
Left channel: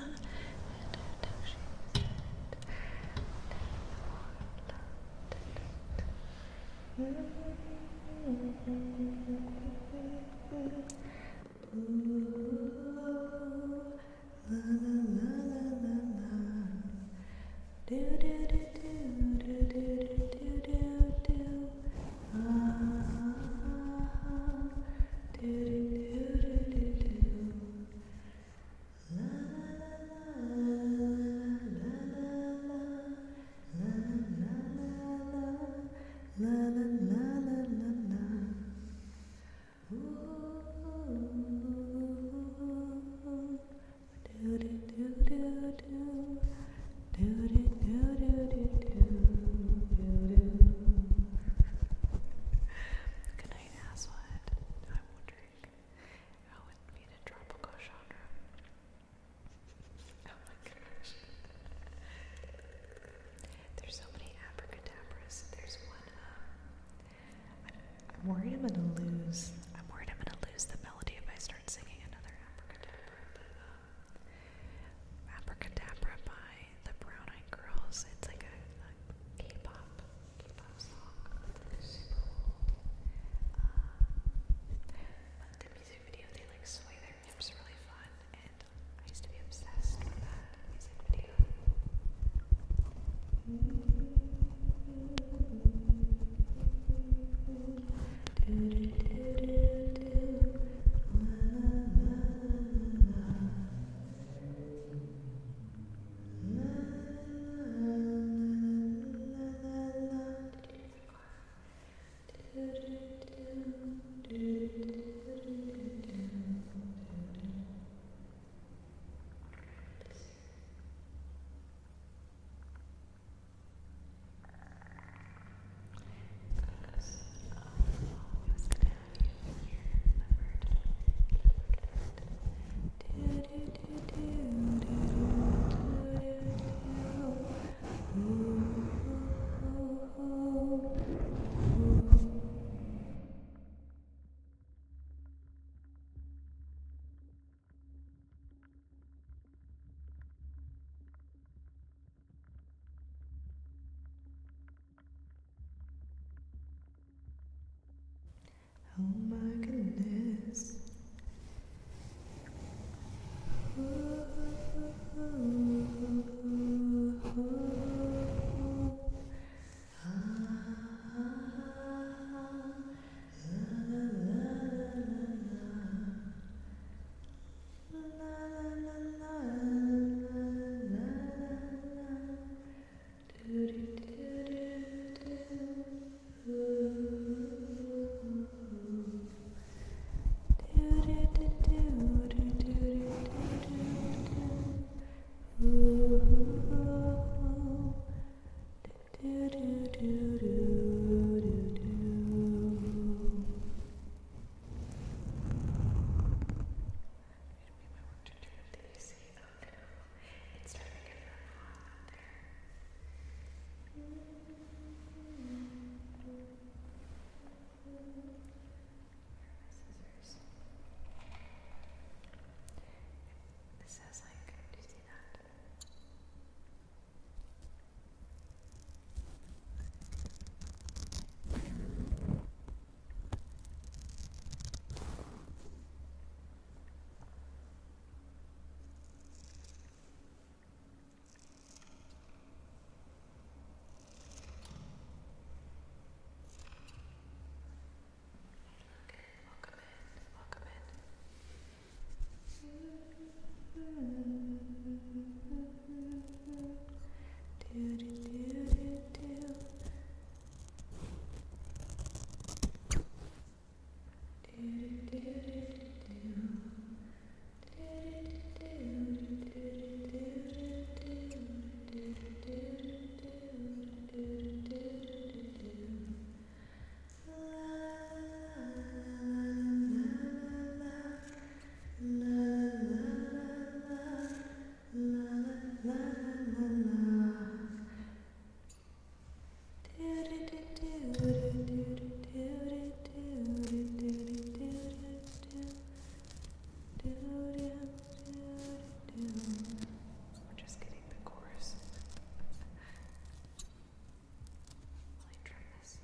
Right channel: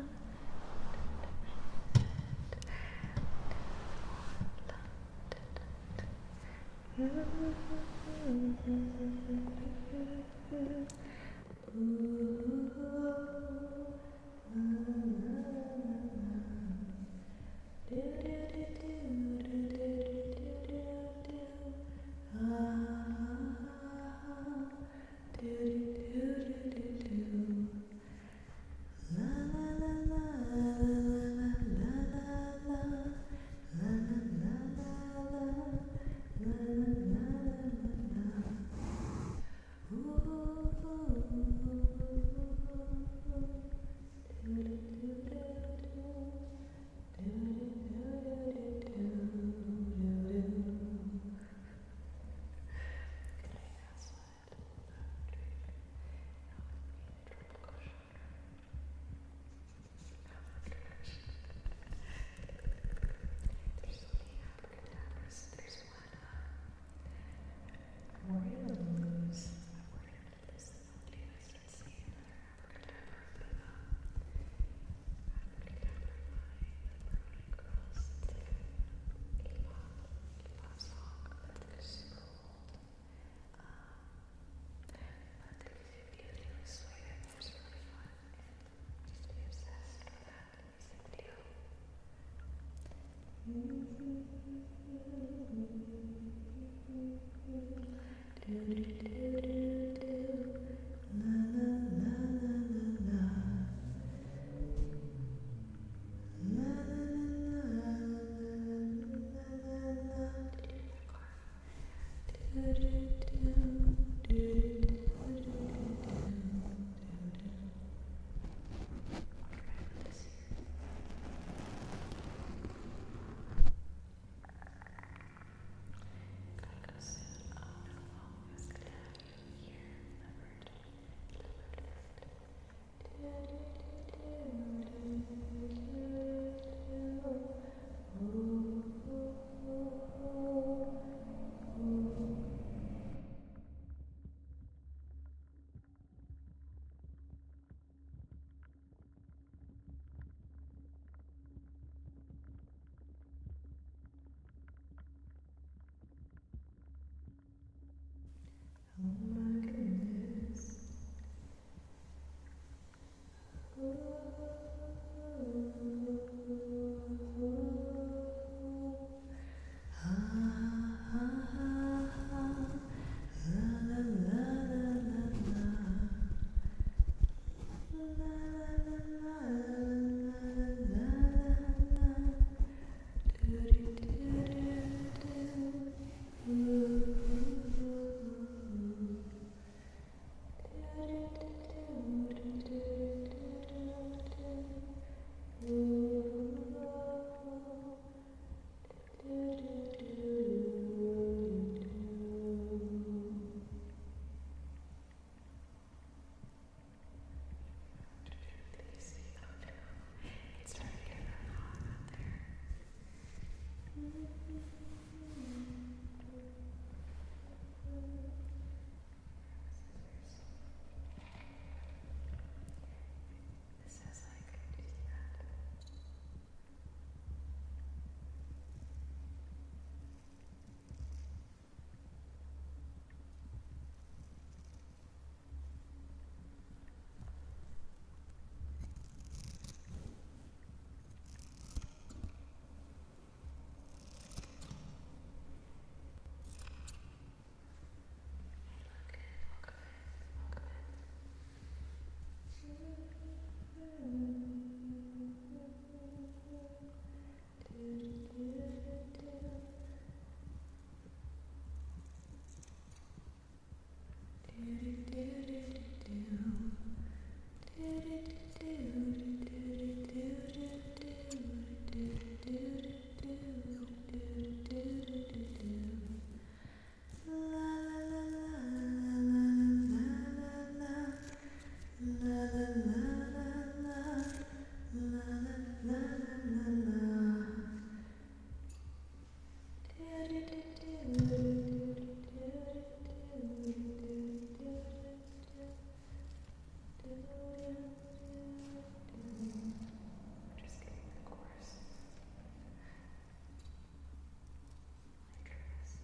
Oh my goodness. It's starting to get really hot out there. Scissors. This has like, do you see that? Welcome We're just getting the chorus. Let me try this.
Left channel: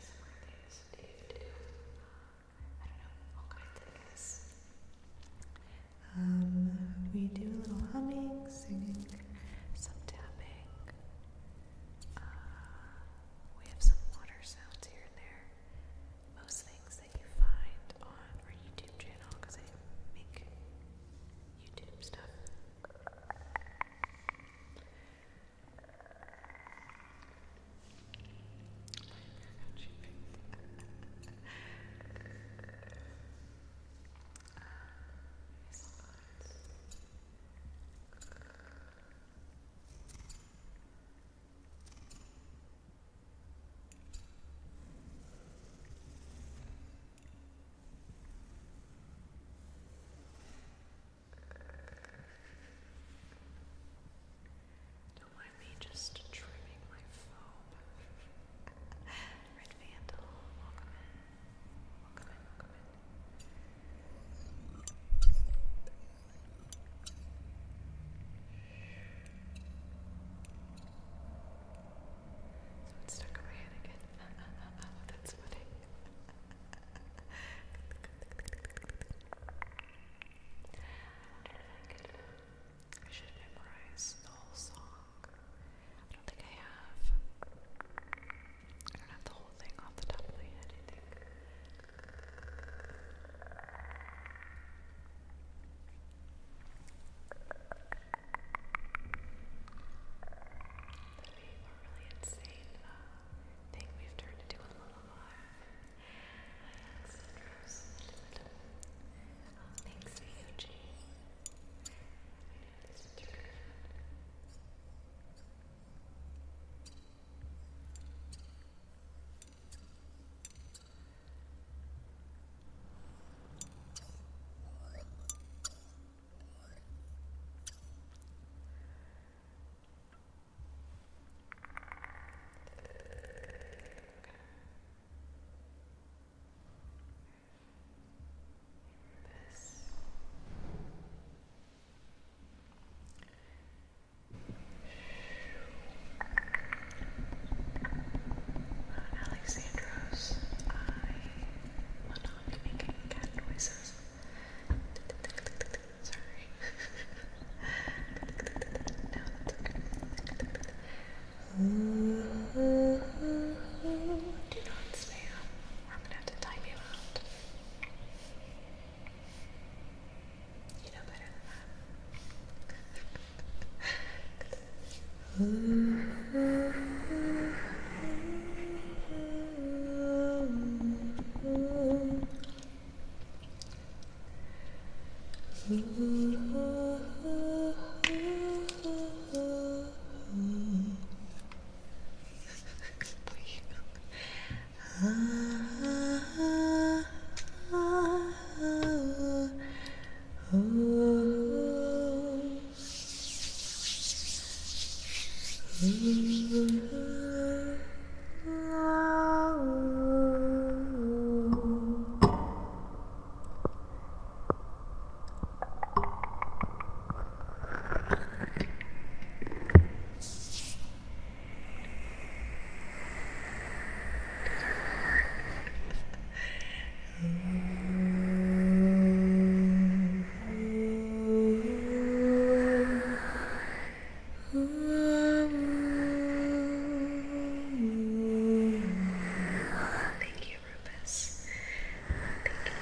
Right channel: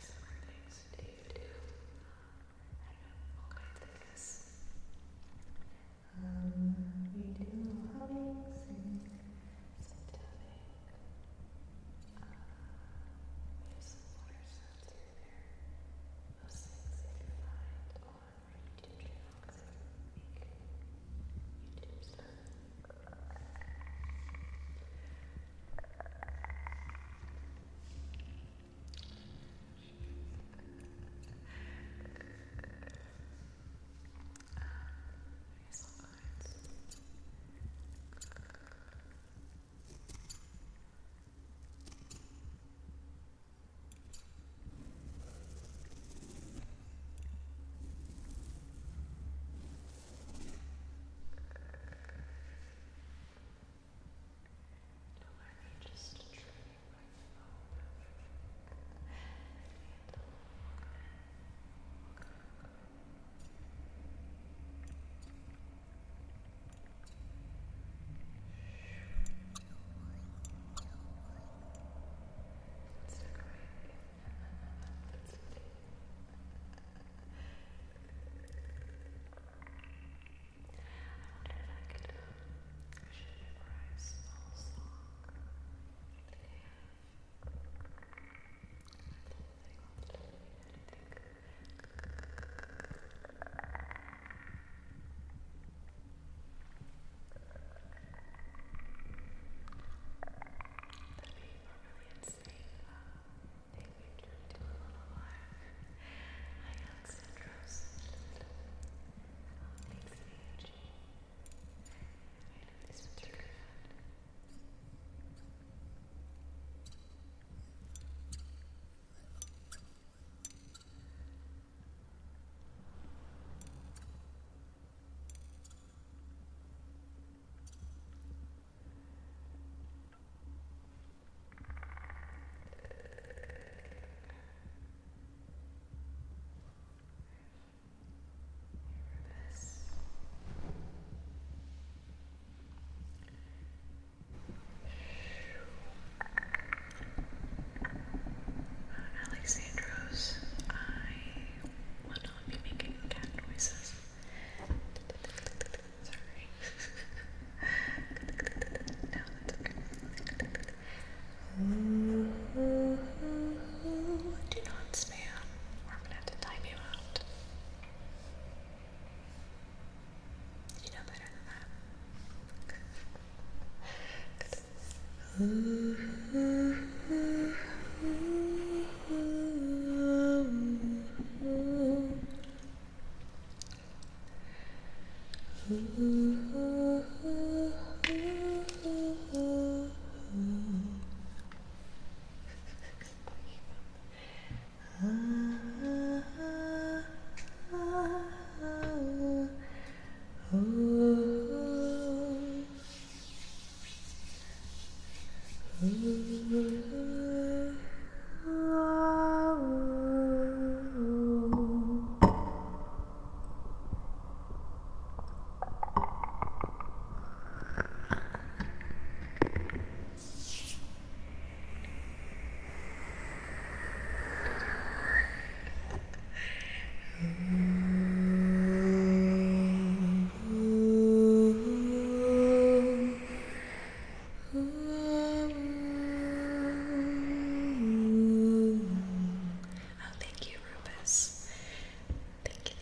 Some more things to do. I don't know, all kinds, I guess. We do a little humming, singing, some tapping. We have some water sounds here and there. Most things that you find on our YouTube channel, because I make YouTube stuff. Thank you, Rufus. Thank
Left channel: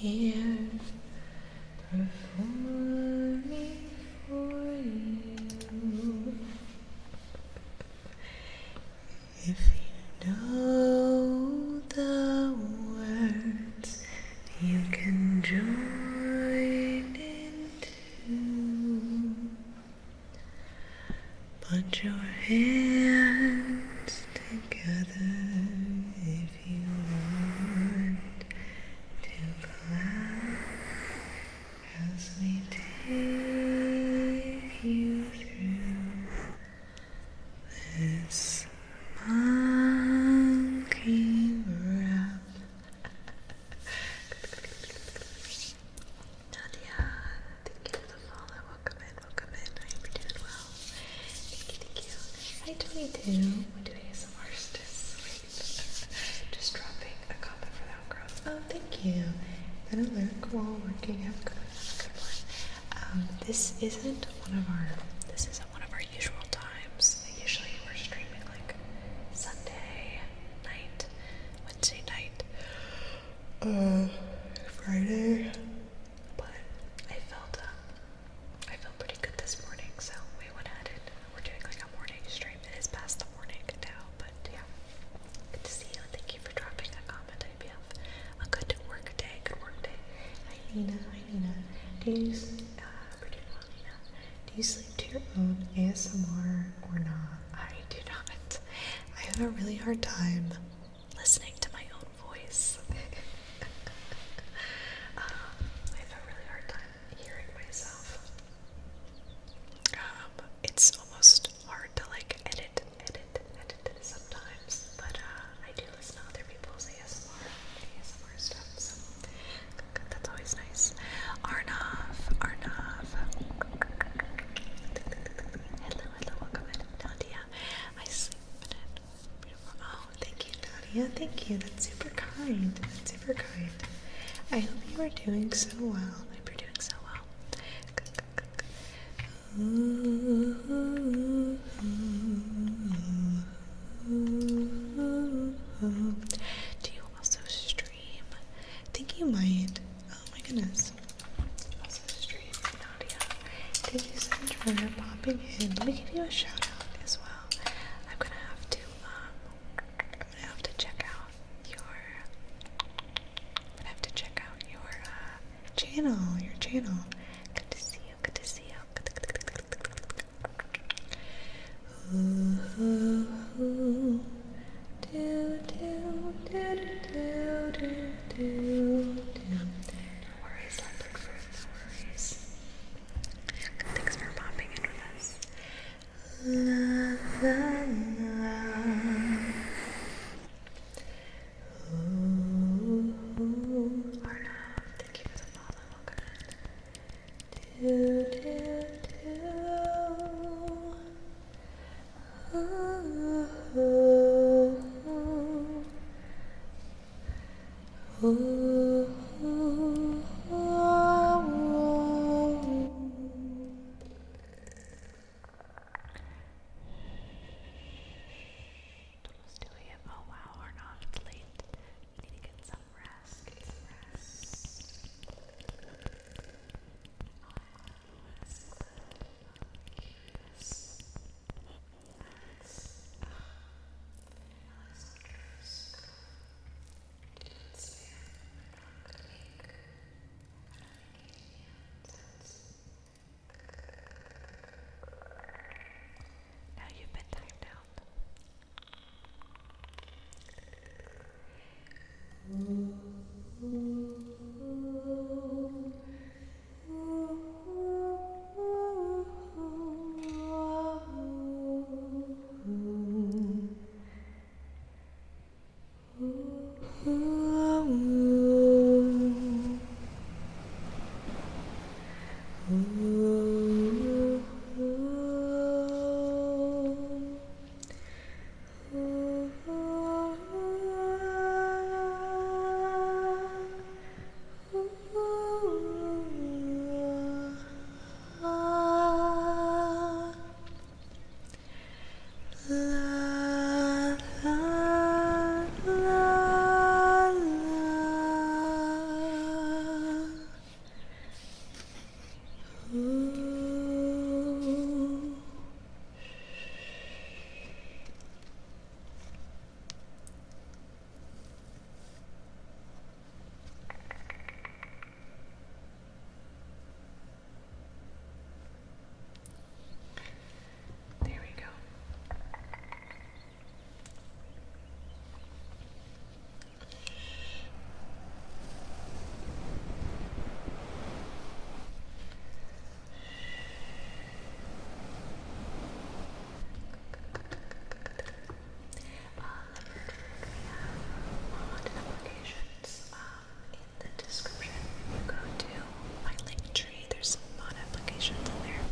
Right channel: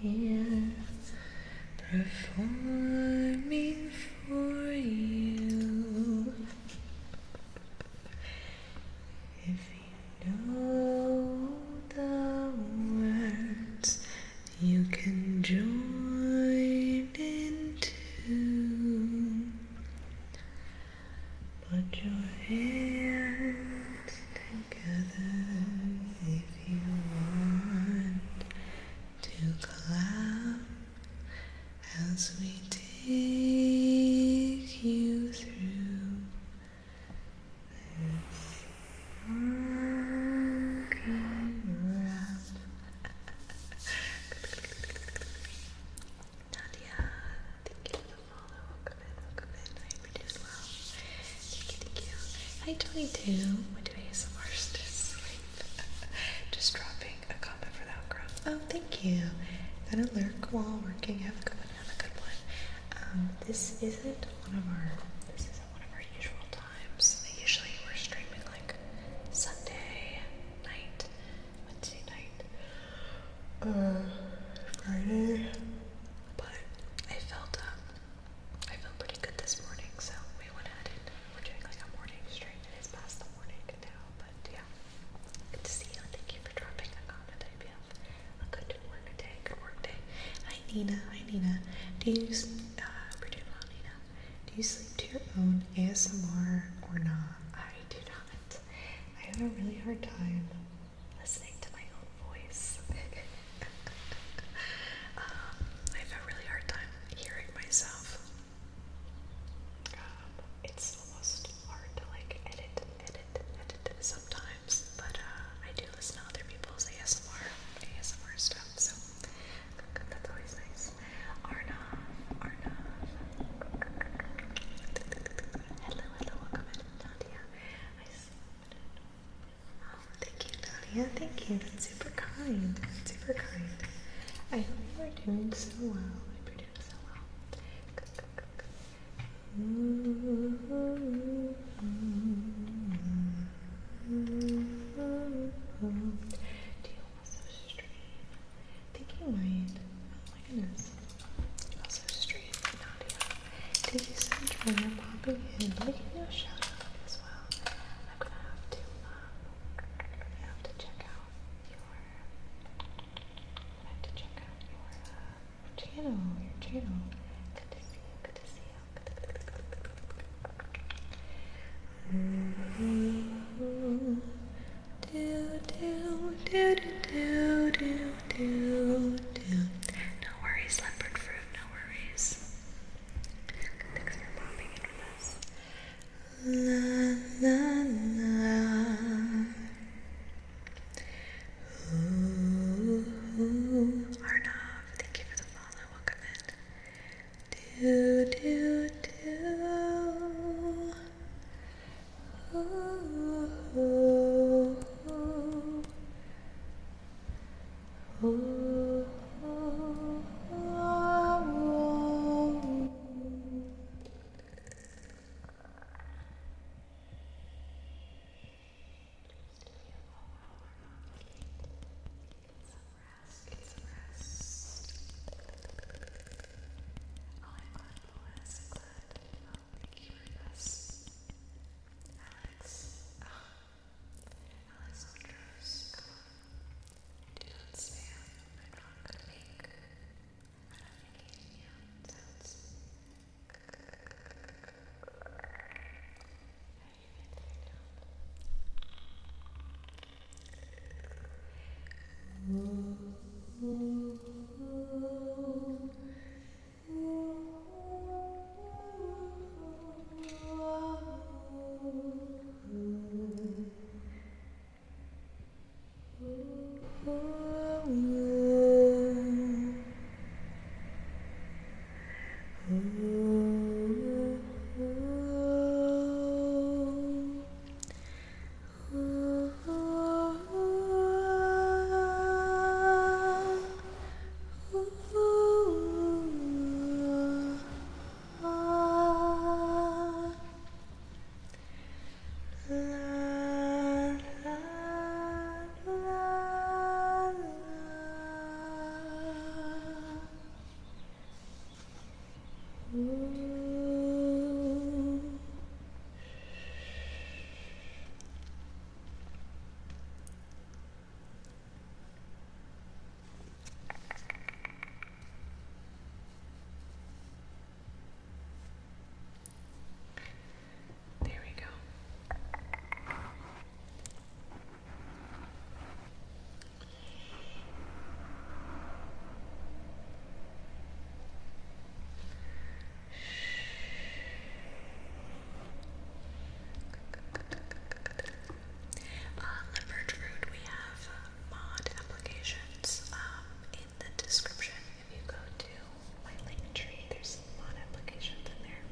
here performing for you. If you know the words, you can join in too. Put your hands together if you want to clap as we take you through this monkey rap. Nadia, thank you for the follow. Welcome in, welcome in. I hope you're doing well. Thank you. Hi, 22. What do ASMR this week? Just dropping a comment for the outgrowth. Oh, thank you. Gotta lurk while working. Have a good one. Have a good one. This isn't one of our usual times. Usually we're streaming like Sunday night, Wednesday night, Friday. But I felt pretty good this morning, so we went ahead and we're doing like a morning stream. It is past the morning now, but yeah. Good to see you. Thank you for dropping a comment. I hope you have a good work day. Hi Nina. Do you we're doing well, Nina. Do you sleep to your own ASMR or not? I do not. I have a really hard time listening to my own voice. I have a really hard time hearing myself. It's almost hard to like edit sometimes, but I do listen to other people's ASMR stuff, so that's always nice. Arnav. Hello, welcome in, Nadia. I sleep in it. Oh, thank you, Nadia. Thank you. That's super kind. I hope you are doing so well. And let me give you a shout out as well. I'm gonna have to check out your channel. Good to see you. No worries, leopard fruit, no worries. Thanks for popping in with us. La la la. Arnav, thank you for the follow. Welcome in. Do do do. Almost 2 a.m. Oh wow, we're not late. We need to get some rest. Now you've been timed out. There we go. Leopard fruit, we have mod applications in the description. If you go to my link tree, there's some mod applications in there.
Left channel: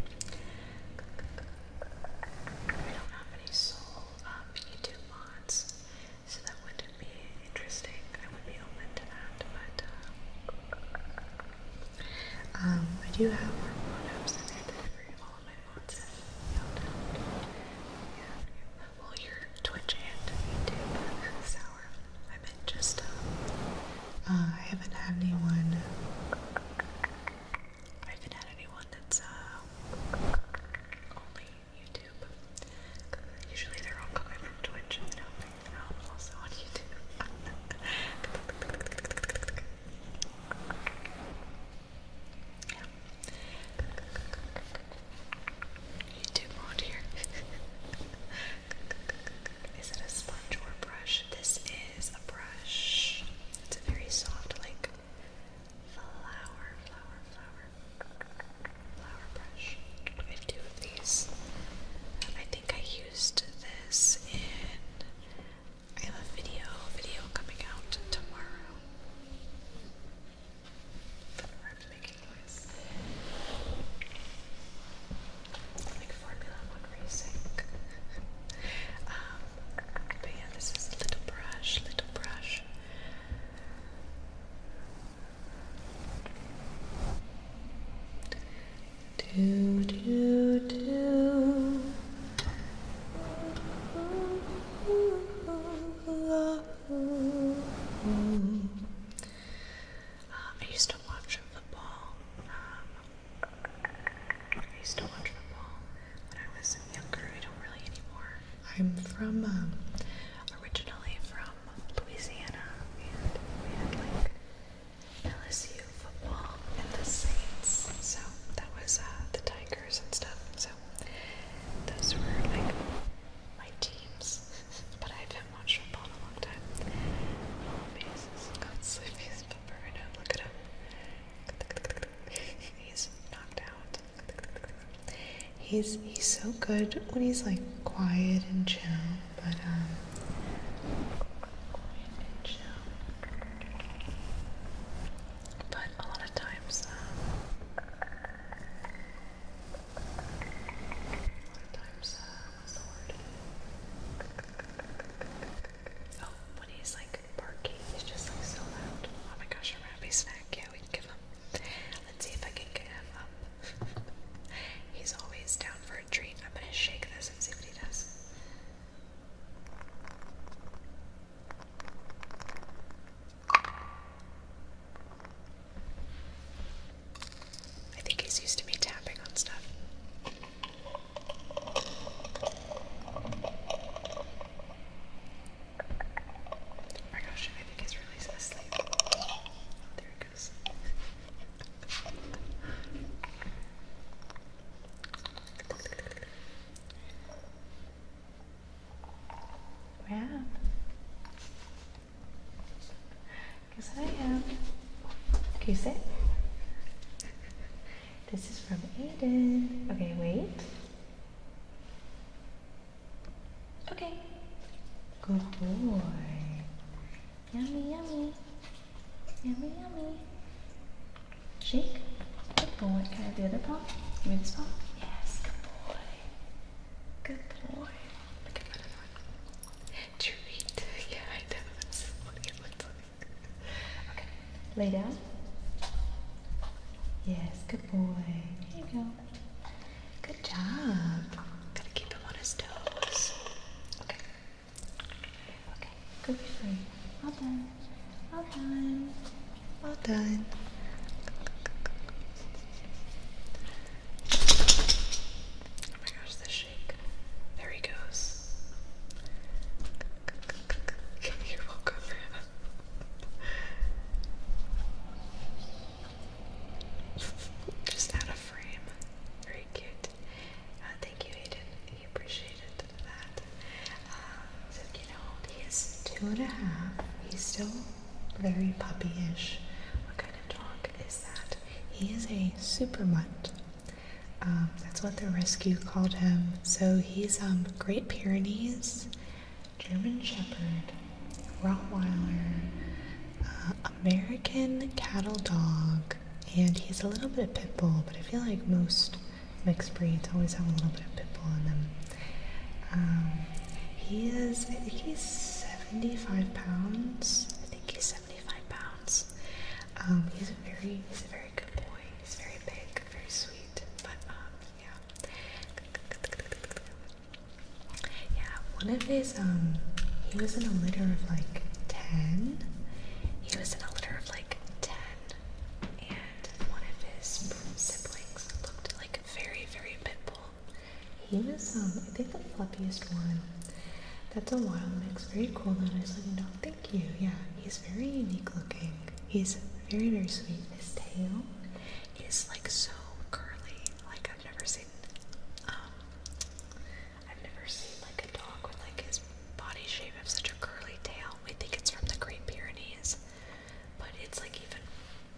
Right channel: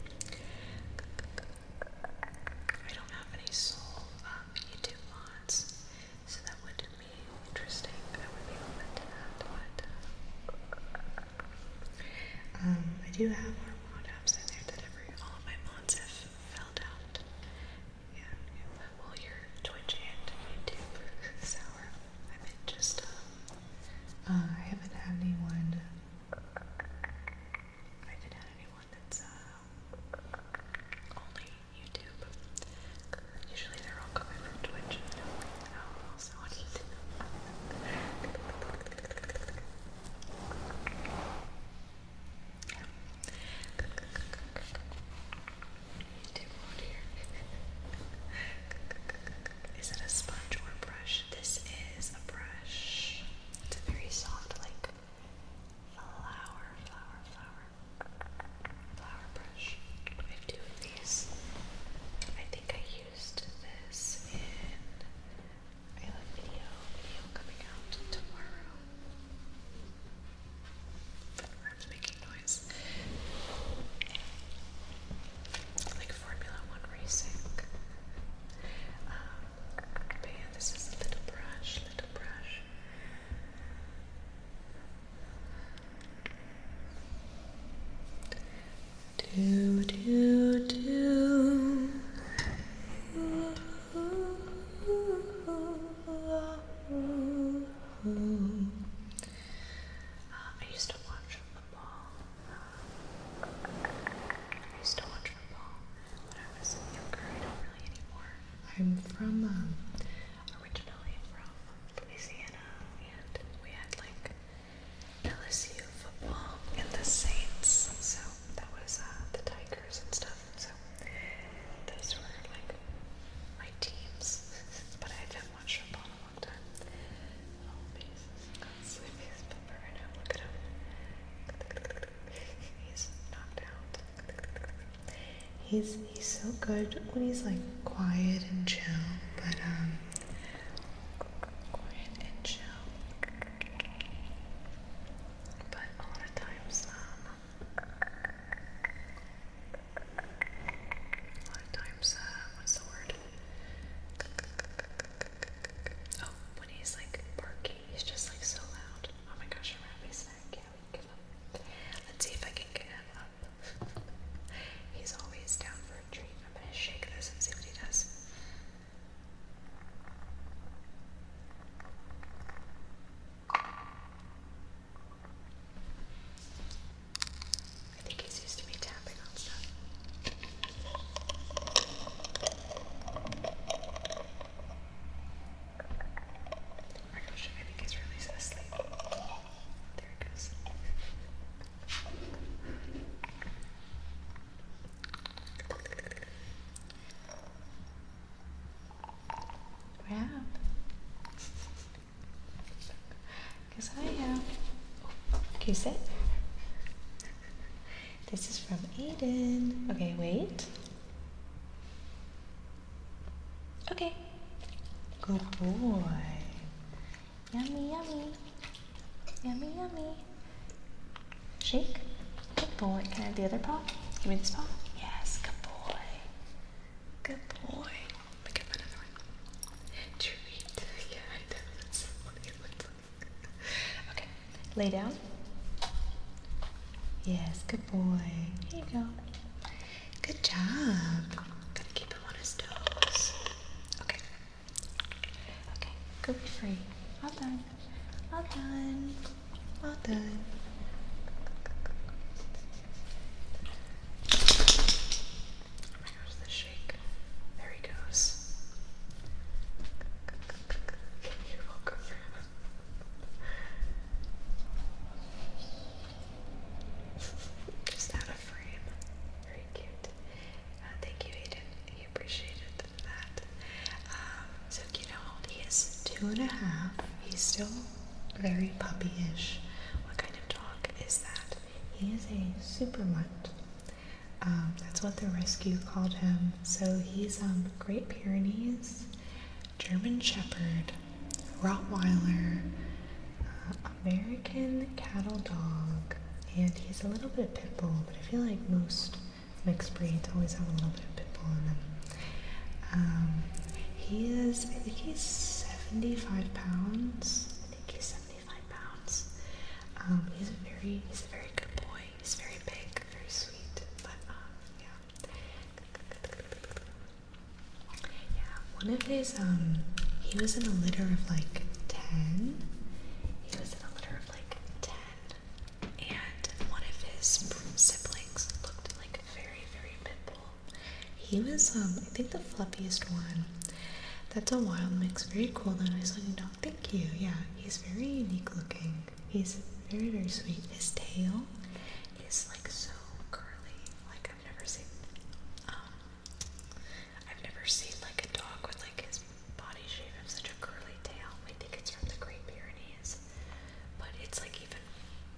I don't have any soul YouTube mods, so that would be interesting. I would be open to that, but I do have more mod apps in there that all of my mods have filled out. Yeah. Well, your Twitch and YouTube sour. I meant just I haven't had anyone that's only YouTube. Usually they're all coming from Twitch and also on YouTube. Yeah. I'm from, originally from Louisiana, and we had like LSU football and the Saints, so that was the Tigers and stuff, so those were like my teams, but I haven't watched football in a long time. Oh, Jesus, God, sleepiest pepper, I know, look at him. He's knocked out. He's so good when he's like quiet and chill, but quiet and chill. But a lot of times, what's the word? Oh, when he's like barking, he's just like so loud. Oh my gosh, a rabbit snack. Yeah, we can give him. Let's see if I can get him up. He's always down for a treat. I'm gonna shake this and see what he does. I think he's used to me tapping on stuff. Oh my gosh, I think he's really asleep. Oh, there he goes. Wow. Guess I am. Can you sit? This is from Aiden. Okay, wait. Okay. Good boy. Yummy, yummy. Yummy, yummy. Shake. Good boy. Can I have the other paw? Give me this paw. Yes, good boy. Good boy. Pick up another one. Treat. Yeah, I know. That's what it looks like. Okay. Lay down. Yes, good boy. Here you go. Good job. Gotta keep him on his toes. Okay. Okay. Go be free. Well done. Well done. Well done. Oh my gosh, the shake. There he goes. You're welcome. Just out of frame. Very cute. Thank you, Aiden. He appreciated that. So do you know how old he is? 2.5. He's still very puppy-ish. What kind of dog is that? He is a super mutt. That's what the rescue called him. So he's Great Pyrenees, German Shepherd, Rottweiler, American cattle dog, and he's a little bit of pit bull, but I feel like most mixed breeds always have a little bit of pit bull in them. I think he's 75 pounds. I think he's 75 pounds. He's a very good boy. He's very big, very sweet, but yeah. Yeah, one of his, he was in a litter of like 10. He was in a litter of like 10, and one of his siblings looked like very, very pit bull. He was, I think the fluffiest one. That's a wild mix. Very cool though, nice looking dog. Thank you. Yeah, he's very unique looking. He's very, very sweet. His tail is like so curly. Like I've never seen like a dog with like his body shape have such a curly tail. I think it's from the Great Pyrenees, but it's like even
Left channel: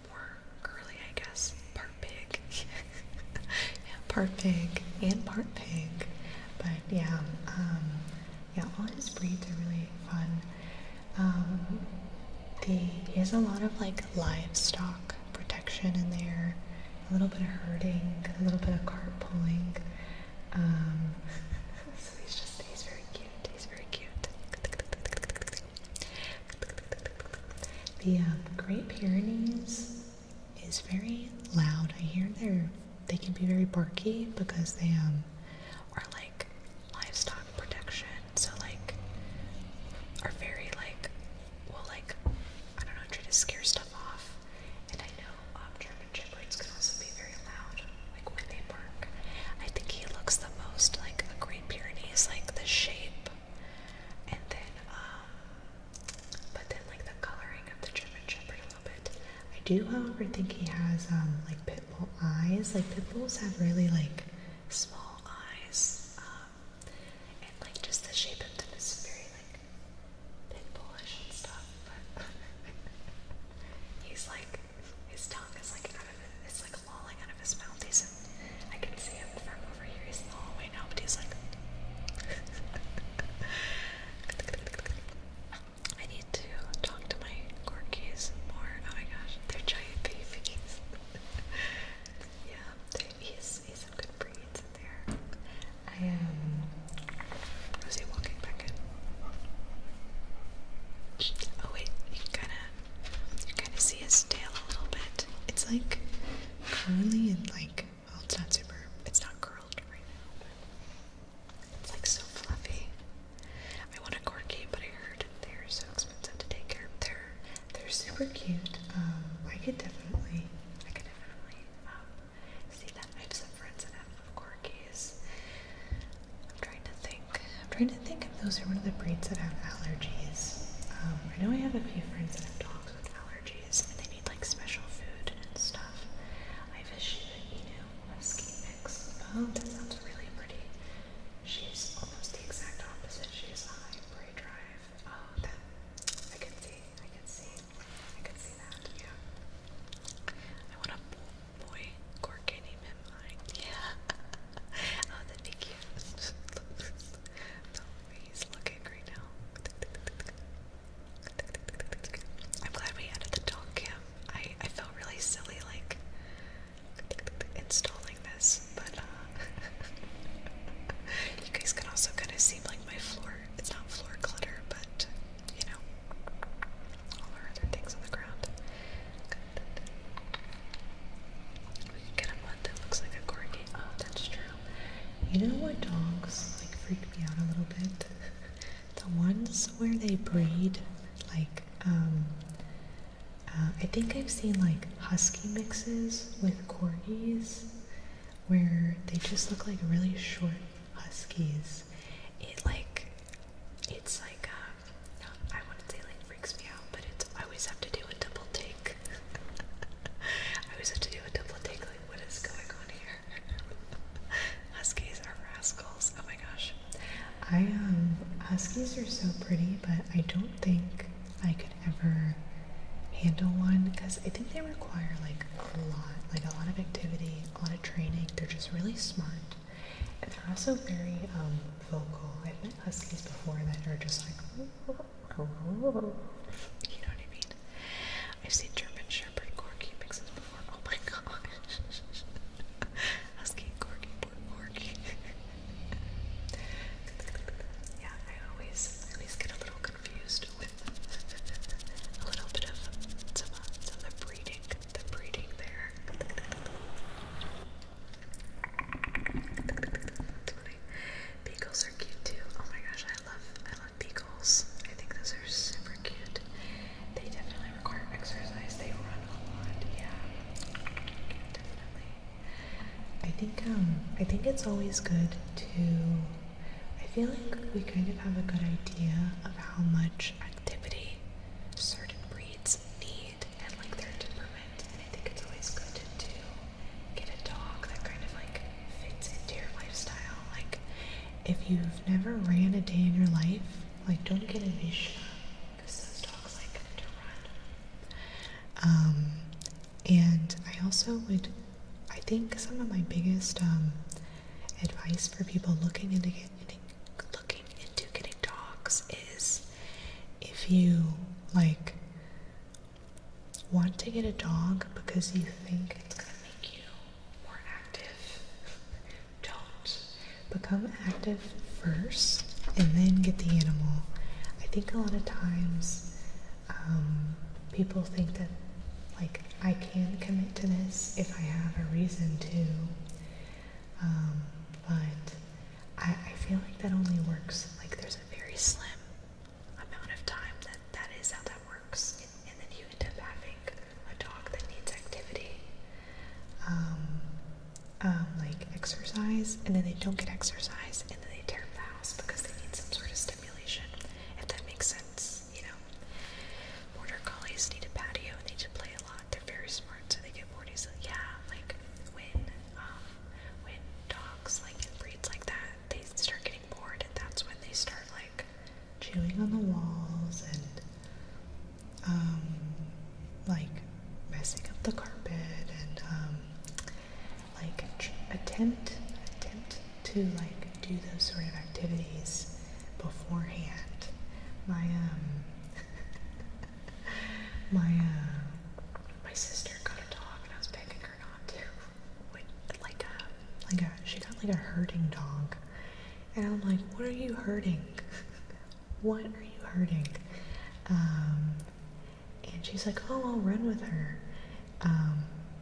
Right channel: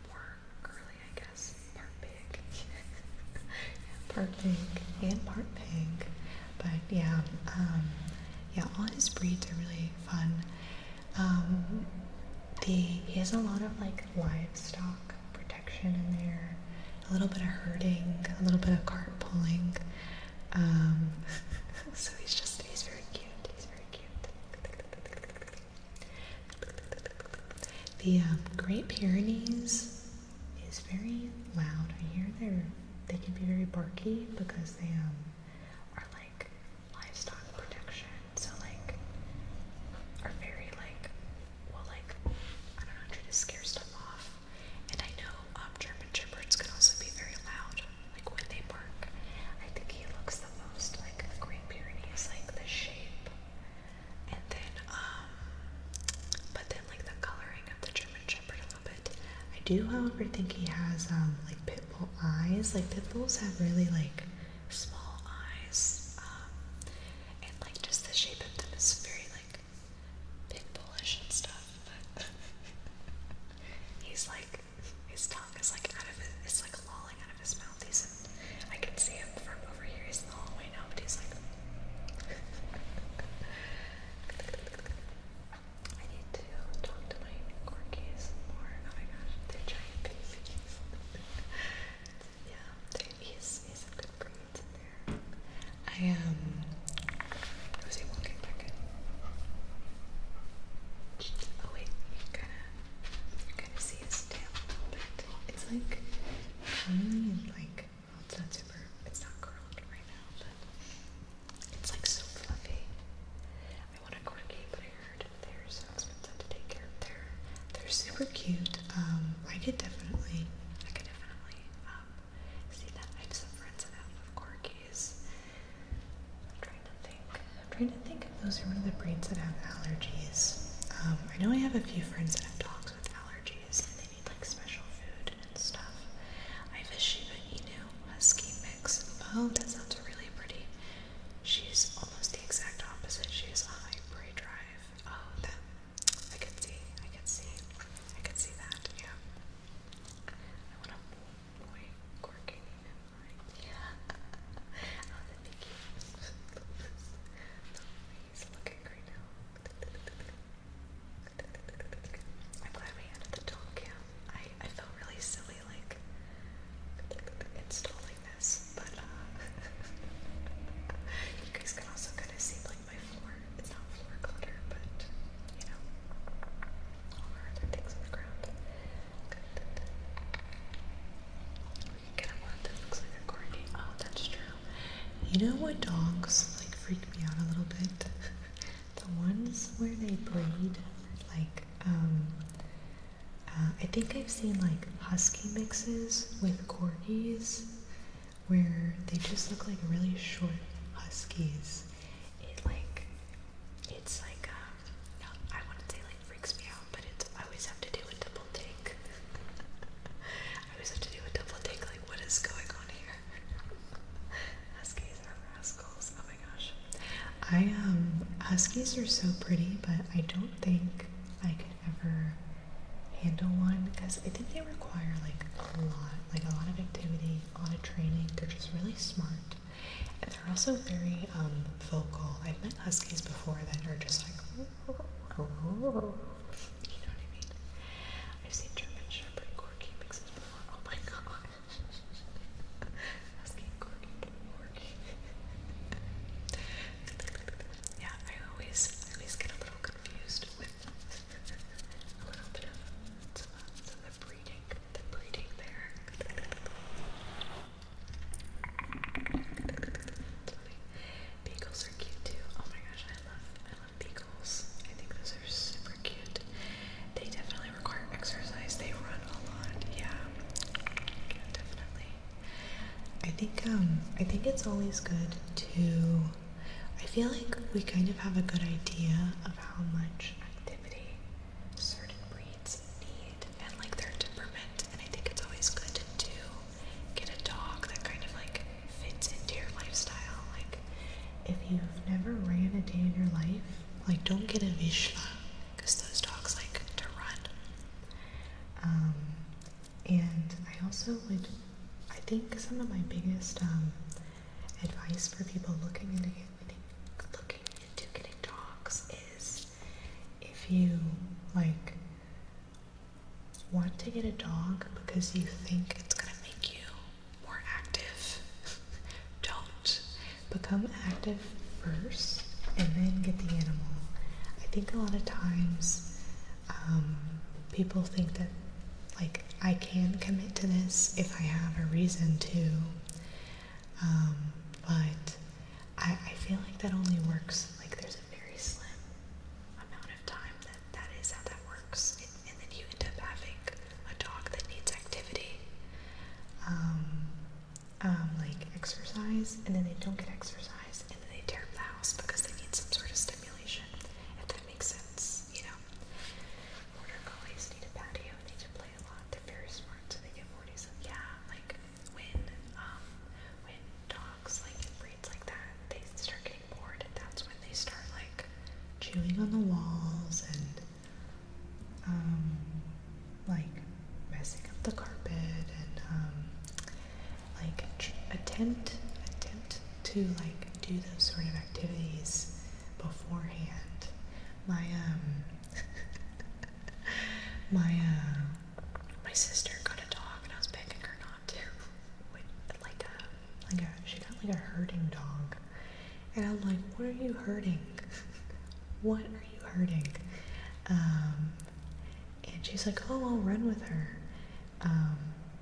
more curly, I guess. Part pig. Yeah, part pig and part pig. But yeah, all his breeds are really fun. He has a lot of like livestock protection in there, a little bit of herding, a little bit of cart pulling. So he's very cute. He's very cute. The Great Pyrenees is very loud. I hear they can be very barky because they are like livestock protection. So like are very like I don't know, try to scare stuff off. And I know German Shepherds can also be very loud, like when they bark. I think he looks the most like a Great Pyrenees, like the shape do, however, think he has like pit bull eyes. Like pit bulls have really like small eyes, and like just the shape of them is very like pit bullish and stuff. But he's like, his tongue is like out of it, it's like lolling out of his mouth. I can see him from over here. He's in the hallway now, but he's like. I need to talk to my corgis more. Oh my gosh, they're giant babies. Yeah, he's some good breeds in there. I Rosie walking back in. Oh wait, you kind of see his tail a little bit. It's like curly and like, well, it's not curled right now, but it's like so fluffy. I want a corgi, but I heard they're so expensive to take care of. They're super cute. I could definitely see that. I have some friends that have corgis. I'm trying to think if those are one of the breeds that have allergies. I know I have a few friends that have dogs with allergies, and they need like special food and stuff. I have a Shiba Inu Husky mix. Oh, that sounds really pretty. She's almost the exact opposite. She has a high prey drive. Oh, that I could see that. Yeah. I want a boy corgi named him mine. Yeah. Oh, that'd be cute. He's looking right now. I'm glad we added the dog cam. I felt really silly like installing this, but you guys can also kind of see like my floor. It's not floor clutter, but you know, all our other things on the ground. We can get a one that looks like a corgi. Oh, that's true. You know what dogs like freak me out a little bit? The ones where they breed like I think I've seen like husky mixes with corgis where they just look like really short huskies. It's like no, I wouldn't say like freaks me out, but I always have to do a double take. I always have to do a double take, like what is going on here? Huskies are rascals. Oh my gosh. Huskies are so pretty, but I don't think I could ever handle one because I think they require like a lot of activity, a lot of training. They're just really smart, and they're also very vocal. I've met huskies before that are just like, you know what I mean? I've seen German Shepherd corgi mixes before. Oh my gosh. Husky corgi, corgi. Yeah, I always get a little confused with a little bit of some of the breeding there. That's funny. Beagles are cute too. Oh my gosh, I love beagles. I think those are super cute. They definitely require exercise. They run a lot. Yeah, definitely. I think it's always good to. I feel like we kind of have a good idea of how much activity certain breeds need and like their temperament, and I think it's always good to get a dog that kind of like fits into your lifestyle. Like if you've never ran a day in your life, like don't get a Vizsla because those dogs like to run. And I also would, I think some of my biggest advice for people looking into getting dogs is if you like want to get a dog because you think it's gonna make you more active, don't. Become active first and then get the animal. I think a lot of times people think that like I can commit to this if I have a reason to, but I feel like that only works, like there's a very slim amount of time that is how that works, and then you end up having a dog that needs activity, like exercise, and then they don't get exercise, and then they tear up the house because they need some sort of stimulation, if that makes sense, you know. Border collies need a patio, and they need to play a lot. They're very chewing on the walls and like messing up the carpet and like attempt to like do those sort of activities beforehand. My my sister got a dog and I was begging her not to. She got like a herding dog. And I'm like, what are you hurting? What are you hurting? And she's like, oh, I'll run with her.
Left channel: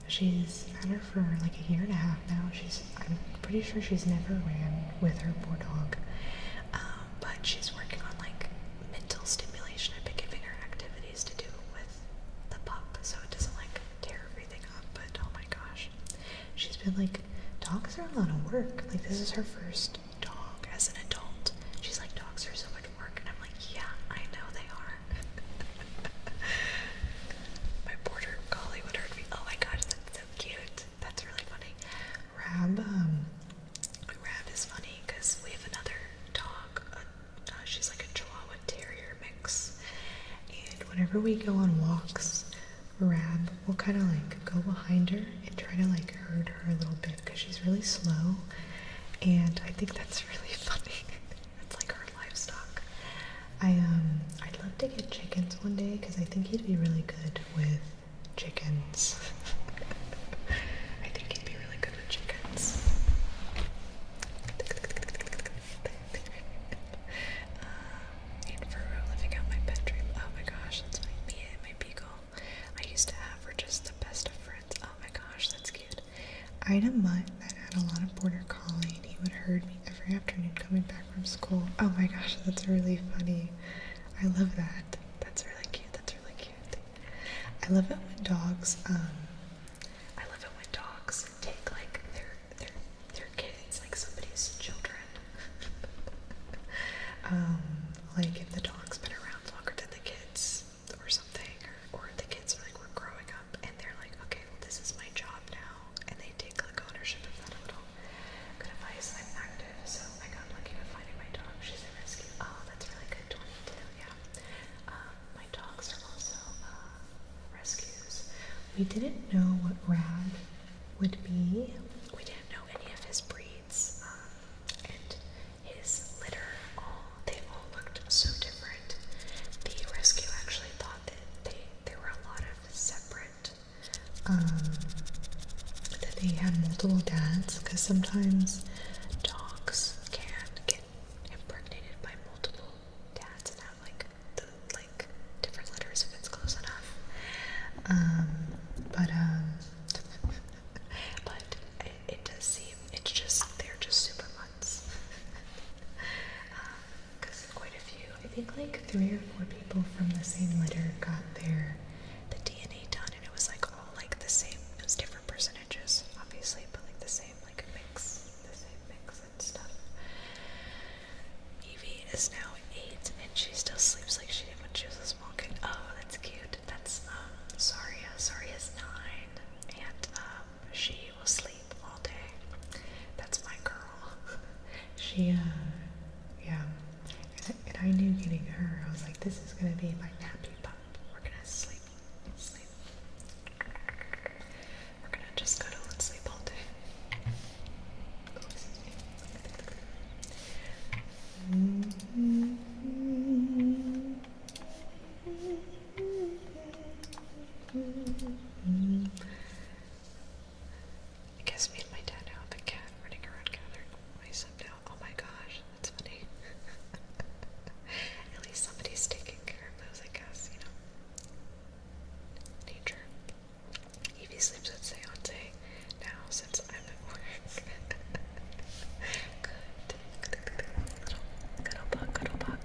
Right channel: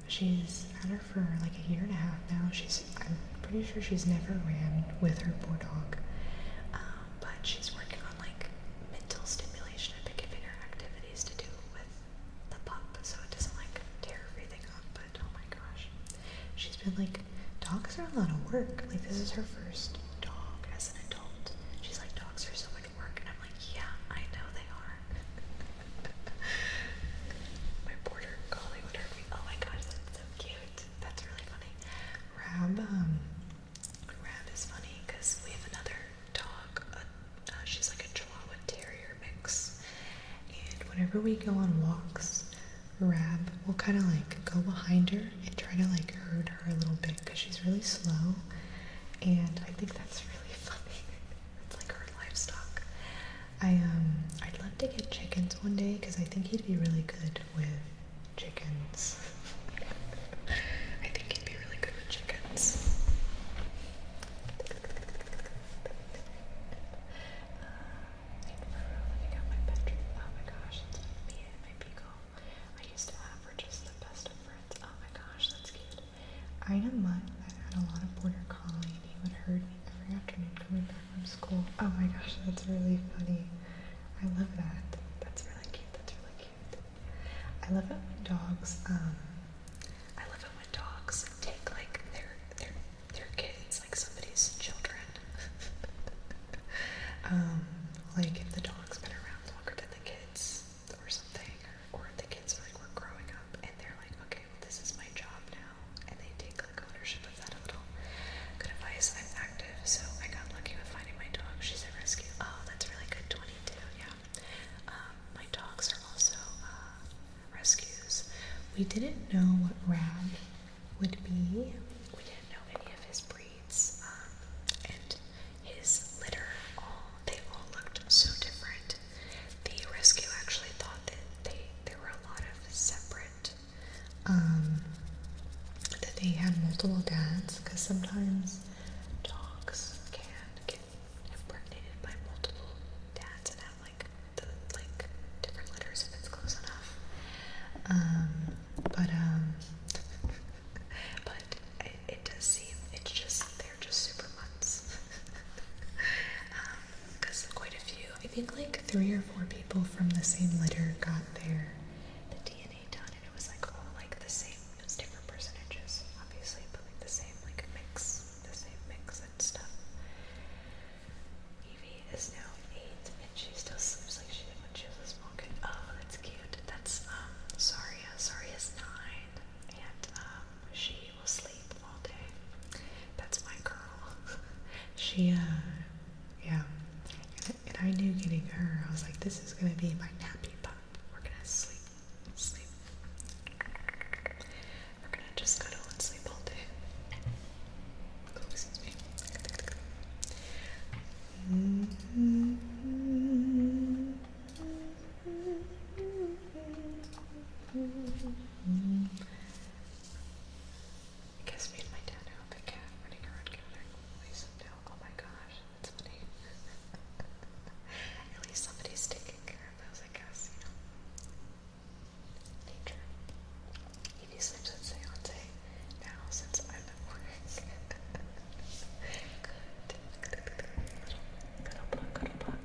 She's had her for like a year and a half now. I'm pretty sure she's never ran with her poor dog. But she's working on like mental stimulation. I've been giving her activities to do with the pup so it doesn't like tear everything up. But oh my gosh, she's been like, dogs are a lot of work. Like, this is her first dog as an adult. She's like, dogs are so much work. And I'm like, yeah, I know they are. My border collie would hurt me. Oh my gosh, that's so cute. That's really funny. Rab is funny because we have another dog. She's like a Chihuahua Terrier mix. And whenever we go on walks, Rab will kind of like go behind her and try to like herd her a little bit because she's really slow, and I think that's really funny. It's like her livestock. I'd love to get chickens one day because I think he'd be really good with chickens. I think he'd be really good with chickens. And for living out my pet dream. Oh my gosh, that's funny. Me and my beagle I used to have were just the best of friends. Oh my gosh, that's cute. I had a mutt that had a lot of border collie, and he would herd me every afternoon coming back from school. Oh my gosh, that's really funny. I love that. That's really cute. That's really cute. I love it when dogs, take like their kids, like somebody's children. Like if the dog's been around longer than the kids or something, or the kids are like, we're growing up and they're like, okay, well this is my job now, and they take like ownership of that a little. Good advice. I'm active, so I got lucky with finding my dog. She's a rescue. Oh, that's really good. 22, yeah. My dogs are also rescues. We didn't know what Rab would be. We didn't know any of his breeds, and his litter, they all looked so different. The rescue actually thought that there were a lot of separate, that they had multiple dads, because sometimes dogs can get impregnated by multiple dads and have like different litters if it's close enough. But it does seem they're just super mutts. Because quite a few, I think like 3 or 4 people from the same litter got the DNA done, and it was like all like the same. It was different percentages, obviously, but like the same mix and stuff. Evie is now 8, and she still sleeps like she did when she was a small kid. Oh, that's cute. That's Saria. Saria's 9, and she will sleep all day. That's my girl. She yeah. And I knew getting her, I was like, this is gonna be my nappy pup. We're gonna sleep. We're gonna just cuddle and sleep all day. Oh, excuse me. I guess me and my dad now have a cat running around gathering mice up now. Oh my gosh, that's funny. At least somebody's taking care of those, I guess, you know. Nature. Evie sleeps with Seance now since I'm at work. Good. Cuddle bug. Cuddle bug.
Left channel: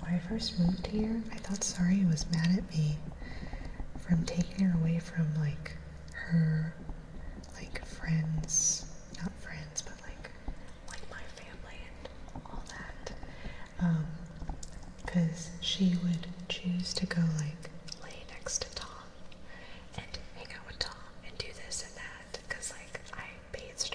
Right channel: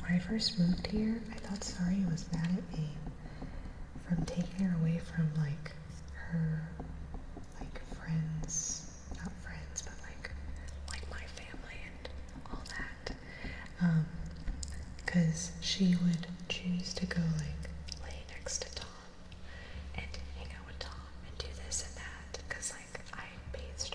When I first moved here, I thought Sari was mad at me from taking her away from like her friends, not friends, but like my family and all that. Because she would choose to go like lay next to Tom and hang out with Tom and do this and that, because like I bathed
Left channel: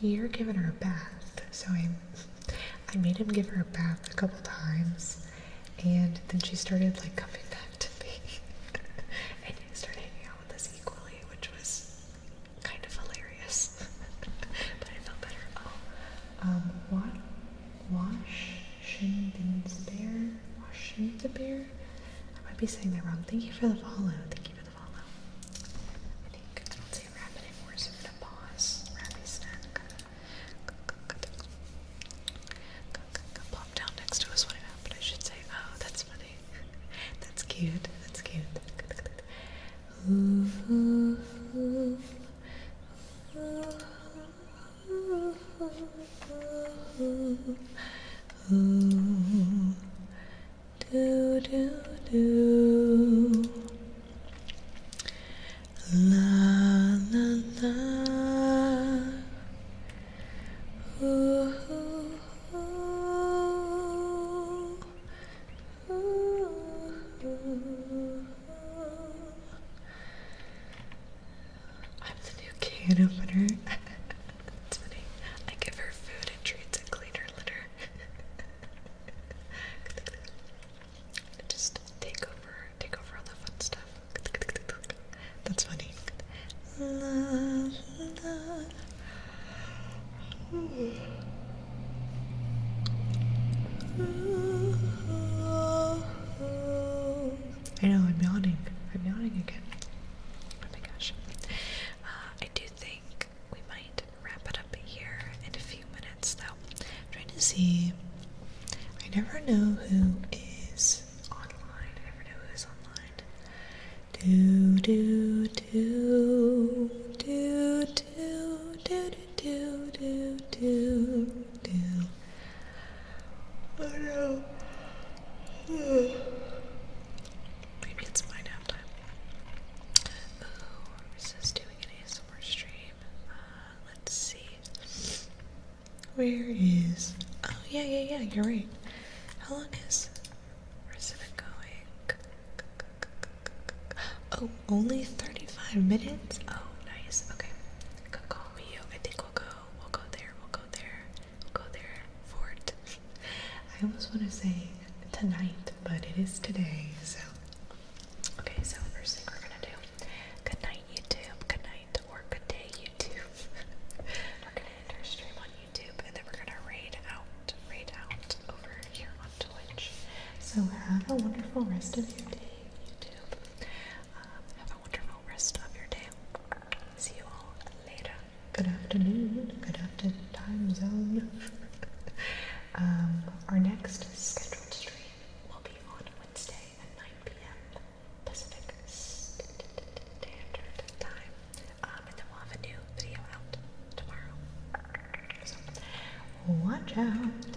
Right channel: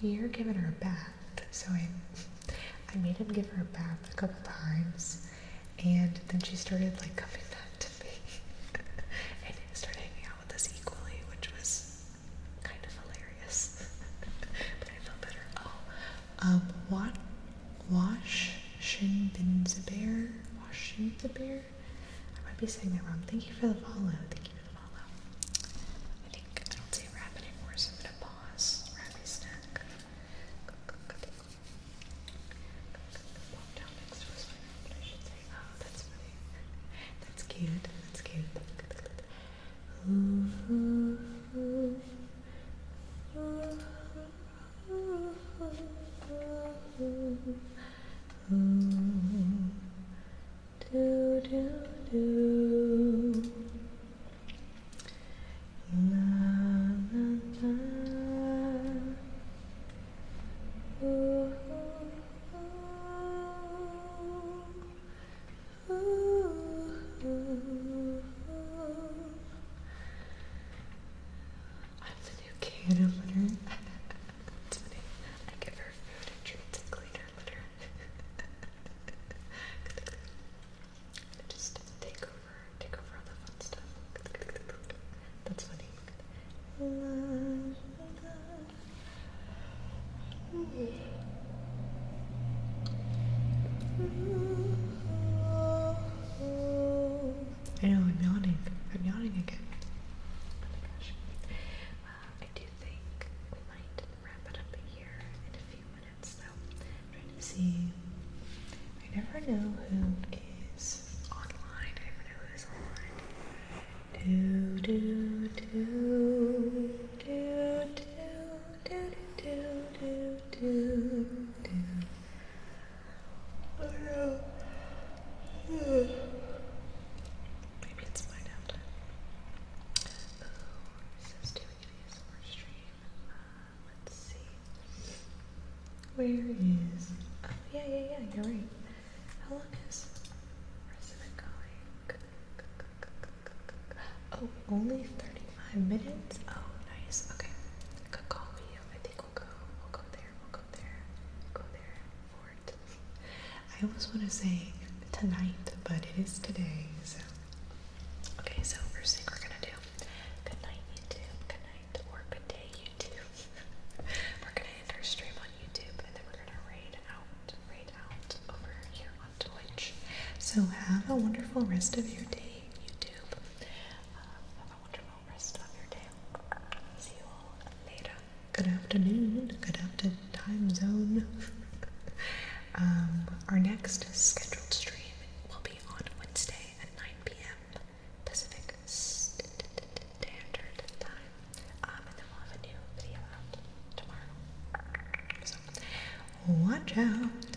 you're giving her a bath. So I made him give her a bath a couple times, and then she started like coming back to me and started hanging out with us equally, which was kind of hilarious. But I felt better. What? Washinbinzabear? Washinzabear? I might be saying that wrong. Thank you for the follow. Thank you for the follow. I don't say rap anymore, so I'm gonna pause. Rappy snack. Plop down next to us when it happened. I should say, oh, that's funny. That's cute. That's cute. Ooh, ooh, ooh. Ooh, do do do, la la la, ooh, ooh, ooh, ooh. I'm the new can opener. That's funny. I give her food and treats and clean her litter. Just take over all the fun stuff. That's funny. I know, I'm yawning. I'm yawning again. Oh my gosh. I do think we might wrap it up here in a few minutes, though. I'm trying to see. I never know who is online. I never know who is online. Do do do do do do do do do do. Oh no. Maybe it's my nap time. Ooh, this is doing an ASMR stream. Let's see. Where is? Oh yeah, you're right. How long is the rest of it going? Oh, only 35 minutes? Oh, nice. Okay. Good call, you. I think we'll go there for it. I almost want to say tonight, but it is today, so. Okay, so first thing we're gonna do. Good night, YouTube. Good night, or good day, YouTube. We're gonna end our stream on YouTube, and then we're gonna raid out over here on Twitch. So have a wonderful rest of your day, YouTube. Have a wonderful rest of your day. See you all later. Good afternoon. Good after time zone. Our next scheduled stream will be on Wednesday at 9 p.m. Pacific Standard Time. And then we'll have a new video out tomorrow. So, watch out.